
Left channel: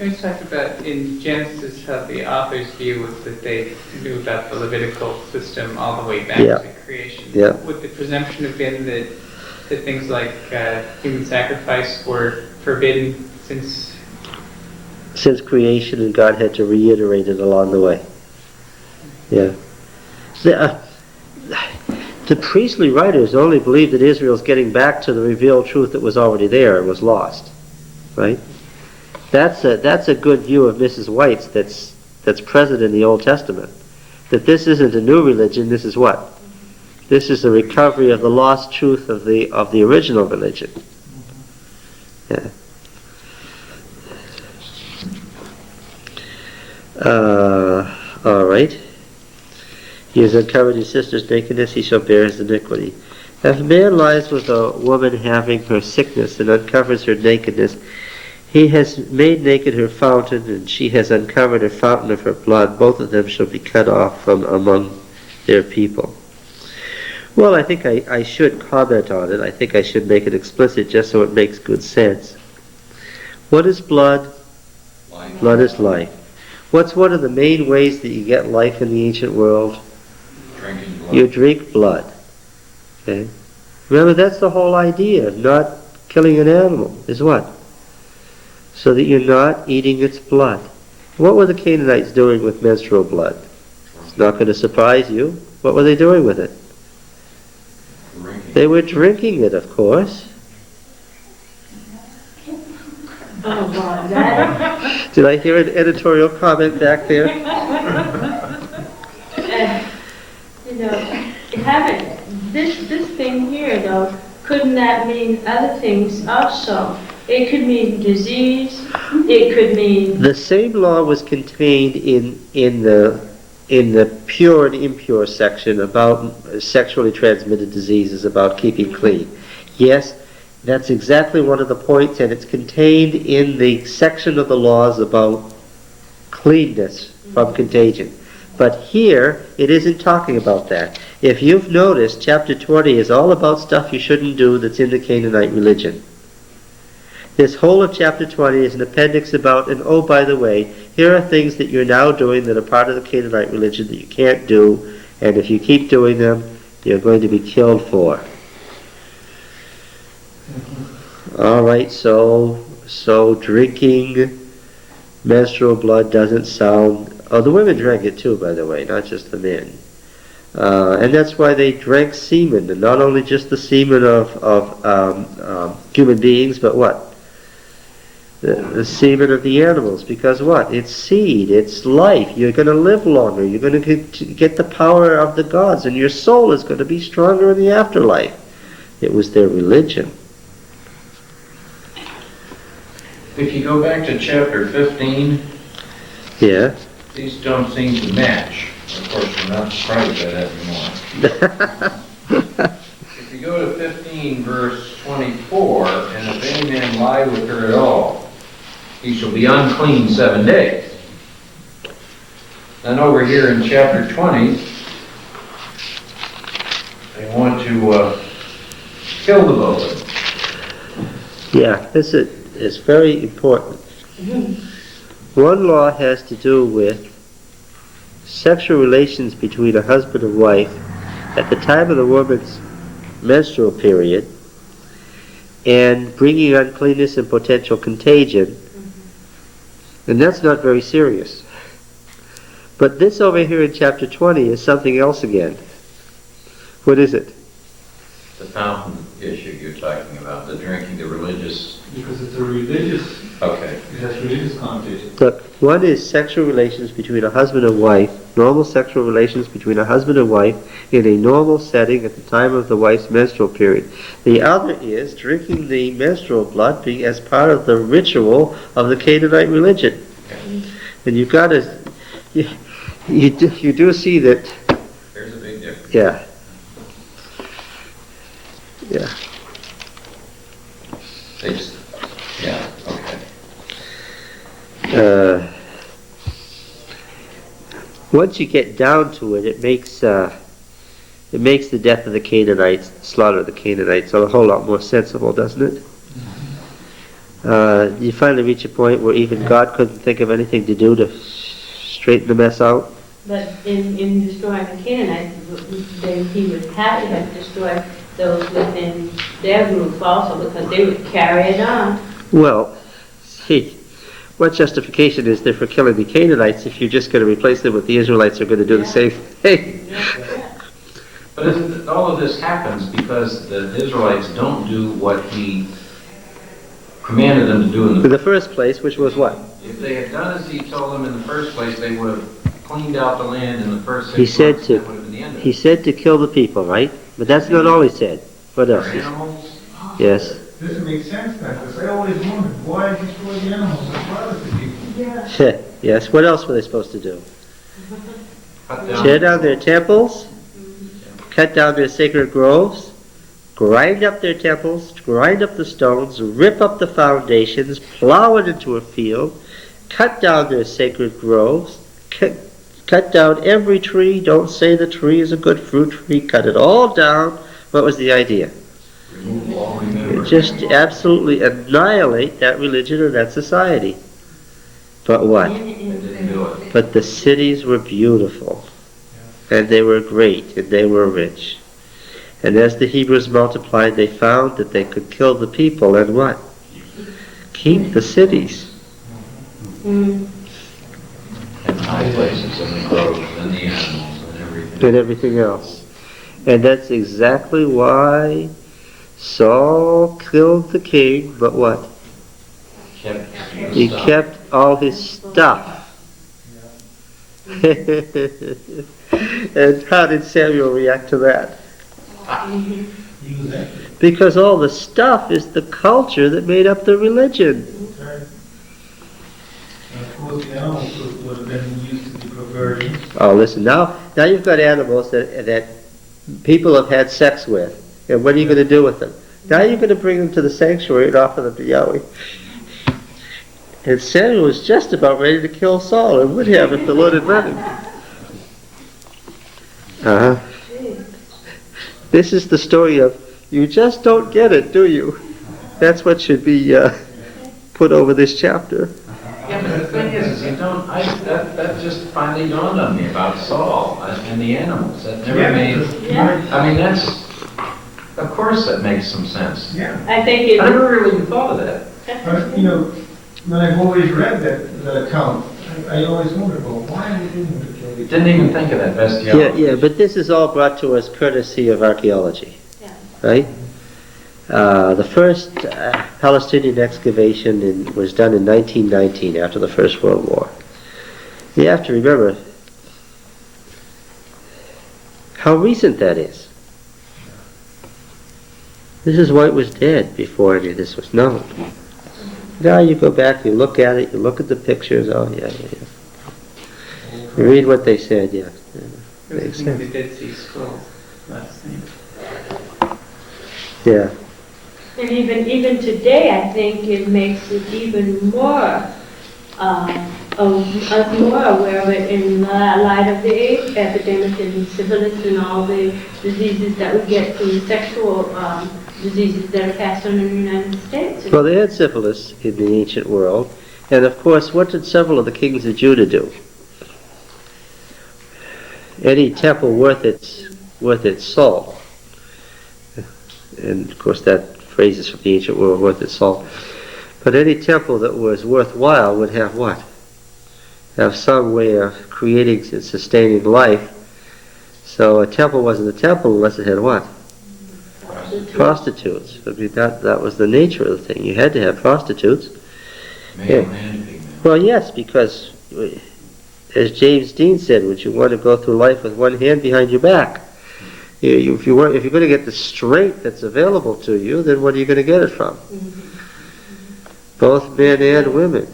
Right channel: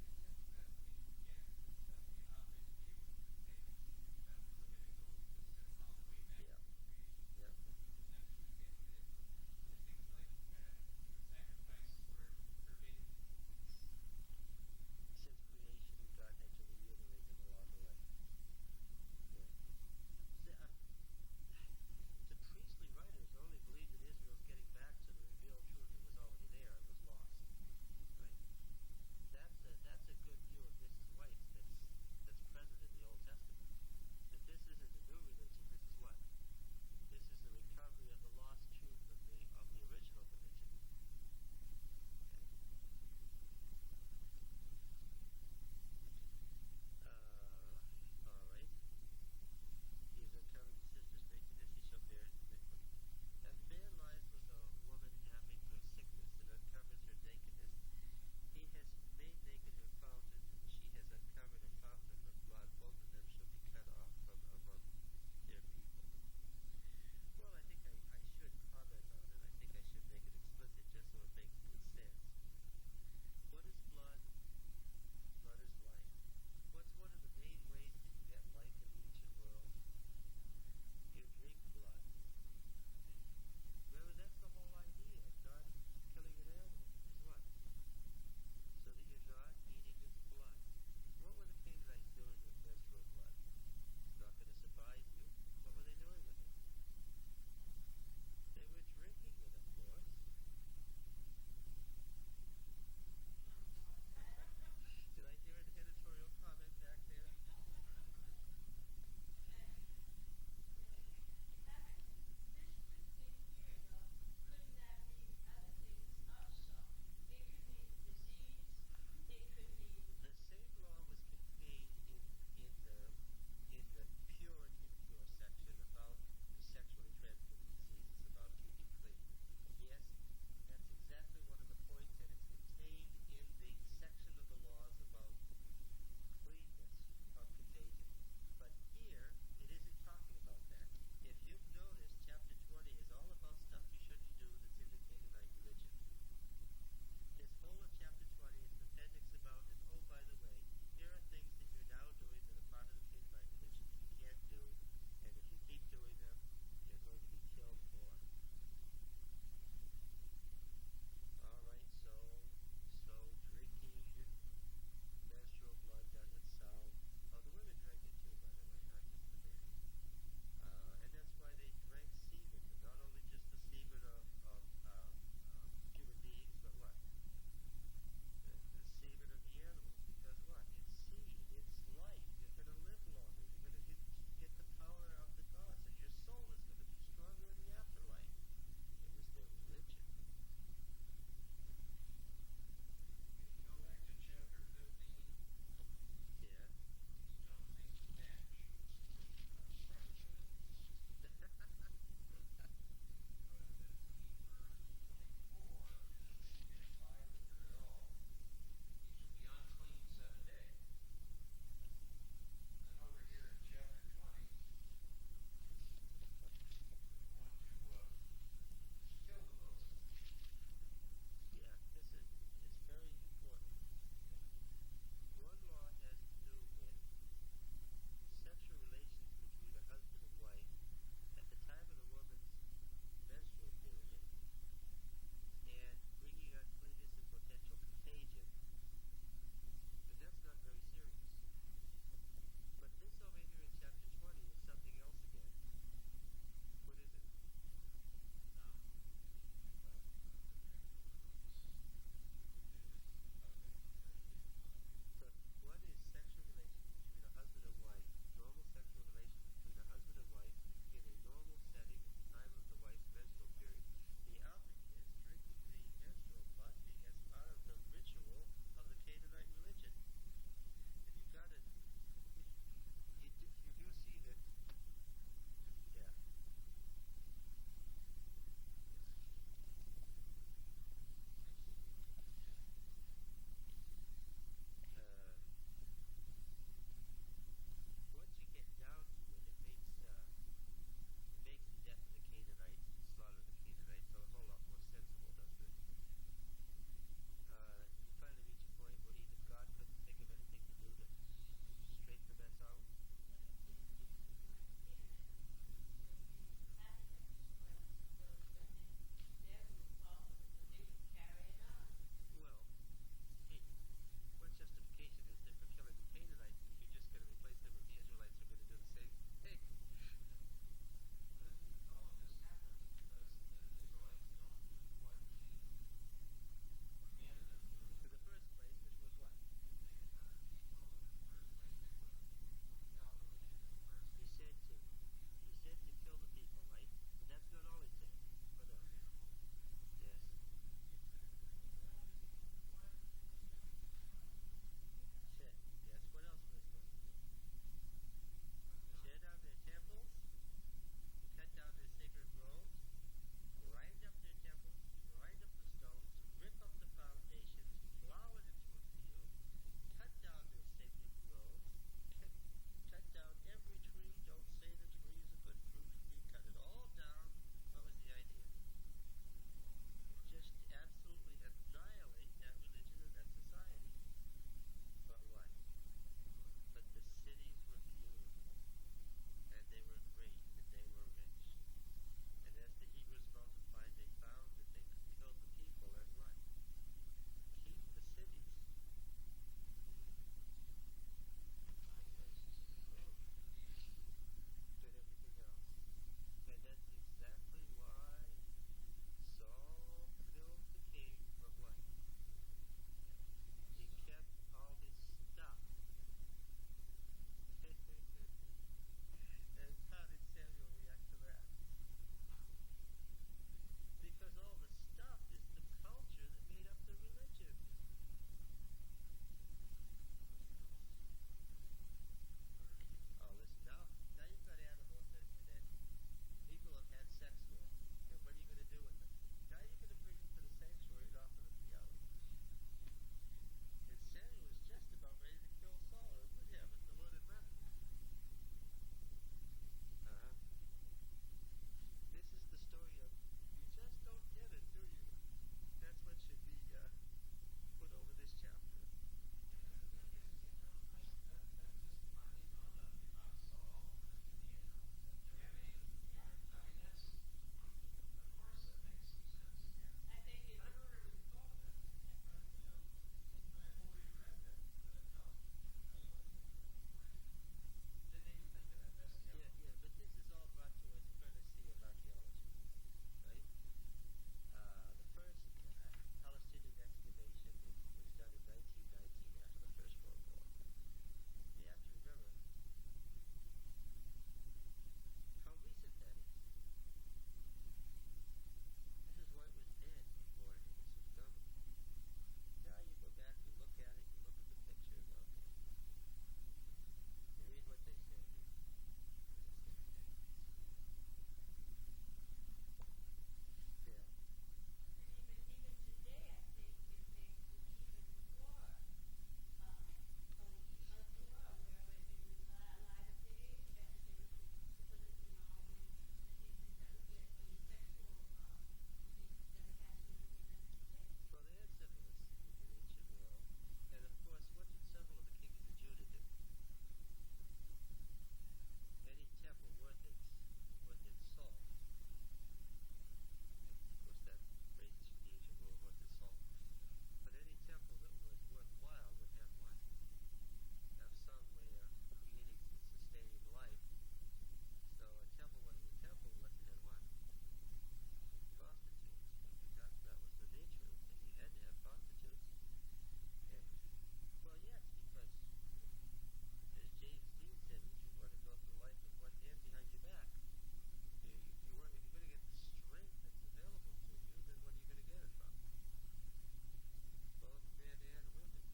We talked about in Genesis how the author's view was that they knew about the Levitical system all the way back Yeah. to creation. Yeah. Would the presumption have been that things like human sacrifice were forbidden since? Since creation, and God had to reiterate it along the way. Yeah. The priestly writers only believe that Israel's getting back to the revealed truth that was already there and was lost. Right? That's a good view of Mrs. White's that's present in the Old Testament. That this isn't a new religion, this is what? This is the recovery of the lost truth of the original religion. Yeah. All right. He has uncovered his sister's nakedness, he shall bear his iniquity. If a man lies with a woman having her sickness and uncovers her nakedness, he has made naked her fountain, and she has uncovered her fountain of her blood. Both of them shall be cut off from among their people. Well, I think I should comment on it. I think I should make it explicit just so it makes good sense. What is blood? Life. Blood is life. What's one of the main ways that you get life in the ancient world? Drinking blood. You drink blood. Okay? Remember, that's the whole idea of not killing an animal, is what? So that you're not eating its blood. What were the Canaanites doing with menstrual blood? It's not going to surprise you. What were they doing with it? Drinking. They were drinking it, of course. Oh, God, that, Did I hear an editorial comment back there? you know, having this thing here, though, couldn't that mean other things also? It could mean disease, it could mean, The same law was contained in the pure and impure section about sexually transmitted diseases, about keeping clean. Yes, that's exactly one of the points, and it's contained in the section of the laws about cleanness from contagion. But here, it isn't talking about that. If you've noticed, chapter 20 is all about stuff you shouldn't do that's in the Canaanite religion. This whole of chapter 20 is an appendix about, and oh, by the way, here are things that you're now doing that are part of the Canaanite religion that you can't do, and if you keep doing them, you're going to be killed for. All right, so drinking menstrual blood doesn't sound... Oh, the women drank it too, by the way, not just the men. And that's why they drank semen, and not only just the semen of human beings, but what? the semen of the animals, because what? It's seed, it's life. You're going to live longer. You're going to get the power of the gods, and your soul is going to be stronger in the afterlife. It was their religion. If you go back to chapter 15, Yeah. these don't seem to match. Of course, we're not surprised by that anymore. If you go to 15, verse 24, and if any man lie with her at all, he shall be unclean 7 days. Then over here in chapter 20, they want to kill the both. Yeah, this is very important. One law has to do with sexual relations between a husband and wife at the time of the woman's menstrual period and bringing uncleanness and potential contagion. And that's not very serious. But this over here in chapter 20 is something else again. What is it? The fountain issue you're talking about, the drinking, the religious. Because it's a religious, Okay. it has religious connotation. Look, one is sexual relations between a husband and wife, normal sexual relations between a husband and wife in a normal setting at the time of the wife's menstrual period. The other is drinking the menstrual blood being as part of the ritual of the Canaanite religion. And you've got to, you do see that, There's a big difference. yeah. Yeah. They just, yeah, okay. Once you get down to it, it makes the death of the Canaanites, slaughter of the Canaanites, a whole lot more sensible, doesn't it? You finally reach a point where even God couldn't think of anything to do to straighten the mess out. But in destroying the Canaanites, he would have to have destroyed those within their group also, because they would carry it on. Well, see, what justification is there for killing the Canaanites if you're just going to replace them with the Israelites who are going to do the same thing? But all of this happens because the Israelites don't do what he commanded them to do In the first place, which was what? If they had done as he told them in the first place, they would have cleaned out the land in the first 6 He months. said That to, would have been the end of he it. said to kill the people, right? But that's not all he said. What else? Animals, Yes. This makes sense then, because I always wondered, why destroy the animals as well as the people? Yes. What else were they supposed to do? cut down. Tear down their temples, cut down their sacred groves, grind up their temples, grind up the stones, rip up the foundations, plow it into a field, cut down their sacred groves, cut down every tree. Don't say the tree is a good fruit tree. Cut it all down. What was the idea? Remove all remembrance. Just absolutely annihilate that religion or that society. But what? They didn't do it. But the cities were beautiful, and they were great, and they were rich. And as the Hebrews multiplied, they found that they could kill the people and what? Keep the cities. Mm. And high places and the groves and the animals and everything. And everything else. And that's exactly why Saul killed the king, but what? Kept the He stuff. kept all his stuff. And how did Samuel react to that? He was active. Because all the stuff is the culture that made up the religion. Right. And of course, the animals would have been used to be perverted. Oh, listen, now you've got animals that people have had sex with. And what are you going to do with them? Now you're going to bring them to the sanctuary and offer them to Yahweh. And Samuel was just about ready to kill Saul, and would have if the Lord had let him. This is the story of, you just don't get it, do you? That's what should be put over this chapter. Yeah, but the thing is you don't, that just finally dawned on me about Saul and the animals. That never made, Yeah. I mean, that's, of course that makes some sense. Yeah. I think I it. never really even thought of that. But, you know, when I've always read that account, I always wondered, well, why are they doing it to kill the Didn't even think of that bestiality. Yeah, but this is all brought to us courtesy of archaeology, Yeah. right? The first Palestinian excavation was done in 1919 after the First World War. You have to remember how recent that is. This is why it was dead before any of this was known. Now you go back, you look at it, you look at the pictures, oh yeah. You read what they said, yeah. There was a thing with the Dead Sea Scrolls last thing. Yeah. And even today, I think it makes it even more, us more aware of it in light of the AIDS epidemic and syphilis and all the diseases that we get from sexual diseases that are passed on in the United States. Well, they had syphilis in the ancient world, and of course, what did several of the kings of Judah do? Any temple worth its salt, and of course that phrase is from the ancient world, worth its salt. But any temple that was worthwhile would have what? Have some way of creating and sustaining life. So a temple wasn't a temple unless it had what? Prostitutes. I mean, that was the nature of the thing. You had to have prostitutes. Male and female. Well, yes, because as James Dean said, would you want to go through life with one hand behind your back? If you're going to get the strength that's available to you, then what are you going to get it from? Both men and women.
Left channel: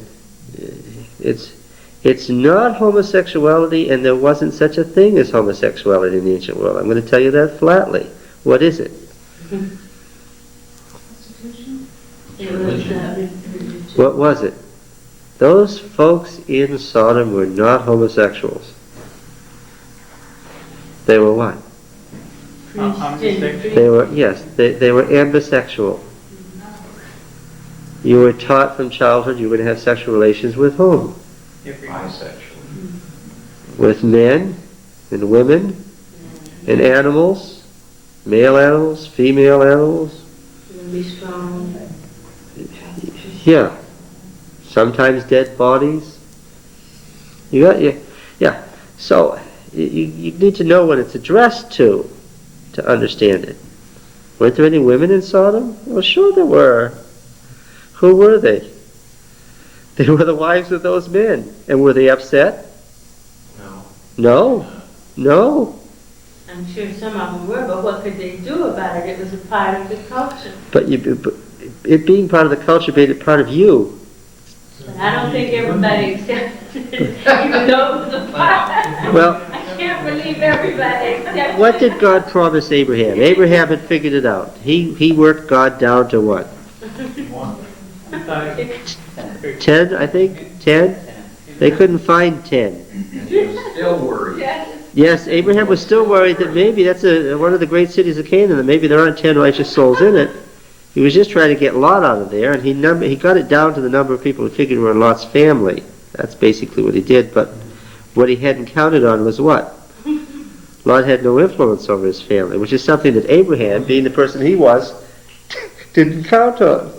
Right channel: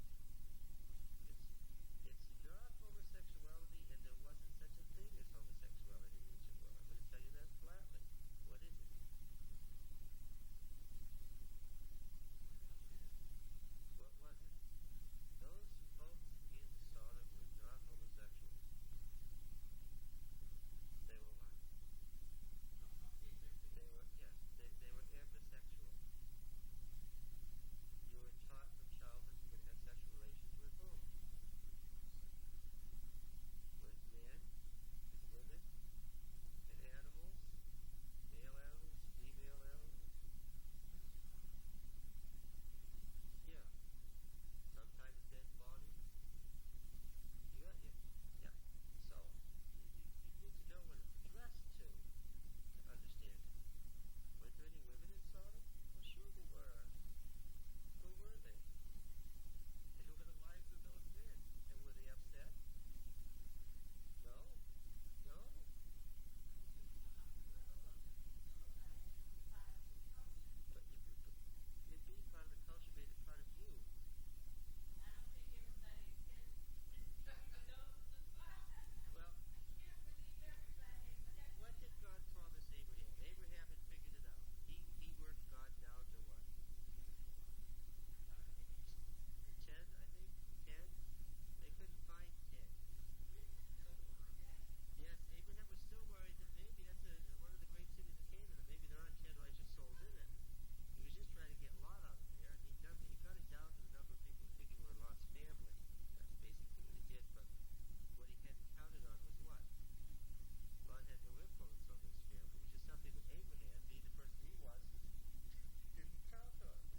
It's not homosexuality, and there wasn't such a thing as homosexuality in the ancient world. I'm going to tell you that flatly. What is it? What was it? Those folks in Sodom were not homosexuals. They were what? They were, yes, they were ambisexual. You were taught from childhood you were going to have sexual relations with whom? Bisexual. With men and women and animals, male animals, female animals. Be strong. Yeah. Sometimes dead bodies. Yeah. So you need to know what it's addressed to understand it. Weren't there any women in Sodom? Well, sure there were. Who were they? They were the wives of those men. And were they upset? No. No. I'm sure some of them were, but what could they do about it? It was a part of the culture. But it being part of the culture made it part of you. But I don't think everybody accepted it, even though it was a part. Well, I can't believe everybody accepted what it. did God promise Abraham? Abraham had figured it out. He worked God down to what? 10, I think? 10? They couldn't find 10. And he was still worried. Yes, Abraham was still worried that maybe that's one of the great cities of Canaan, that maybe there aren't 10 righteous souls in it. He was just trying to get Lot out of there, and he got it down to the number of people he figured were in Lot's family. That's basically what he did, but what he hadn't counted on was what? Lot had no influence over his family, which is something that Abraham, being the person he was, didn't count on.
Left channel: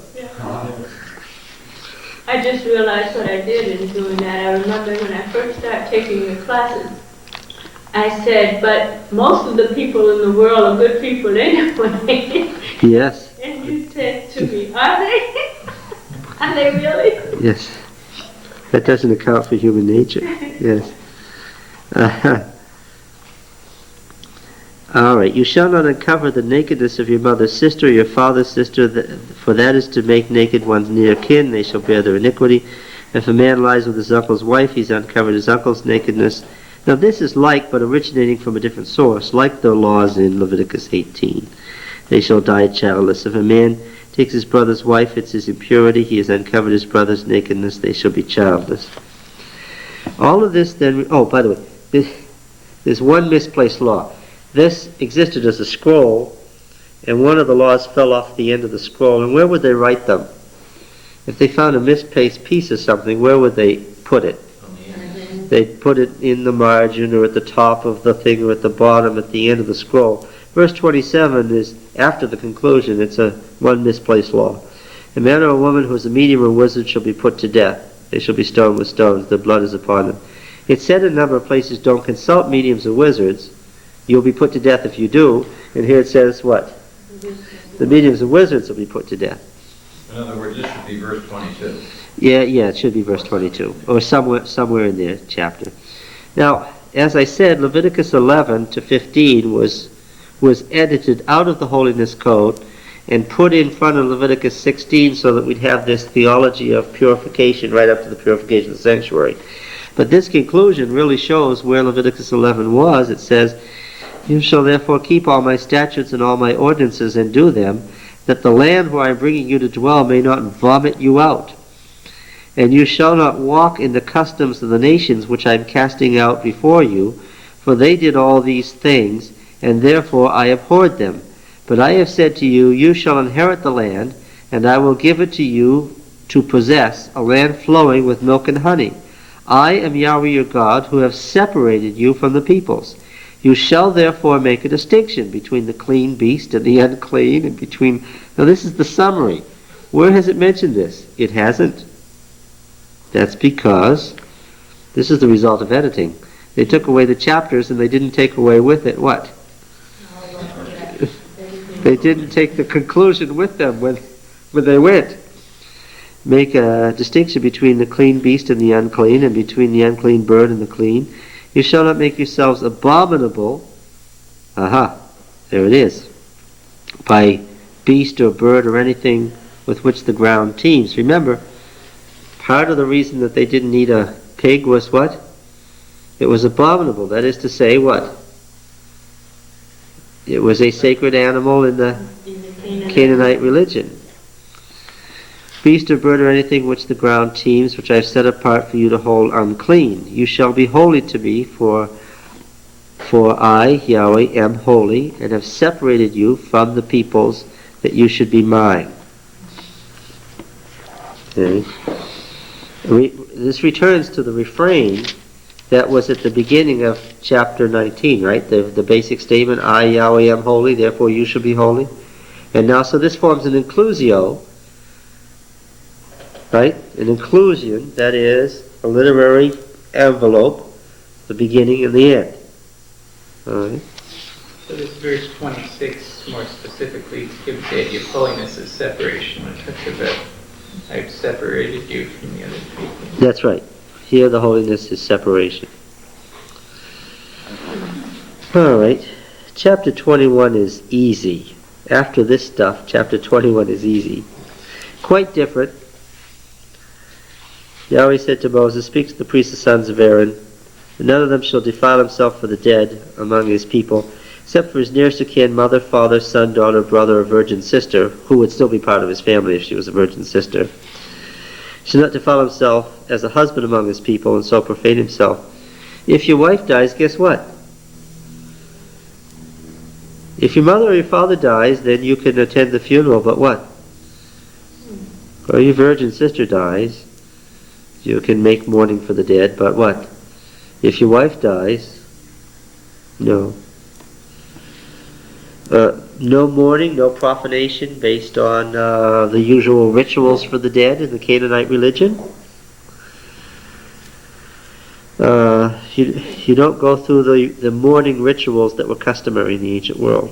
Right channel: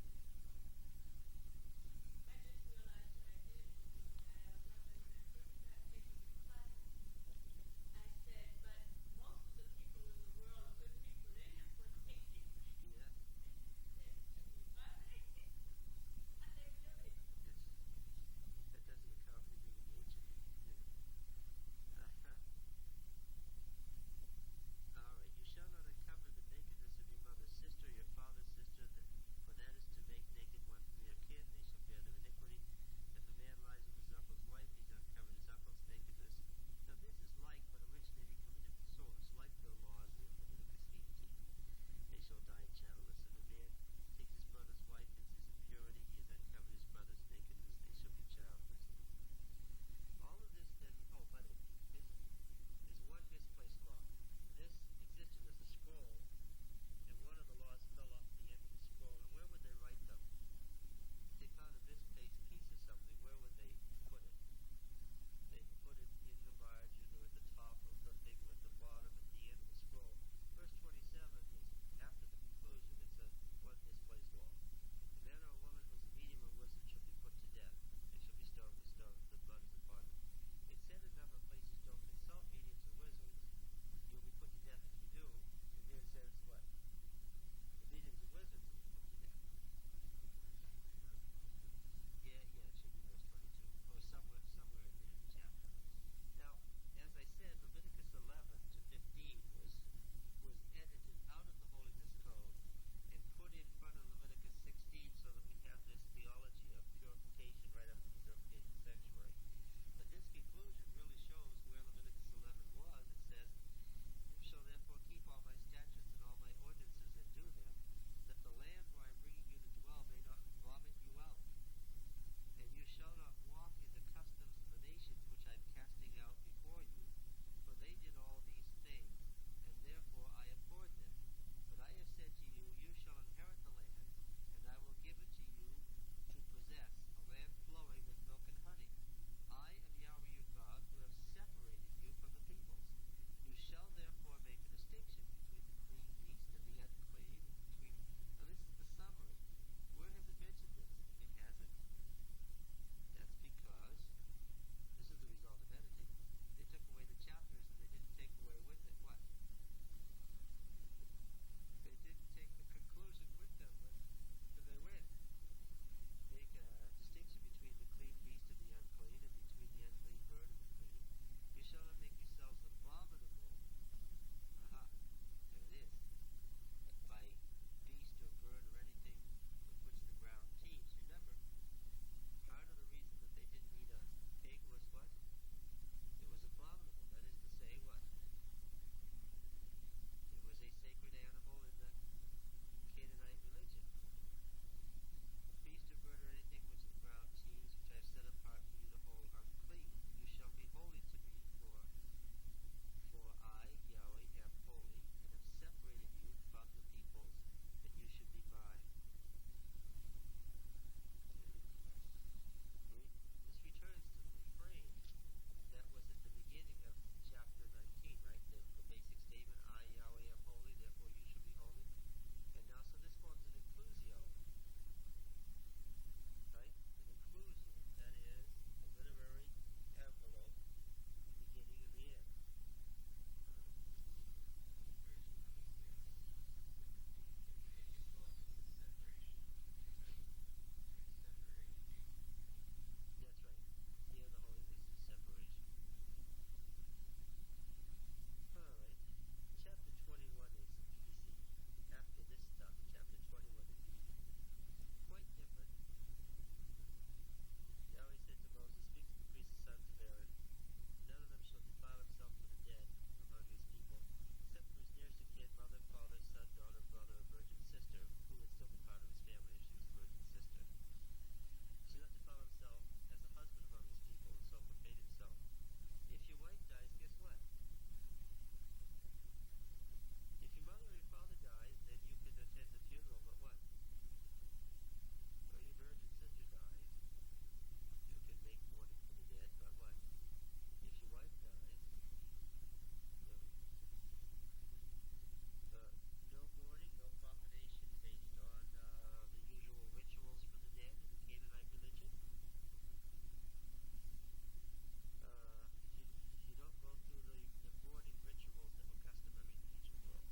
I just realized what I did in doing that. I remember when I first started taking the classes, I said, but most of the people in the world are good people anyway. Yes. And you said to me, are they? Are they really? Yes. That doesn't account for human nature. Yes. All right. You shall not uncover the nakedness of your mother's sister or your father's sister, for that is to make naked one's near kin. They shall bear their iniquity. If a man lies with his uncle's wife, he's uncovered his uncle's nakedness. Now this is like, but originating from a different source, like the laws in Leviticus 18. They shall die childless. If a man takes his brother's wife, it's his impurity. He has uncovered his brother's nakedness. They shall be childless. All of this then, oh, by the way, there's one misplaced law. This existed as a scroll, and one of the laws fell off the end of the scroll. And where would they write them? If they found a misplaced piece of something, where would they put it? They'd put it in the margin or at the top of the thing or at the bottom at the end of the scroll. Verse 27 is after the conclusion. It's one misplaced law. A man or a woman who is a medium or wizard shall be put to death. They shall be stoned with stones. Their blood is upon them. It's said in a number of places, don't consult mediums or wizards. You'll be put to death if you do. And here it says what? The mediums and wizards will be put to death. In other words, this should be verse 22. Yeah, it should be verse 22, or somewhere in their chapter. Now, as I said, Leviticus 11 to 15 was edited out of the Holiness Code and put in front of Leviticus 16 so that we'd have this theology of purification right up to the purification of the sanctuary. But this conclusion really shows where Leviticus 11 was. It says, "You shall therefore keep all my statutes and all my ordinances and do them, that the land where I am bringing you to dwell may not vomit you out. And you shall not walk in the customs of the nations which I am casting out before you, for they did all these things, and therefore I abhorred them. But I have said to you, you shall inherit the land, and I will give it to you to possess, a land flowing with milk and honey. I am Yahweh your God, who have separated you from the peoples. You shall therefore make a distinction between the clean beast and the unclean, and between..." Now this is the summary. Where has it mentioned this? It hasn't. That's because this is the result of editing. They took away the chapters and they didn't take away with it what? They didn't take the conclusion with them when they went. Make a distinction between the clean beast and the unclean, and between the unclean bird and the clean. You shall not make yourselves abominable. Aha, there it is. By beast or bird or anything with which the ground teems. Remember, part of the reason that they didn't eat a pig was what? It was abominable. That is to say, what? It was a sacred animal in the Canaanite religion. Beast or bird or anything which the ground teems, which I have set apart for you to hold unclean. You shall be holy to me, for I, Yahweh, am holy, and have separated you from the peoples, that you should be mine. Okay. This returns to the refrain that was at the beginning of chapter 19, right? The basic statement, I, Yahweh, am holy, therefore you shall be holy. And now, so this forms an inclusio, right? An inclusion, that is, a literary envelope, the beginning and the end. All right? So this verse 26 more specifically gives the idea of holiness as separation. When it talks about, I've separated you from the other people. That's right. Here the holiness is separation. All right. Chapter 21 is easy. After this stuff, chapter 21 is easy. Quite different. Yahweh said to Moses, "Speak to the priests, the sons of Aaron, and none of them shall defile himself for the dead among his people, except for his nearest of kin, mother, father, son, daughter, brother, or virgin sister," who would still be part of his family if she was a virgin sister. "Shall not defile himself as a husband among his people, and so profane himself." If your wife dies, guess what? If your mother or your father dies, then you can attend the funeral, but what? Or your virgin sister dies, you can make mourning for the dead, but what? If your wife dies, no. No mourning, no profanation based on the usual rituals for the dead in the Canaanite religion. You don't go through the mourning rituals that were customary in the ancient world.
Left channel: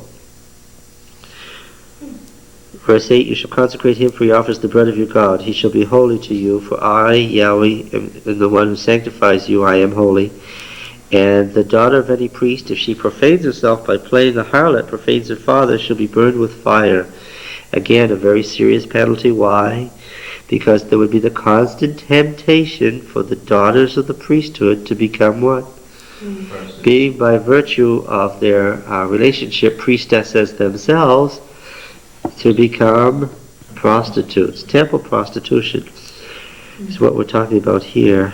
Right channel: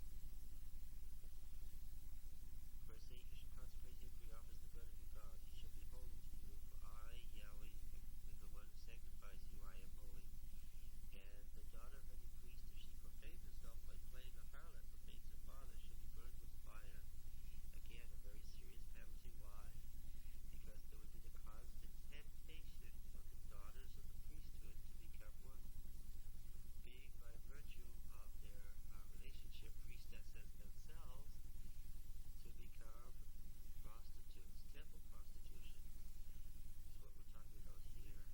Verse 8, "You shall consecrate him, for he offers the bread of your God. He shall be holy to you, for I, Yahweh, am the one who sanctifies you. I am holy. And the daughter of any priest, if she profanes herself by playing the harlot, profanes her father, shall be burned with fire." Again, a very serious penalty. Why? Because there would be the constant temptation for the daughters of the priesthood to become what? Being by virtue of their relationship priestesses themselves, to become prostitutes. Temple prostitution is what we're talking about here.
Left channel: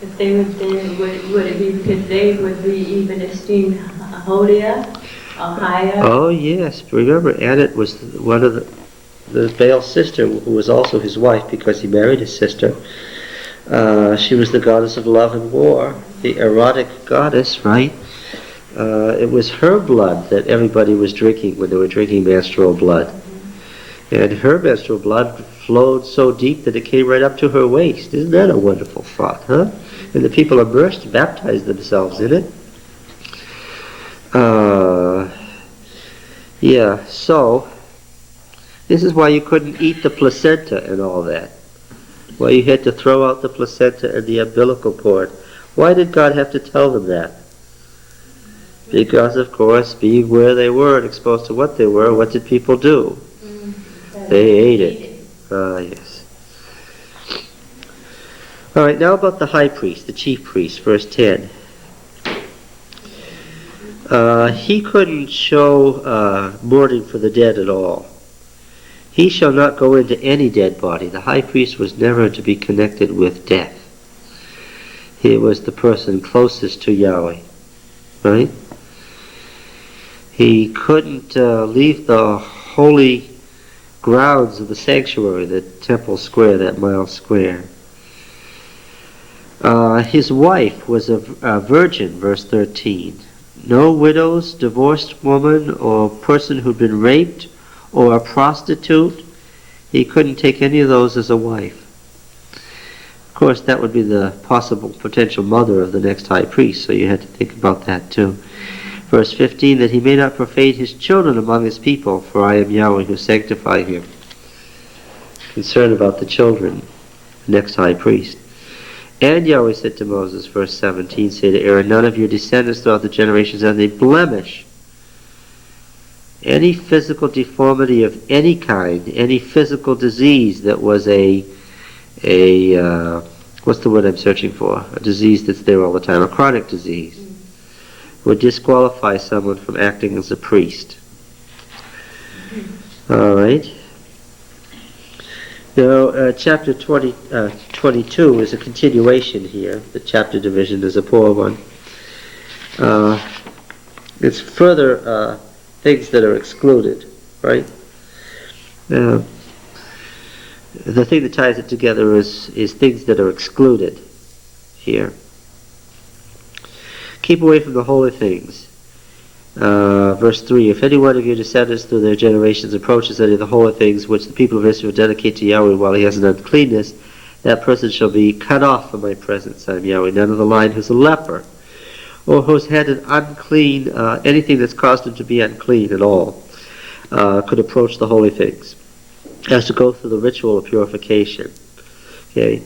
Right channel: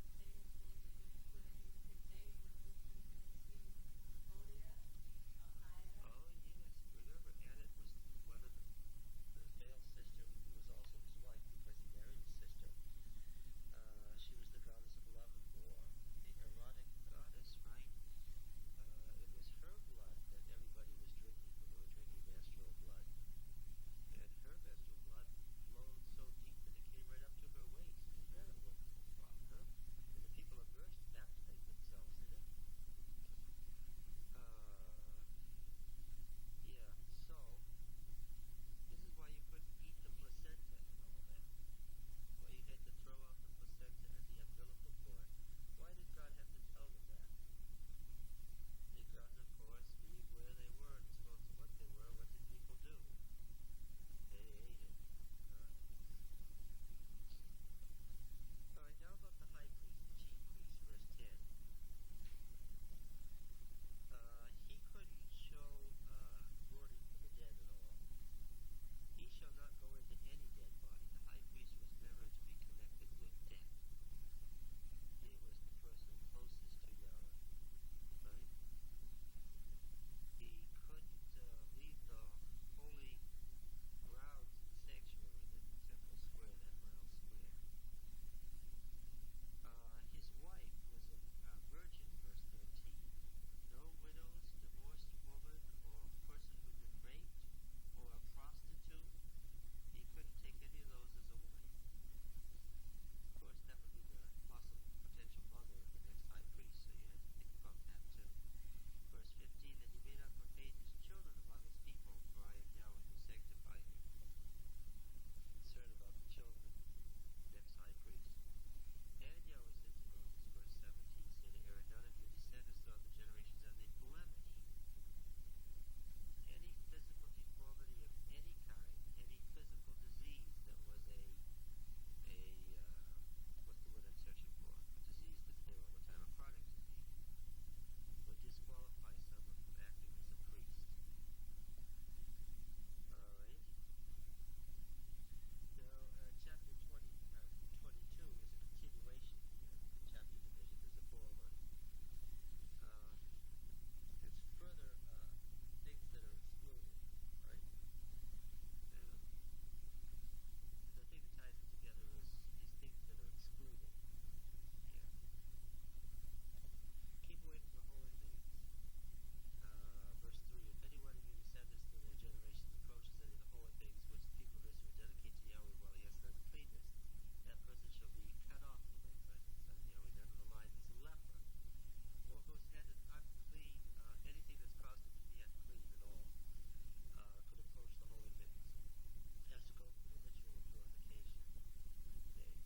If they would then, would it be because they would be even esteemed holier or higher? Oh yes, remember Anat was one of the Baal's sister, who was also his wife because he married his sister. She was the goddess of love and war, the erotic goddess, right? It was her blood that everybody was drinking when they were drinking menstrual blood. And her menstrual blood flowed so deep that it came right up to her waist. Isn't that a wonderful thought, huh? And the people immersed, baptized themselves in it. Yeah, so this is why you couldn't eat the placenta and all that. Why you had to throw out the placenta and the umbilical cord. Why did God have to tell them that? Because, of course, being where they were and exposed to what they were, what did people do? They ate it. Ah, yes. All right, now about the high priest, the chief priest, verse 10. He couldn't show mourning for the dead at all. He shall not go into any dead body. The high priest was never to be connected with death. He was the person closest to Yahweh, right? He couldn't leave the holy grounds of the sanctuary, the temple square, that mile square. His wife was a virgin, verse 13. No widows, divorced woman, or person who'd been raped, or a prostitute. He couldn't take any of those as a wife. Of course, that would be the possible potential mother of the next high priest, so you had to think about that too. Verse 15, that he may not profane his children among his people, for I am Yahweh who sanctify him. Concern about the children, the next high priest. And Yahweh said to Moses, verse 17, say to Aaron, none of your descendants throughout the generations have any blemish, any physical deformity of any kind, any physical disease that was what's the word I'm searching for? A disease that's there all the time, a chronic disease, would disqualify someone from acting as a priest. All right. Now, chapter 22 is a continuation here. The chapter division is a poor one. It's further things that are excluded, right? The thing that ties it together is things that are excluded here. Keep away from the holy things. Verse 3, if any one of your descendants through their generations approaches any of the holy things which the people of Israel dedicate to Yahweh while he has an uncleanness, that person shall be cut off from my presence. I am Yahweh. None of the line who's a leper, or who's had an unclean, anything that's caused him to be unclean at all, could approach the holy things. Has to go through the ritual of purification. Okay.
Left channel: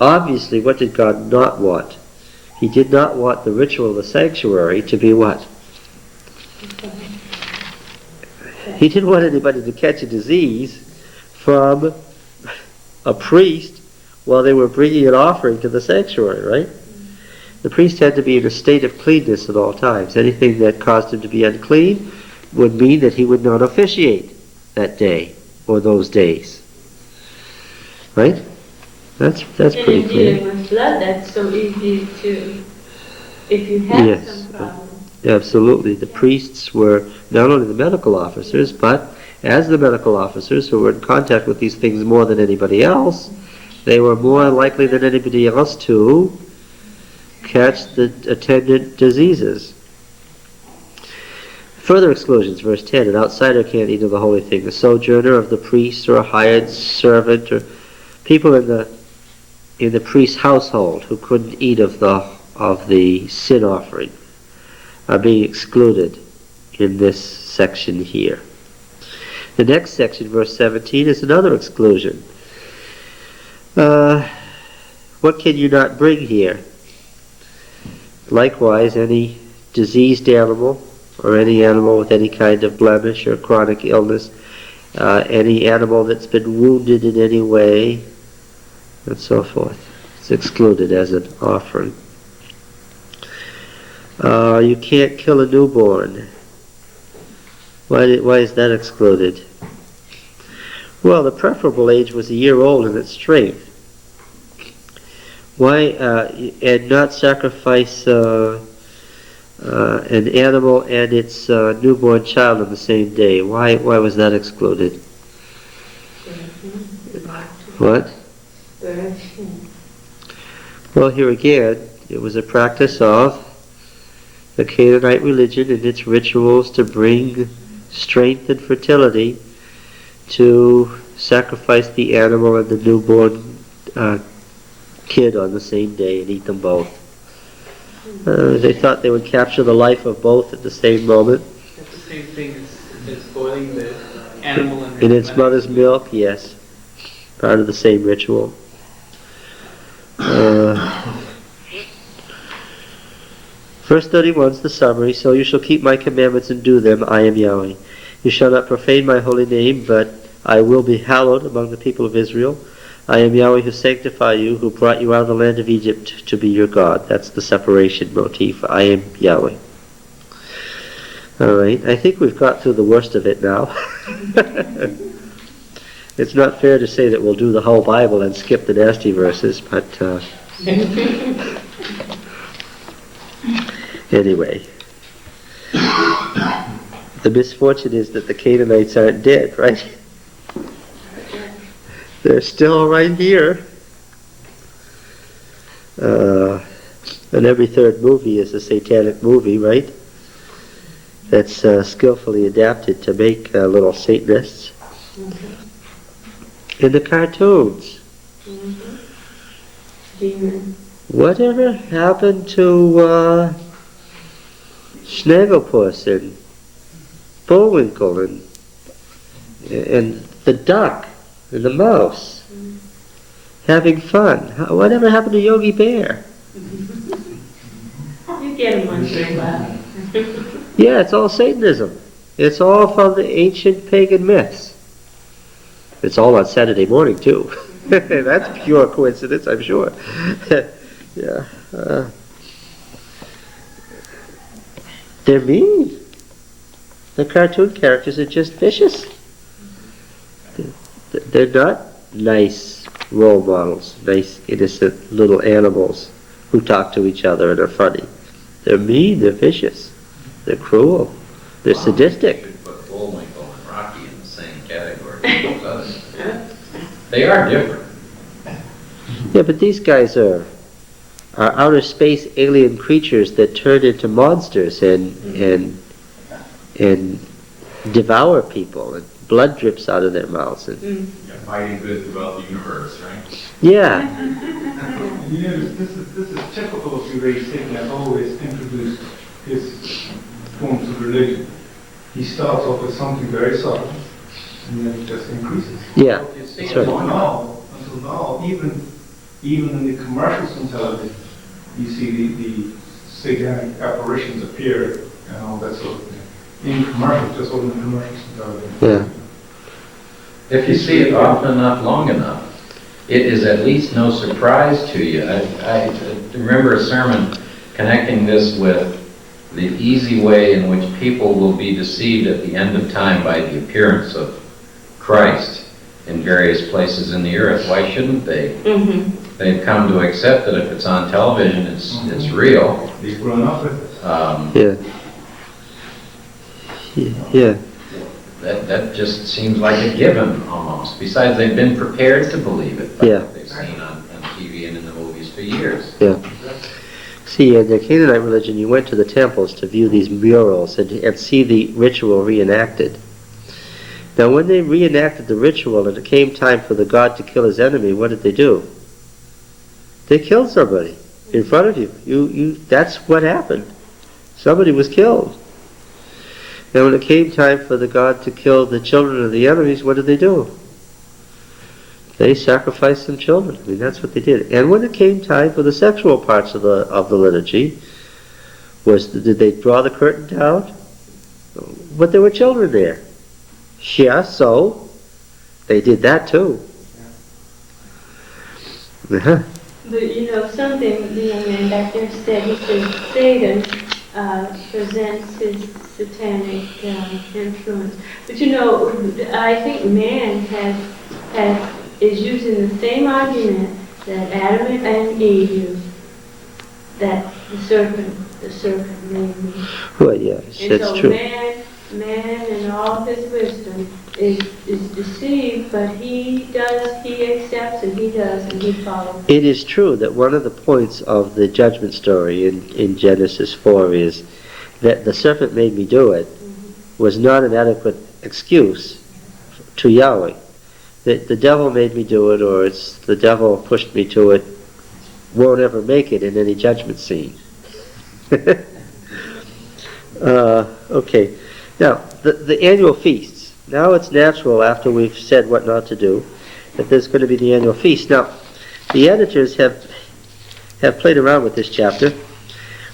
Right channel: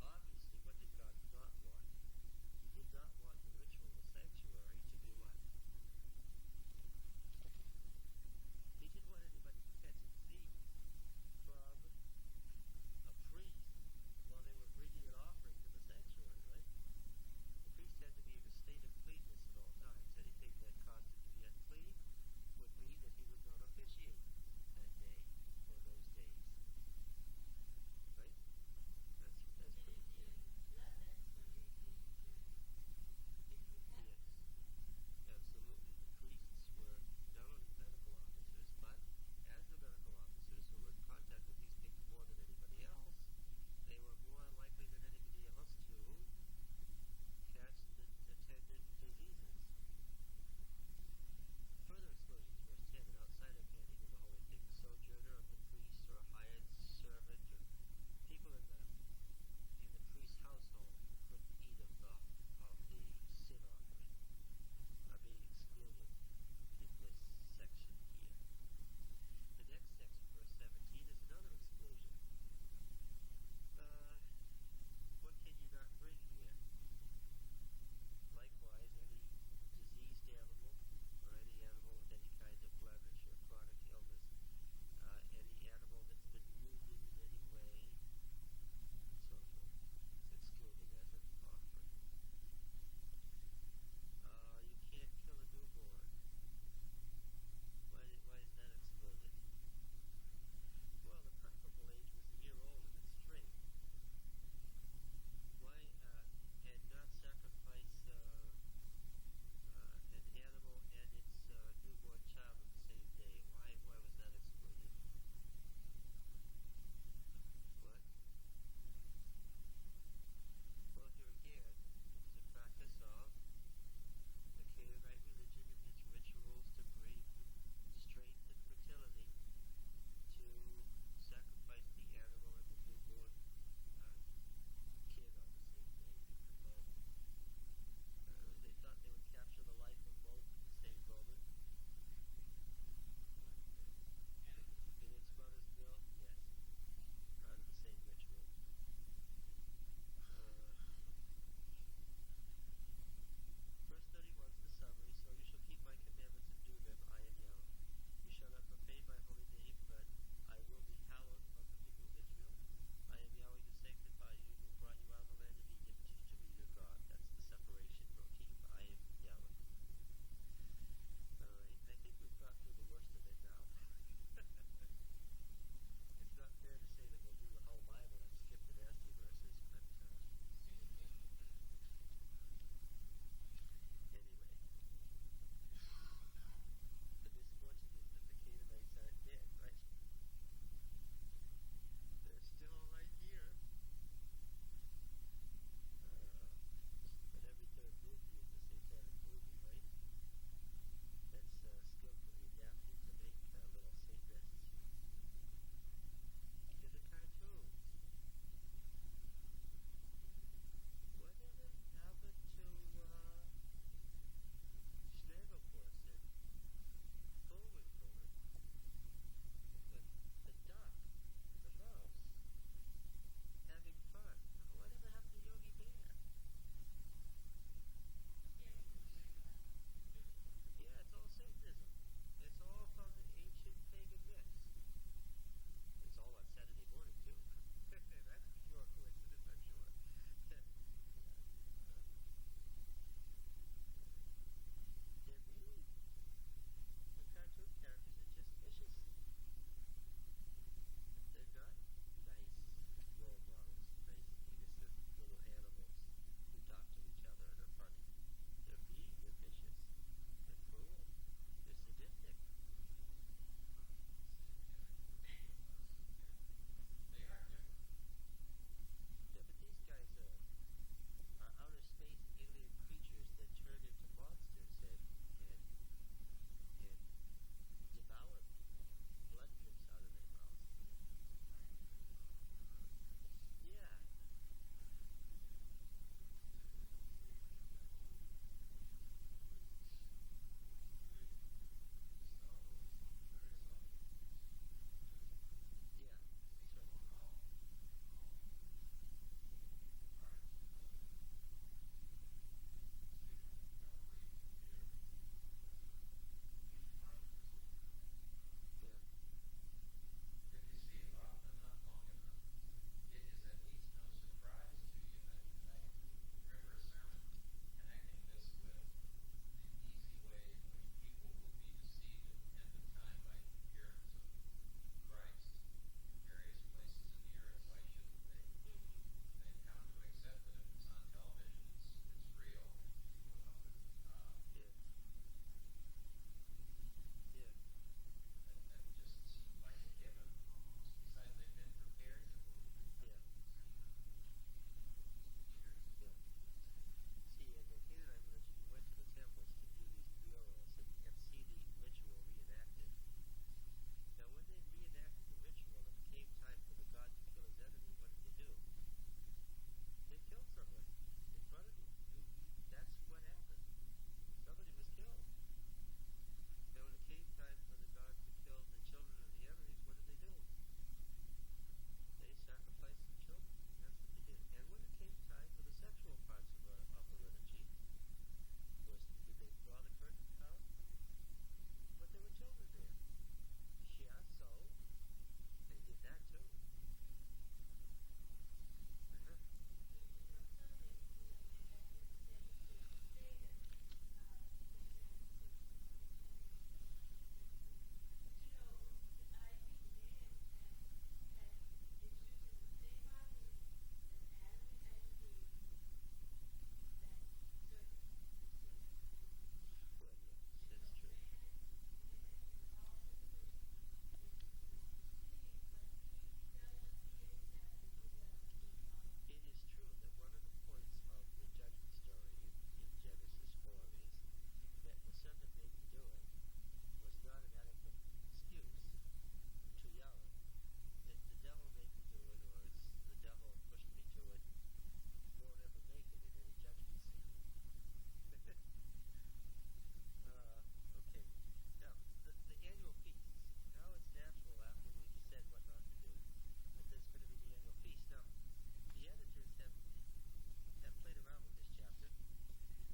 Obviously, what did God not want? He did not want the ritual of the sanctuary to be what? He didn't want anybody to catch a disease from a priest while they were bringing an offering to the sanctuary, right? The priest had to be in a state of cleanness at all times. Anything that caused him to be unclean would mean that he would not officiate that day or those days. Right? That's pretty clear. And in dealing with blood, that's so easy to, if you have Yes. some problem. Absolutely. The priests were not only the medical officers, but as the medical officers who were in contact with these things more than anybody else, they were more likely than anybody else to catch the attendant diseases. Further exclusions, verse 10, an outsider can't eat of the holy thing. A sojourner of the priest or a hired servant or people in the priest's household who couldn't eat of the sin offering are being excluded in this section here. The next section, verse 17, is another exclusion. What can you not bring here? Likewise, any diseased animal or any animal with any kind of blemish or chronic illness, any animal that's been wounded in any way, and so forth. It's excluded as an offering. You can't kill a newborn. Why is that excluded? Well, the preferable age was a year old in its strength. Why and not sacrifice an animal and its newborn child on the same day? Why was that excluded? What? Well, here again, it was a practice of the Canaanite religion and its rituals to bring strength and fertility, to sacrifice the animal and the newborn kid on the same day and eat them both. They thought they would capture the life of both at the same moment. That's the same thing as It's boiling the animal in its mother's milk, yes. Part of the same ritual. Verse 31 is the summary. So you shall keep my commandments and do them. I am Yahweh. You shall not profane my holy name, but I will be hallowed among the people of Israel. I am Yahweh who sanctify you, who brought you out of the land of Egypt to be your God. That's the separation motif. I am Yahweh. All right. I think we've got through the worst of it now. It's not fair to say that we'll do the whole Bible and skip the nasty verses, but anyway. The misfortune is that the Canaanites aren't dead, right? They're still right here. And every third movie is a satanic movie, right? That's skillfully adapted to make little Satanists. In the cartoons. Demon. Whatever happened to Snagglepuss and Bullwinkle and the duck and the mouse having fun? Whatever happened to Yogi Bear? You get him once in a while. Yeah, it's all Satanism. It's all from the ancient pagan myths. It's all on Saturday morning, too. That's pure coincidence, I'm sure. Yeah. They're mean. The cartoon characters are just vicious. They're not nice role models, nice, innocent little animals who talk to each other and are funny. They're mean, they're vicious, they're cruel, they're sadistic. You should put Bullwinkle and Rocky in the same category as those others. They are different. Yeah, but these guys are outer space alien creatures that turn into monsters and devour people, and blood drips out of their mouths. And, Fighting good throughout the universe, right? yeah. You know, this is typical of the way Satan has always introduced his forms of religion. He starts off with something very subtle, and then it just increases. Yeah, You see that's it right. long Until now, even in the commercials on television, you see the satanic apparitions appear and all that sort of thing. In commercials, just all in the commercials on television. Yeah. If you see it often enough, long enough, it is at least no surprise to you. I remember a sermon connecting this with the easy way in which people will be deceived at the end of time by the appearance of Christ in various places in the earth. Why shouldn't they? They've come to accept that if it's on television, it's real. They've grown up with it. Yeah. That just seems like a given almost. Besides, they've been prepared to believe it by Yeah. what they've seen on TV and in the movies for years. Yeah. See, in the Canaanite religion, you went to the temples to view these murals and see the ritual reenacted. Now, when they reenacted the ritual and it came time for the god to kill his enemy, what did they do? They killed somebody in front of you. That's what happened. Somebody was killed. Now, when it came time for the god to kill the children of the enemies, what did they do? They sacrificed some children. I mean, that's what they did. And when it came time for the sexual parts of the liturgy, did they draw the curtain down? But there were children there. Yeah, so they did that too. Uh-huh. But something the young man back there said, he said Satan presents his satanic influence. But I think man is using the same argument that Adam and Eve used, that the serpent made me. Well, yes, And that's so true. man in all of his wisdom is deceived, but he accepts and he does and he follows. It is true that one of the points of the judgment story in Genesis 4 is that the serpent made me do it was not an adequate excuse to Yahweh. That the devil made me do it, or it's the devil pushed me to it, won't ever make it in any judgment scene. Okay. Now, the annual feasts. Now it's natural, after we've said what not to do, that there's going to be the annual feast. Now, the editors have played around with this chapter.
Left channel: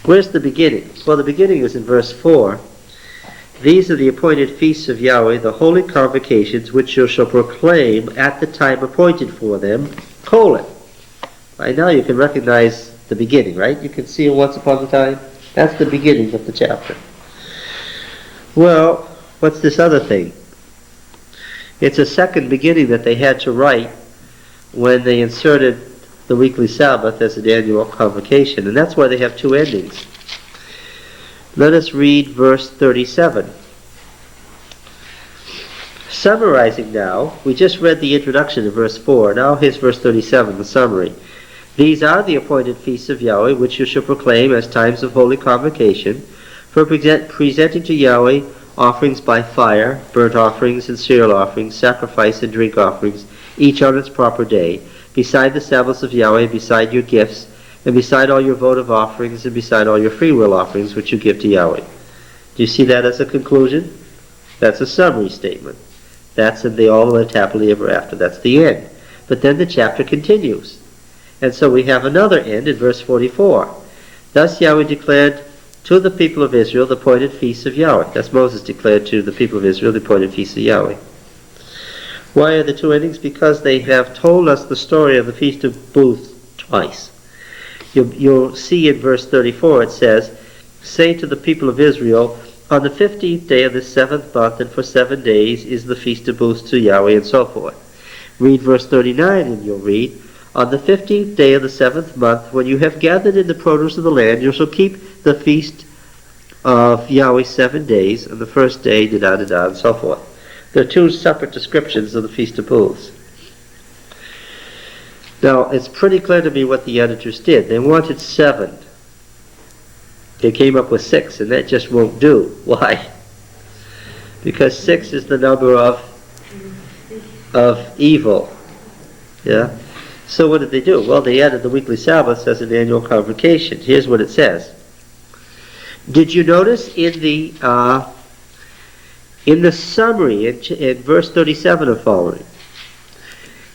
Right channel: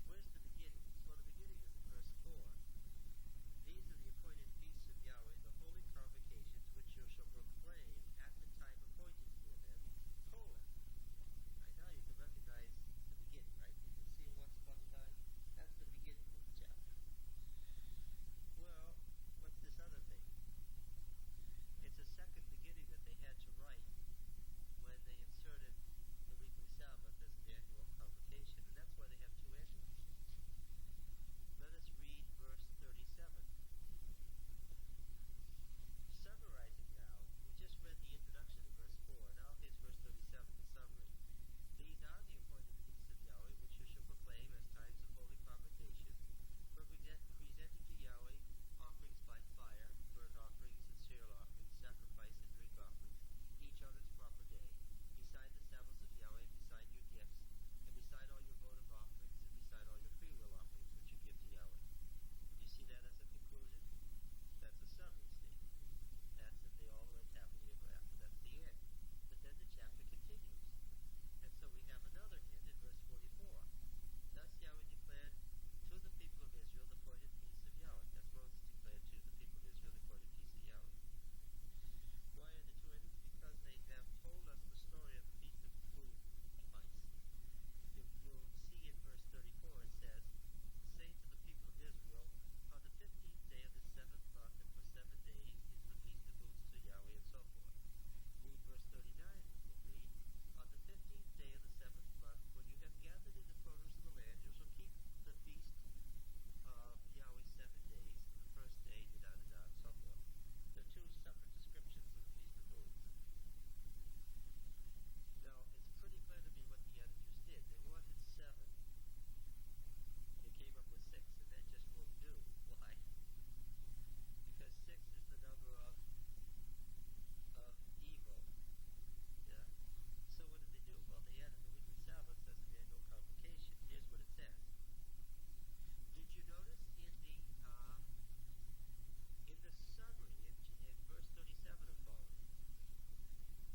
Where's the beginning? Well, the beginning is in verse 4. These are the appointed feasts of Yahweh, the holy convocations, which you shall proclaim at the time appointed for them, colon. Right now you can recognize the beginning, right? You can see once upon a time. That's the beginning of the chapter. Well, what's this other thing? It's a second beginning that they had to write when they inserted the weekly Sabbath as an annual convocation, and that's why they have two endings. Let us read verse 37. Summarizing now, we just read the introduction in verse 4. Now here's verse 37, the summary. These are the appointed feasts of Yahweh, which you shall proclaim as times of holy convocation, for presenting to Yahweh offerings by fire, burnt offerings and cereal offerings, sacrifice and drink offerings, each on its proper day, beside the Sabbaths of Yahweh, beside your gifts, and beside all your votive offerings, and beside all your freewill offerings which you give to Yahweh. Do you see that as a conclusion? That's a summary statement. That's in the all lived happily ever after. That's the end. But then the chapter continues. And so we have another end in verse 44. Thus Yahweh declared to the people of Israel the appointed feasts of Yahweh. That's Moses declared to the people of Israel the appointed feasts of Yahweh. Why are the two endings? Because they have told us the story of the Feast of Booths twice. You'll see in verse 34 it says, say to the people of Israel, on the 15th day of the 7th month and for 7 days is the Feast of Booths to Yahweh, and so forth. Read verse 39 and you'll read, on the 15th day of the 7th month, when you have gathered in the produce of the land, you shall keep the feast of Yahweh 7 days, and the first day, da-da-da-da, and so forth. There are two separate descriptions of the Feast of Booths. Now, it's pretty clear to me what the editors did. They wanted 7. They came up with 6, and that just won't do. Why? Because 6 is the number of evil. Yeah? So what did they do? Well, they added the weekly Sabbaths as an annual convocation. Here's what it says. Did you notice in the summary in verse 37 or following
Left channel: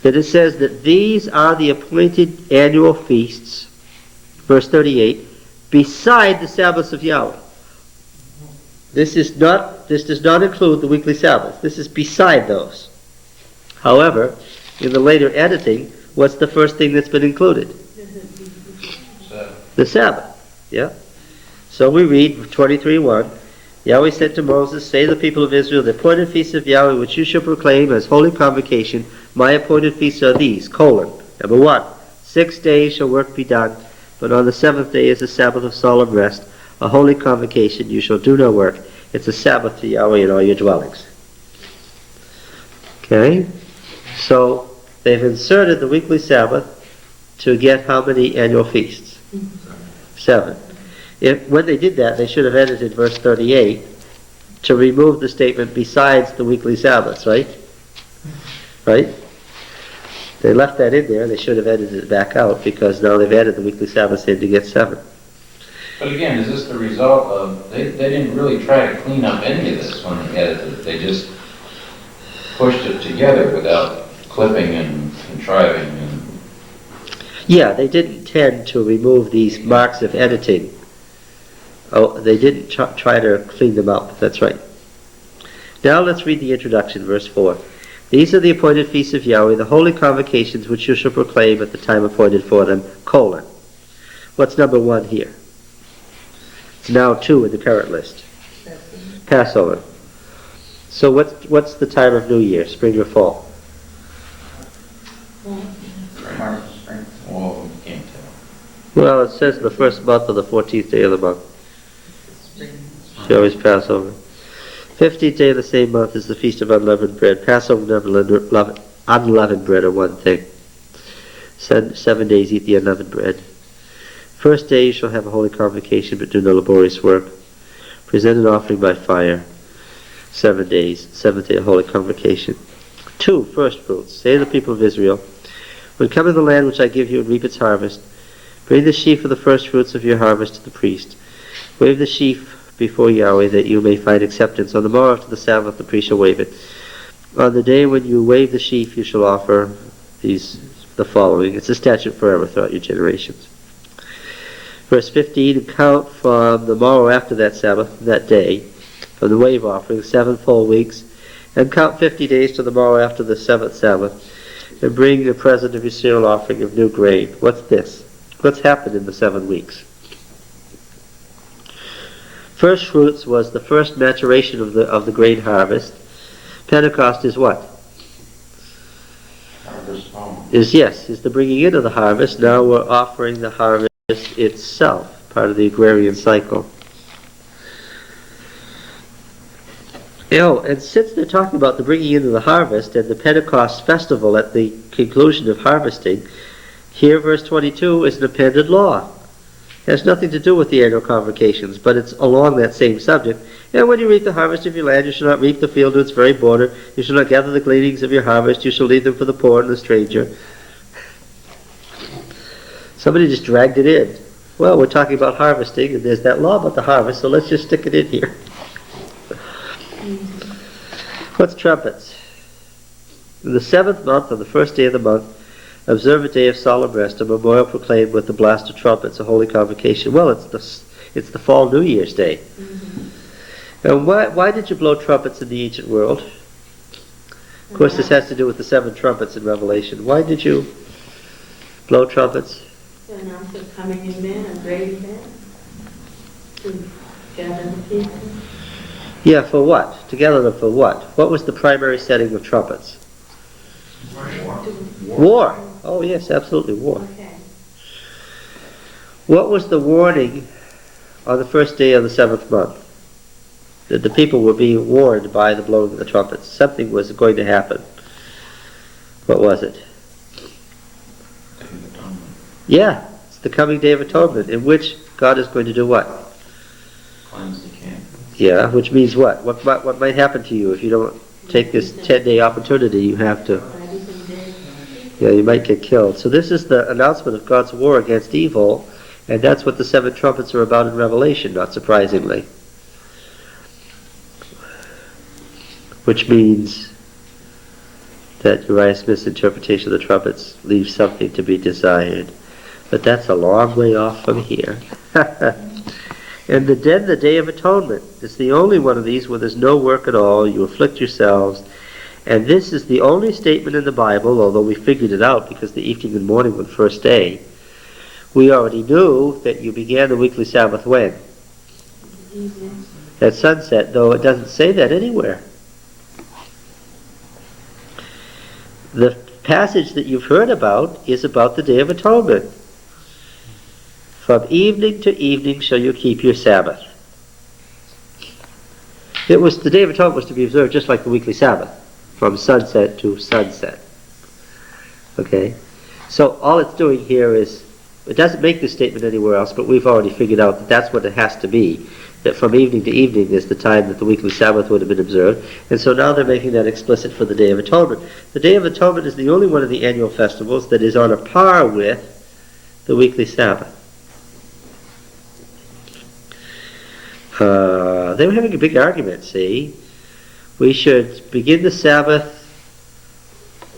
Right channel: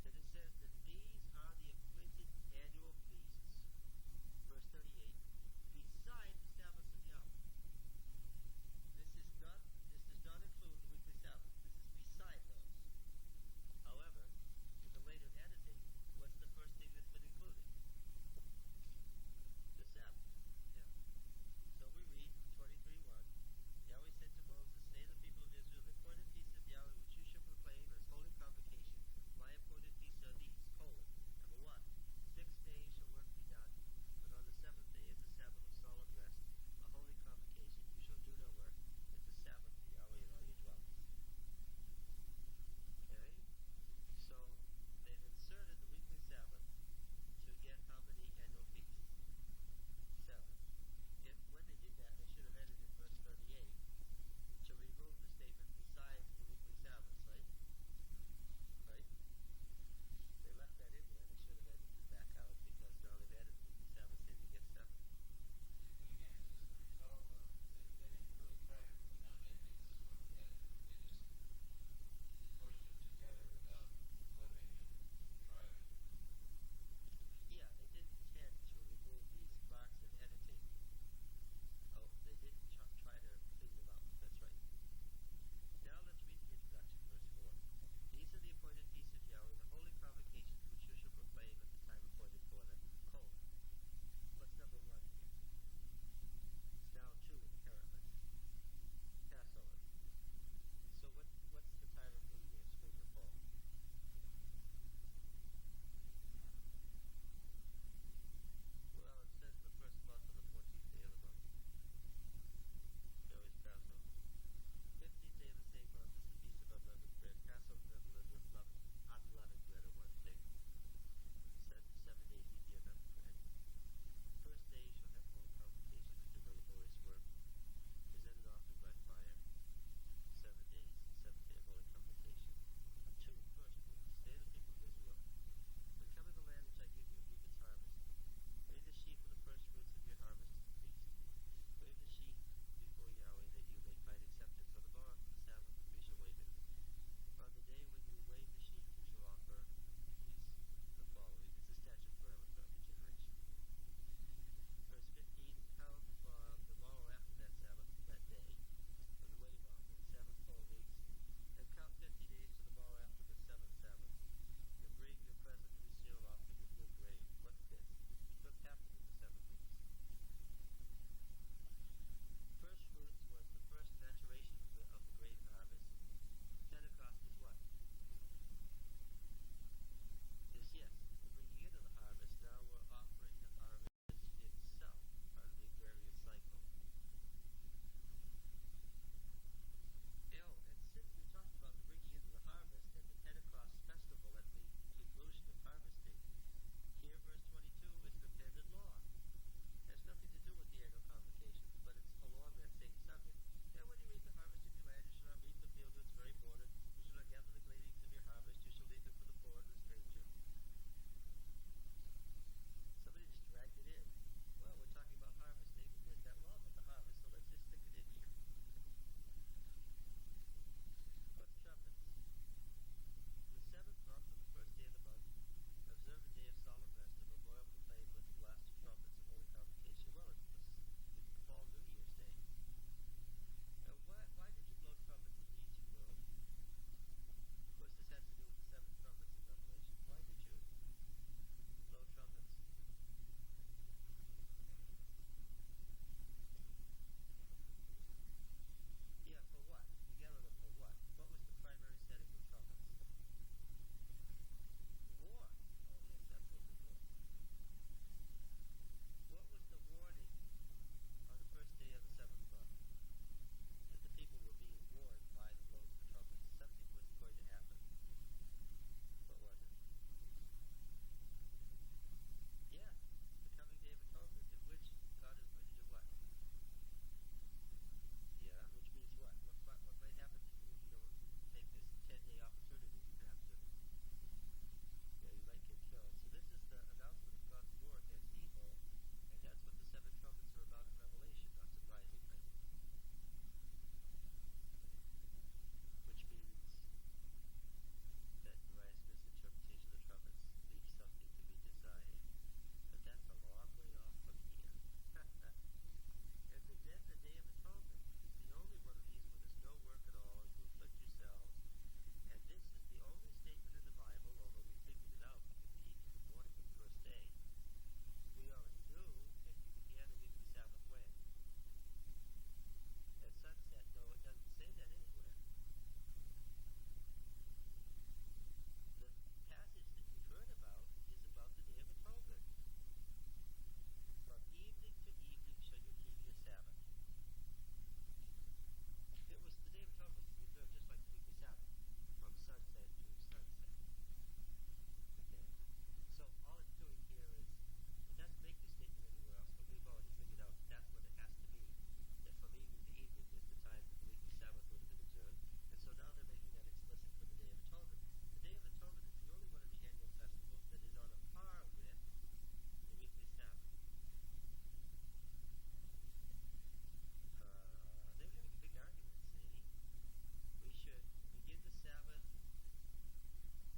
that it says that these are the appointed annual feasts, verse 38, beside the Sabbaths of Yahweh. This does not include the weekly Sabbath. This is beside those. However, in the later editing, what's the first thing that's been included? The Sabbath. Yeah. So we read 23:1. Yahweh said to Moses, say to the people of Israel, the appointed feasts of Yahweh which you shall proclaim as holy convocation, my appointed feasts are these, colon. Number 1, 6 days shall work be done, but on the 7th day is a Sabbath of solemn rest, a holy convocation, you shall do no work. It's a Sabbath to Yahweh in all your dwellings. Okay? So they've inserted the weekly Sabbath to get how many annual feasts? 7. When they did that, they should have edited verse 38 to remove the statement besides the weekly Sabbaths, right? Right? They left that in there. They should have edited it back out because now they've added the weekly Sabbaths in to get 7. But again, is this the result of, they didn't really try to clean up any of this when they edited it. They just pushed it together without clipping and contriving. Yeah, they didn't tend to remove these marks of editing. Oh, they didn't try to clean them up. That's right. Now let's read the introduction, verse 4. These are the appointed feasts of Yahweh, the holy convocations which you shall proclaim at the time appointed for them, colon. What's number 1 here? It's now 2 in the current list. Passover. So what's the time of New Year, spring or fall? Well, you can't tell. Well, it says the first month of the 14th day of the month. Yahweh's Passover. 15th day of the same month is the Feast of Unleavened Bread. Passover and unleavened bread are one thing. 7 days eat the unleavened bread. First day you shall have a holy convocation, but do no laborious work. Present an offering by fire. 7 days. 7th day a holy convocation. 2, first fruits. Say to the people of Israel, when come in the land which I give you and reap its harvest, bring the sheaf of the first fruits of your harvest to the priest. Wave the sheaf before Yahweh, that you may find acceptance. On the morrow after the Sabbath, the priest shall wave it. On the day when you wave the sheaf, you shall offer the following. It's a statute forever throughout your generations. Verse 15, and count from the morrow after that Sabbath, that day, from the wave offering, 7 full weeks, and count 50 days to the morrow after the 7th Sabbath, and bring the present of your cereal offering of new grain. What's this? What's happened in the 7 weeks? First fruits was the first maturation of the grain harvest. Pentecost is what? Is the bringing in of the harvest. Now we're offering the harvest itself, part of the agrarian cycle. And since they're talking about the bringing in of the harvest and the Pentecost festival at the conclusion of harvesting, here verse 22 is an appended law. It has nothing to do with the annual convocations, but it's along that same subject. And when you reap the harvest of your land, you shall not reap the field to its very border. You shall not gather the gleanings of your harvest. You shall leave them for the poor and the stranger. Somebody just dragged it in. Well, we're talking about harvesting, and there's that law about the harvest, so let's just stick it in here. What's trumpets? In the 7th month, on the first day of the month, observe a day of solemn rest, a memorial proclaimed with the blast of trumpets, a holy convocation. Well, it's the fall New Year's Day. And why did you blow trumpets in the ancient world? Of course, this has to do with the 7 trumpets in Revelation. Why did you blow trumpets? To announce the coming event, a great event, to gather the people. Yeah, for what? To gather them for what? What was the primary setting of trumpets? War. Oh yes, absolutely, war. Okay. What was the warning on the first day of the 7th month? That the people were being warned by the blowing of the trumpets. Something was going to happen. What was it? Yeah, it's the coming Day of Atonement, in which God is going to do what? Cleanse the camp. Yeah, which means what? What might happen to you if you don't take this 10-day opportunity? You have to... Yeah, you might get killed. So this is the announcement of God's war against evil, and that's what the 7 trumpets are about in Revelation, not surprisingly. Which means that Uriah Smith's interpretation of the trumpets leaves something to be desired. But that's a long way off from here. And then the Day of Atonement is the only one of these where there's no work at all. You afflict yourselves. And this is the only statement in the Bible, although we figured it out because the evening and morning were the first day. We already knew that you began the weekly Sabbath when? At sunset, though it doesn't say that anywhere. The passage that you've heard about is about the Day of Atonement. From evening to evening shall you keep your Sabbath. The Day of Atonement was to be observed just like the weekly Sabbath, from sunset to sunset. Okay? So all it's doing here is, it doesn't make this statement anywhere else, but we've already figured out that that's what it has to be. That from evening to evening is the time that the weekly Sabbath would have been observed. And so now they're making that explicit for the Day of Atonement. The Day of Atonement is the only one of the annual festivals that is on a par with the weekly Sabbath. They were having a big argument, see? We should begin the Sabbath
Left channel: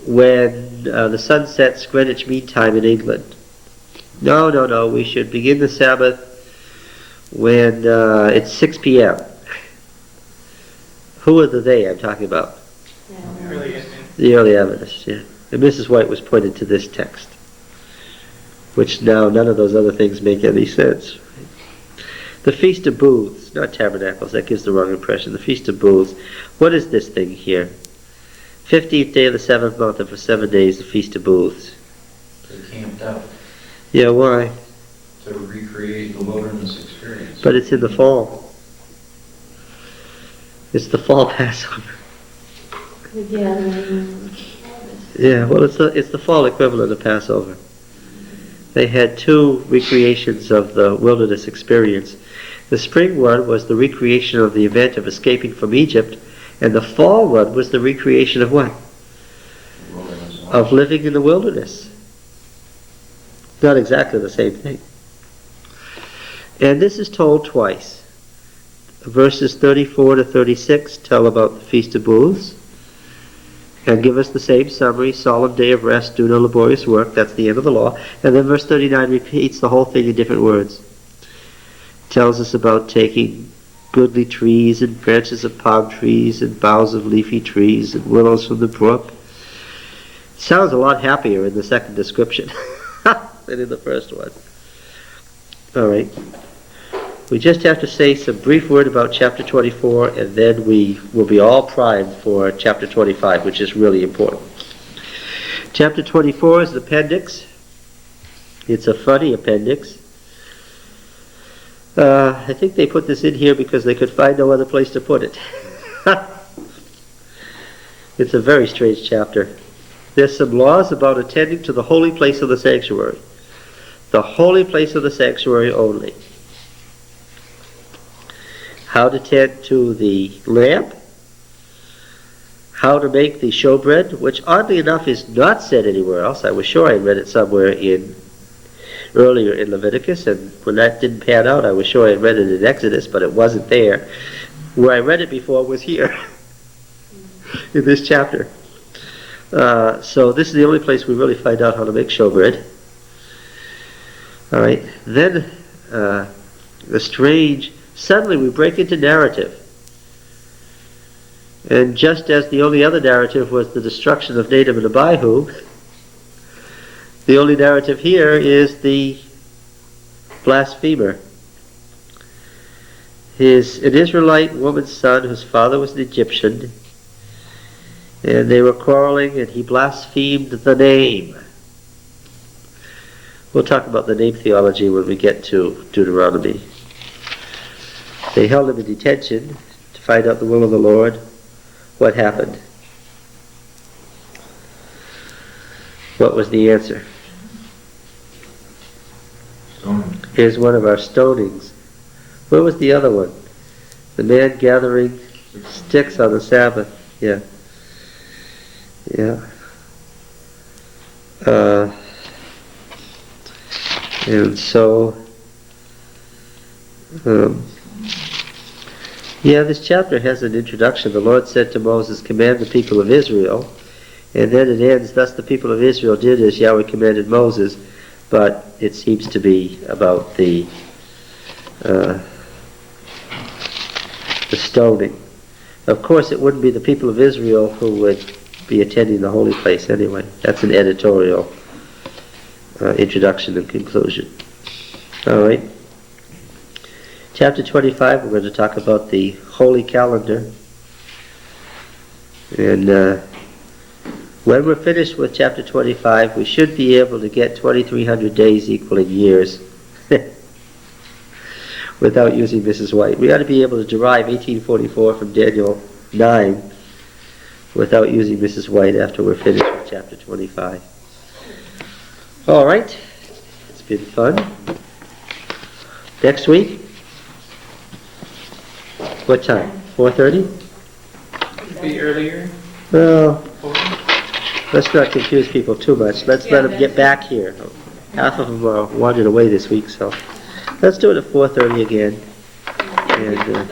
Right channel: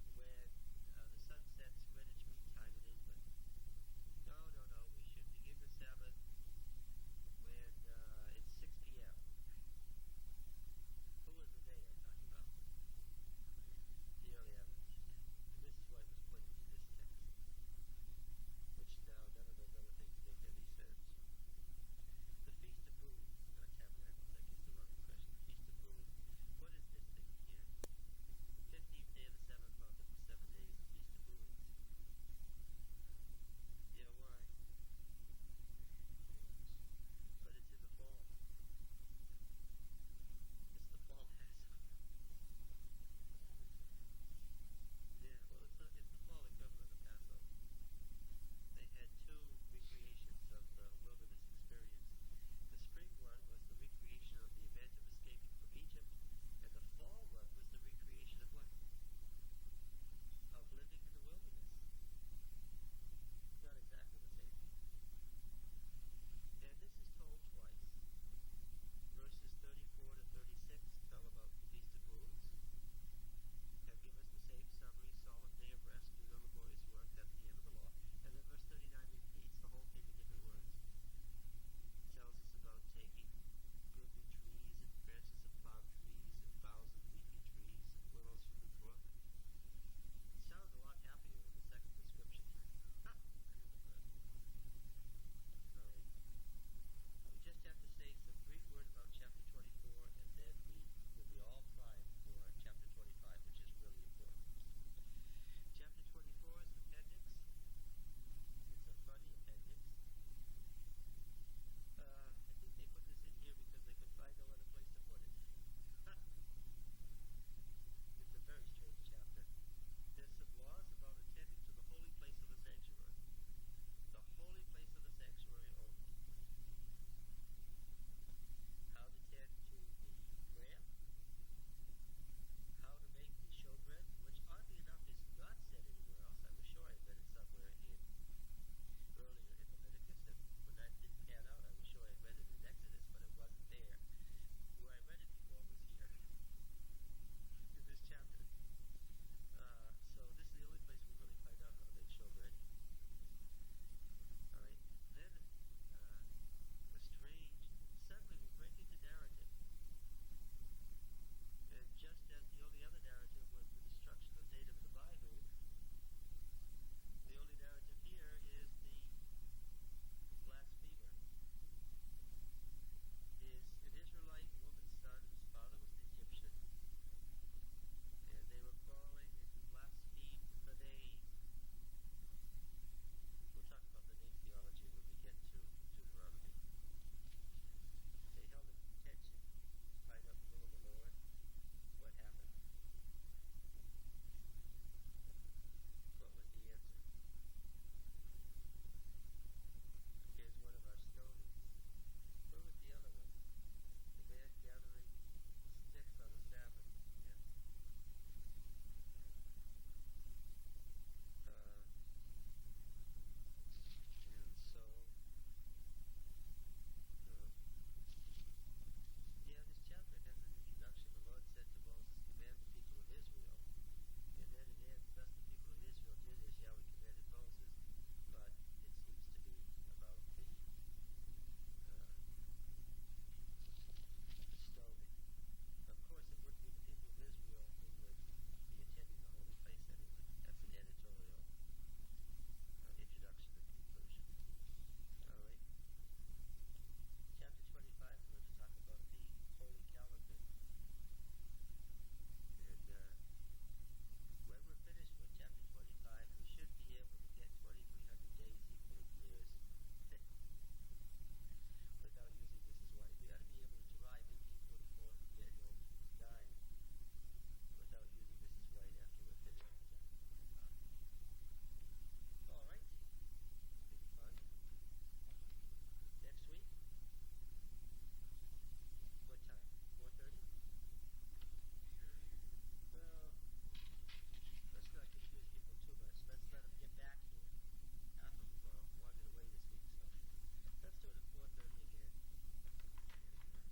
when the sun sets Greenwich Mean Time in England. No, we should begin the Sabbath when it's 6 p.m. Who are the they I'm talking about? The early Adventists, yeah. And Mrs. White was pointed to this text, which now none of those other things make any sense. The Feast of Booths, not Tabernacles, that gives the wrong impression. The Feast of Booths. What is this thing here? 15th day of the 7th month, and for 7 days, the Feast of Booths. They camped out Yeah, why? to recreate the wilderness experience. But it's in the fall. It's the fall Passover. The gathering. Yeah, well, it's the fall equivalent of Passover. They had 2 recreations of the wilderness experience. The spring one was the recreation of the event of escaping from Egypt, and the fall one was the recreation of what? Of living in the wilderness. Not exactly the same thing. And this is told twice. verses 34 to 36 tell about the Feast of Booths and give us the same summary: solemn day of rest, do no laborious work. That's the end of the law. And then verse 39 repeats the whole thing in different words. Tells us about taking goodly trees and branches of palm trees and boughs of leafy trees and willows from the brook. Sounds a lot happier in the second description than in the first one. All right. We just have to say some brief word about chapter 24, and then we will be all primed for chapter 25, which is really important. Chapter 24 is an appendix. It's a funny appendix. I think they put this in here because they could find no other place to put it. It's a very strange chapter. There's some laws about attending to the holy place of the sanctuary. The holy place of the sanctuary only. How to tend to the lamp. How to make the showbread, which oddly enough is not said anywhere else. I was sure I read it somewhere earlier in Leviticus, and when that didn't pan out, I was sure I read it in Exodus, but it wasn't there. Where I read it before was here, in this chapter. So this is the only place we really find out how to make showbread. All right. Then suddenly we break into narrative. And just as the only other narrative was the destruction of Nadab and Abihu, the only narrative here is the blasphemer. An Israelite woman's son whose father was an Egyptian, and they were quarreling, and he blasphemed the name. We'll talk about the name theology when we get to Deuteronomy. They held him in detention to find out the will of the Lord. What happened? What was the answer? Stoning. Here's one of our stonings. Where was the other one? The man gathering sticks on the Sabbath. Yeah. Yeah. And so, this chapter has an introduction. The Lord said to Moses, command the people of Israel. And then it ends, thus the people of Israel did as Yahweh commanded Moses. But it seems to be about the stoning. Of course, it wouldn't be the people of Israel who would be attending the holy place anyway. That's an editorial introduction and conclusion. All right. Chapter 25, we're going to talk about the holy calendar. And when we're finished with chapter 25, we should be able to get 2,300 days equaling years without using Mrs. White. We ought to be able to derive 1844 from Daniel 9 without using Mrs. White after we're finished with chapter 25. All right. It's been fun. Next week? What time? 4:30? Could be earlier. Well, 4. let's not confuse people too much. Let's let them get back here. Half of them are wandered away this week, so let's do it at 4:30 again. And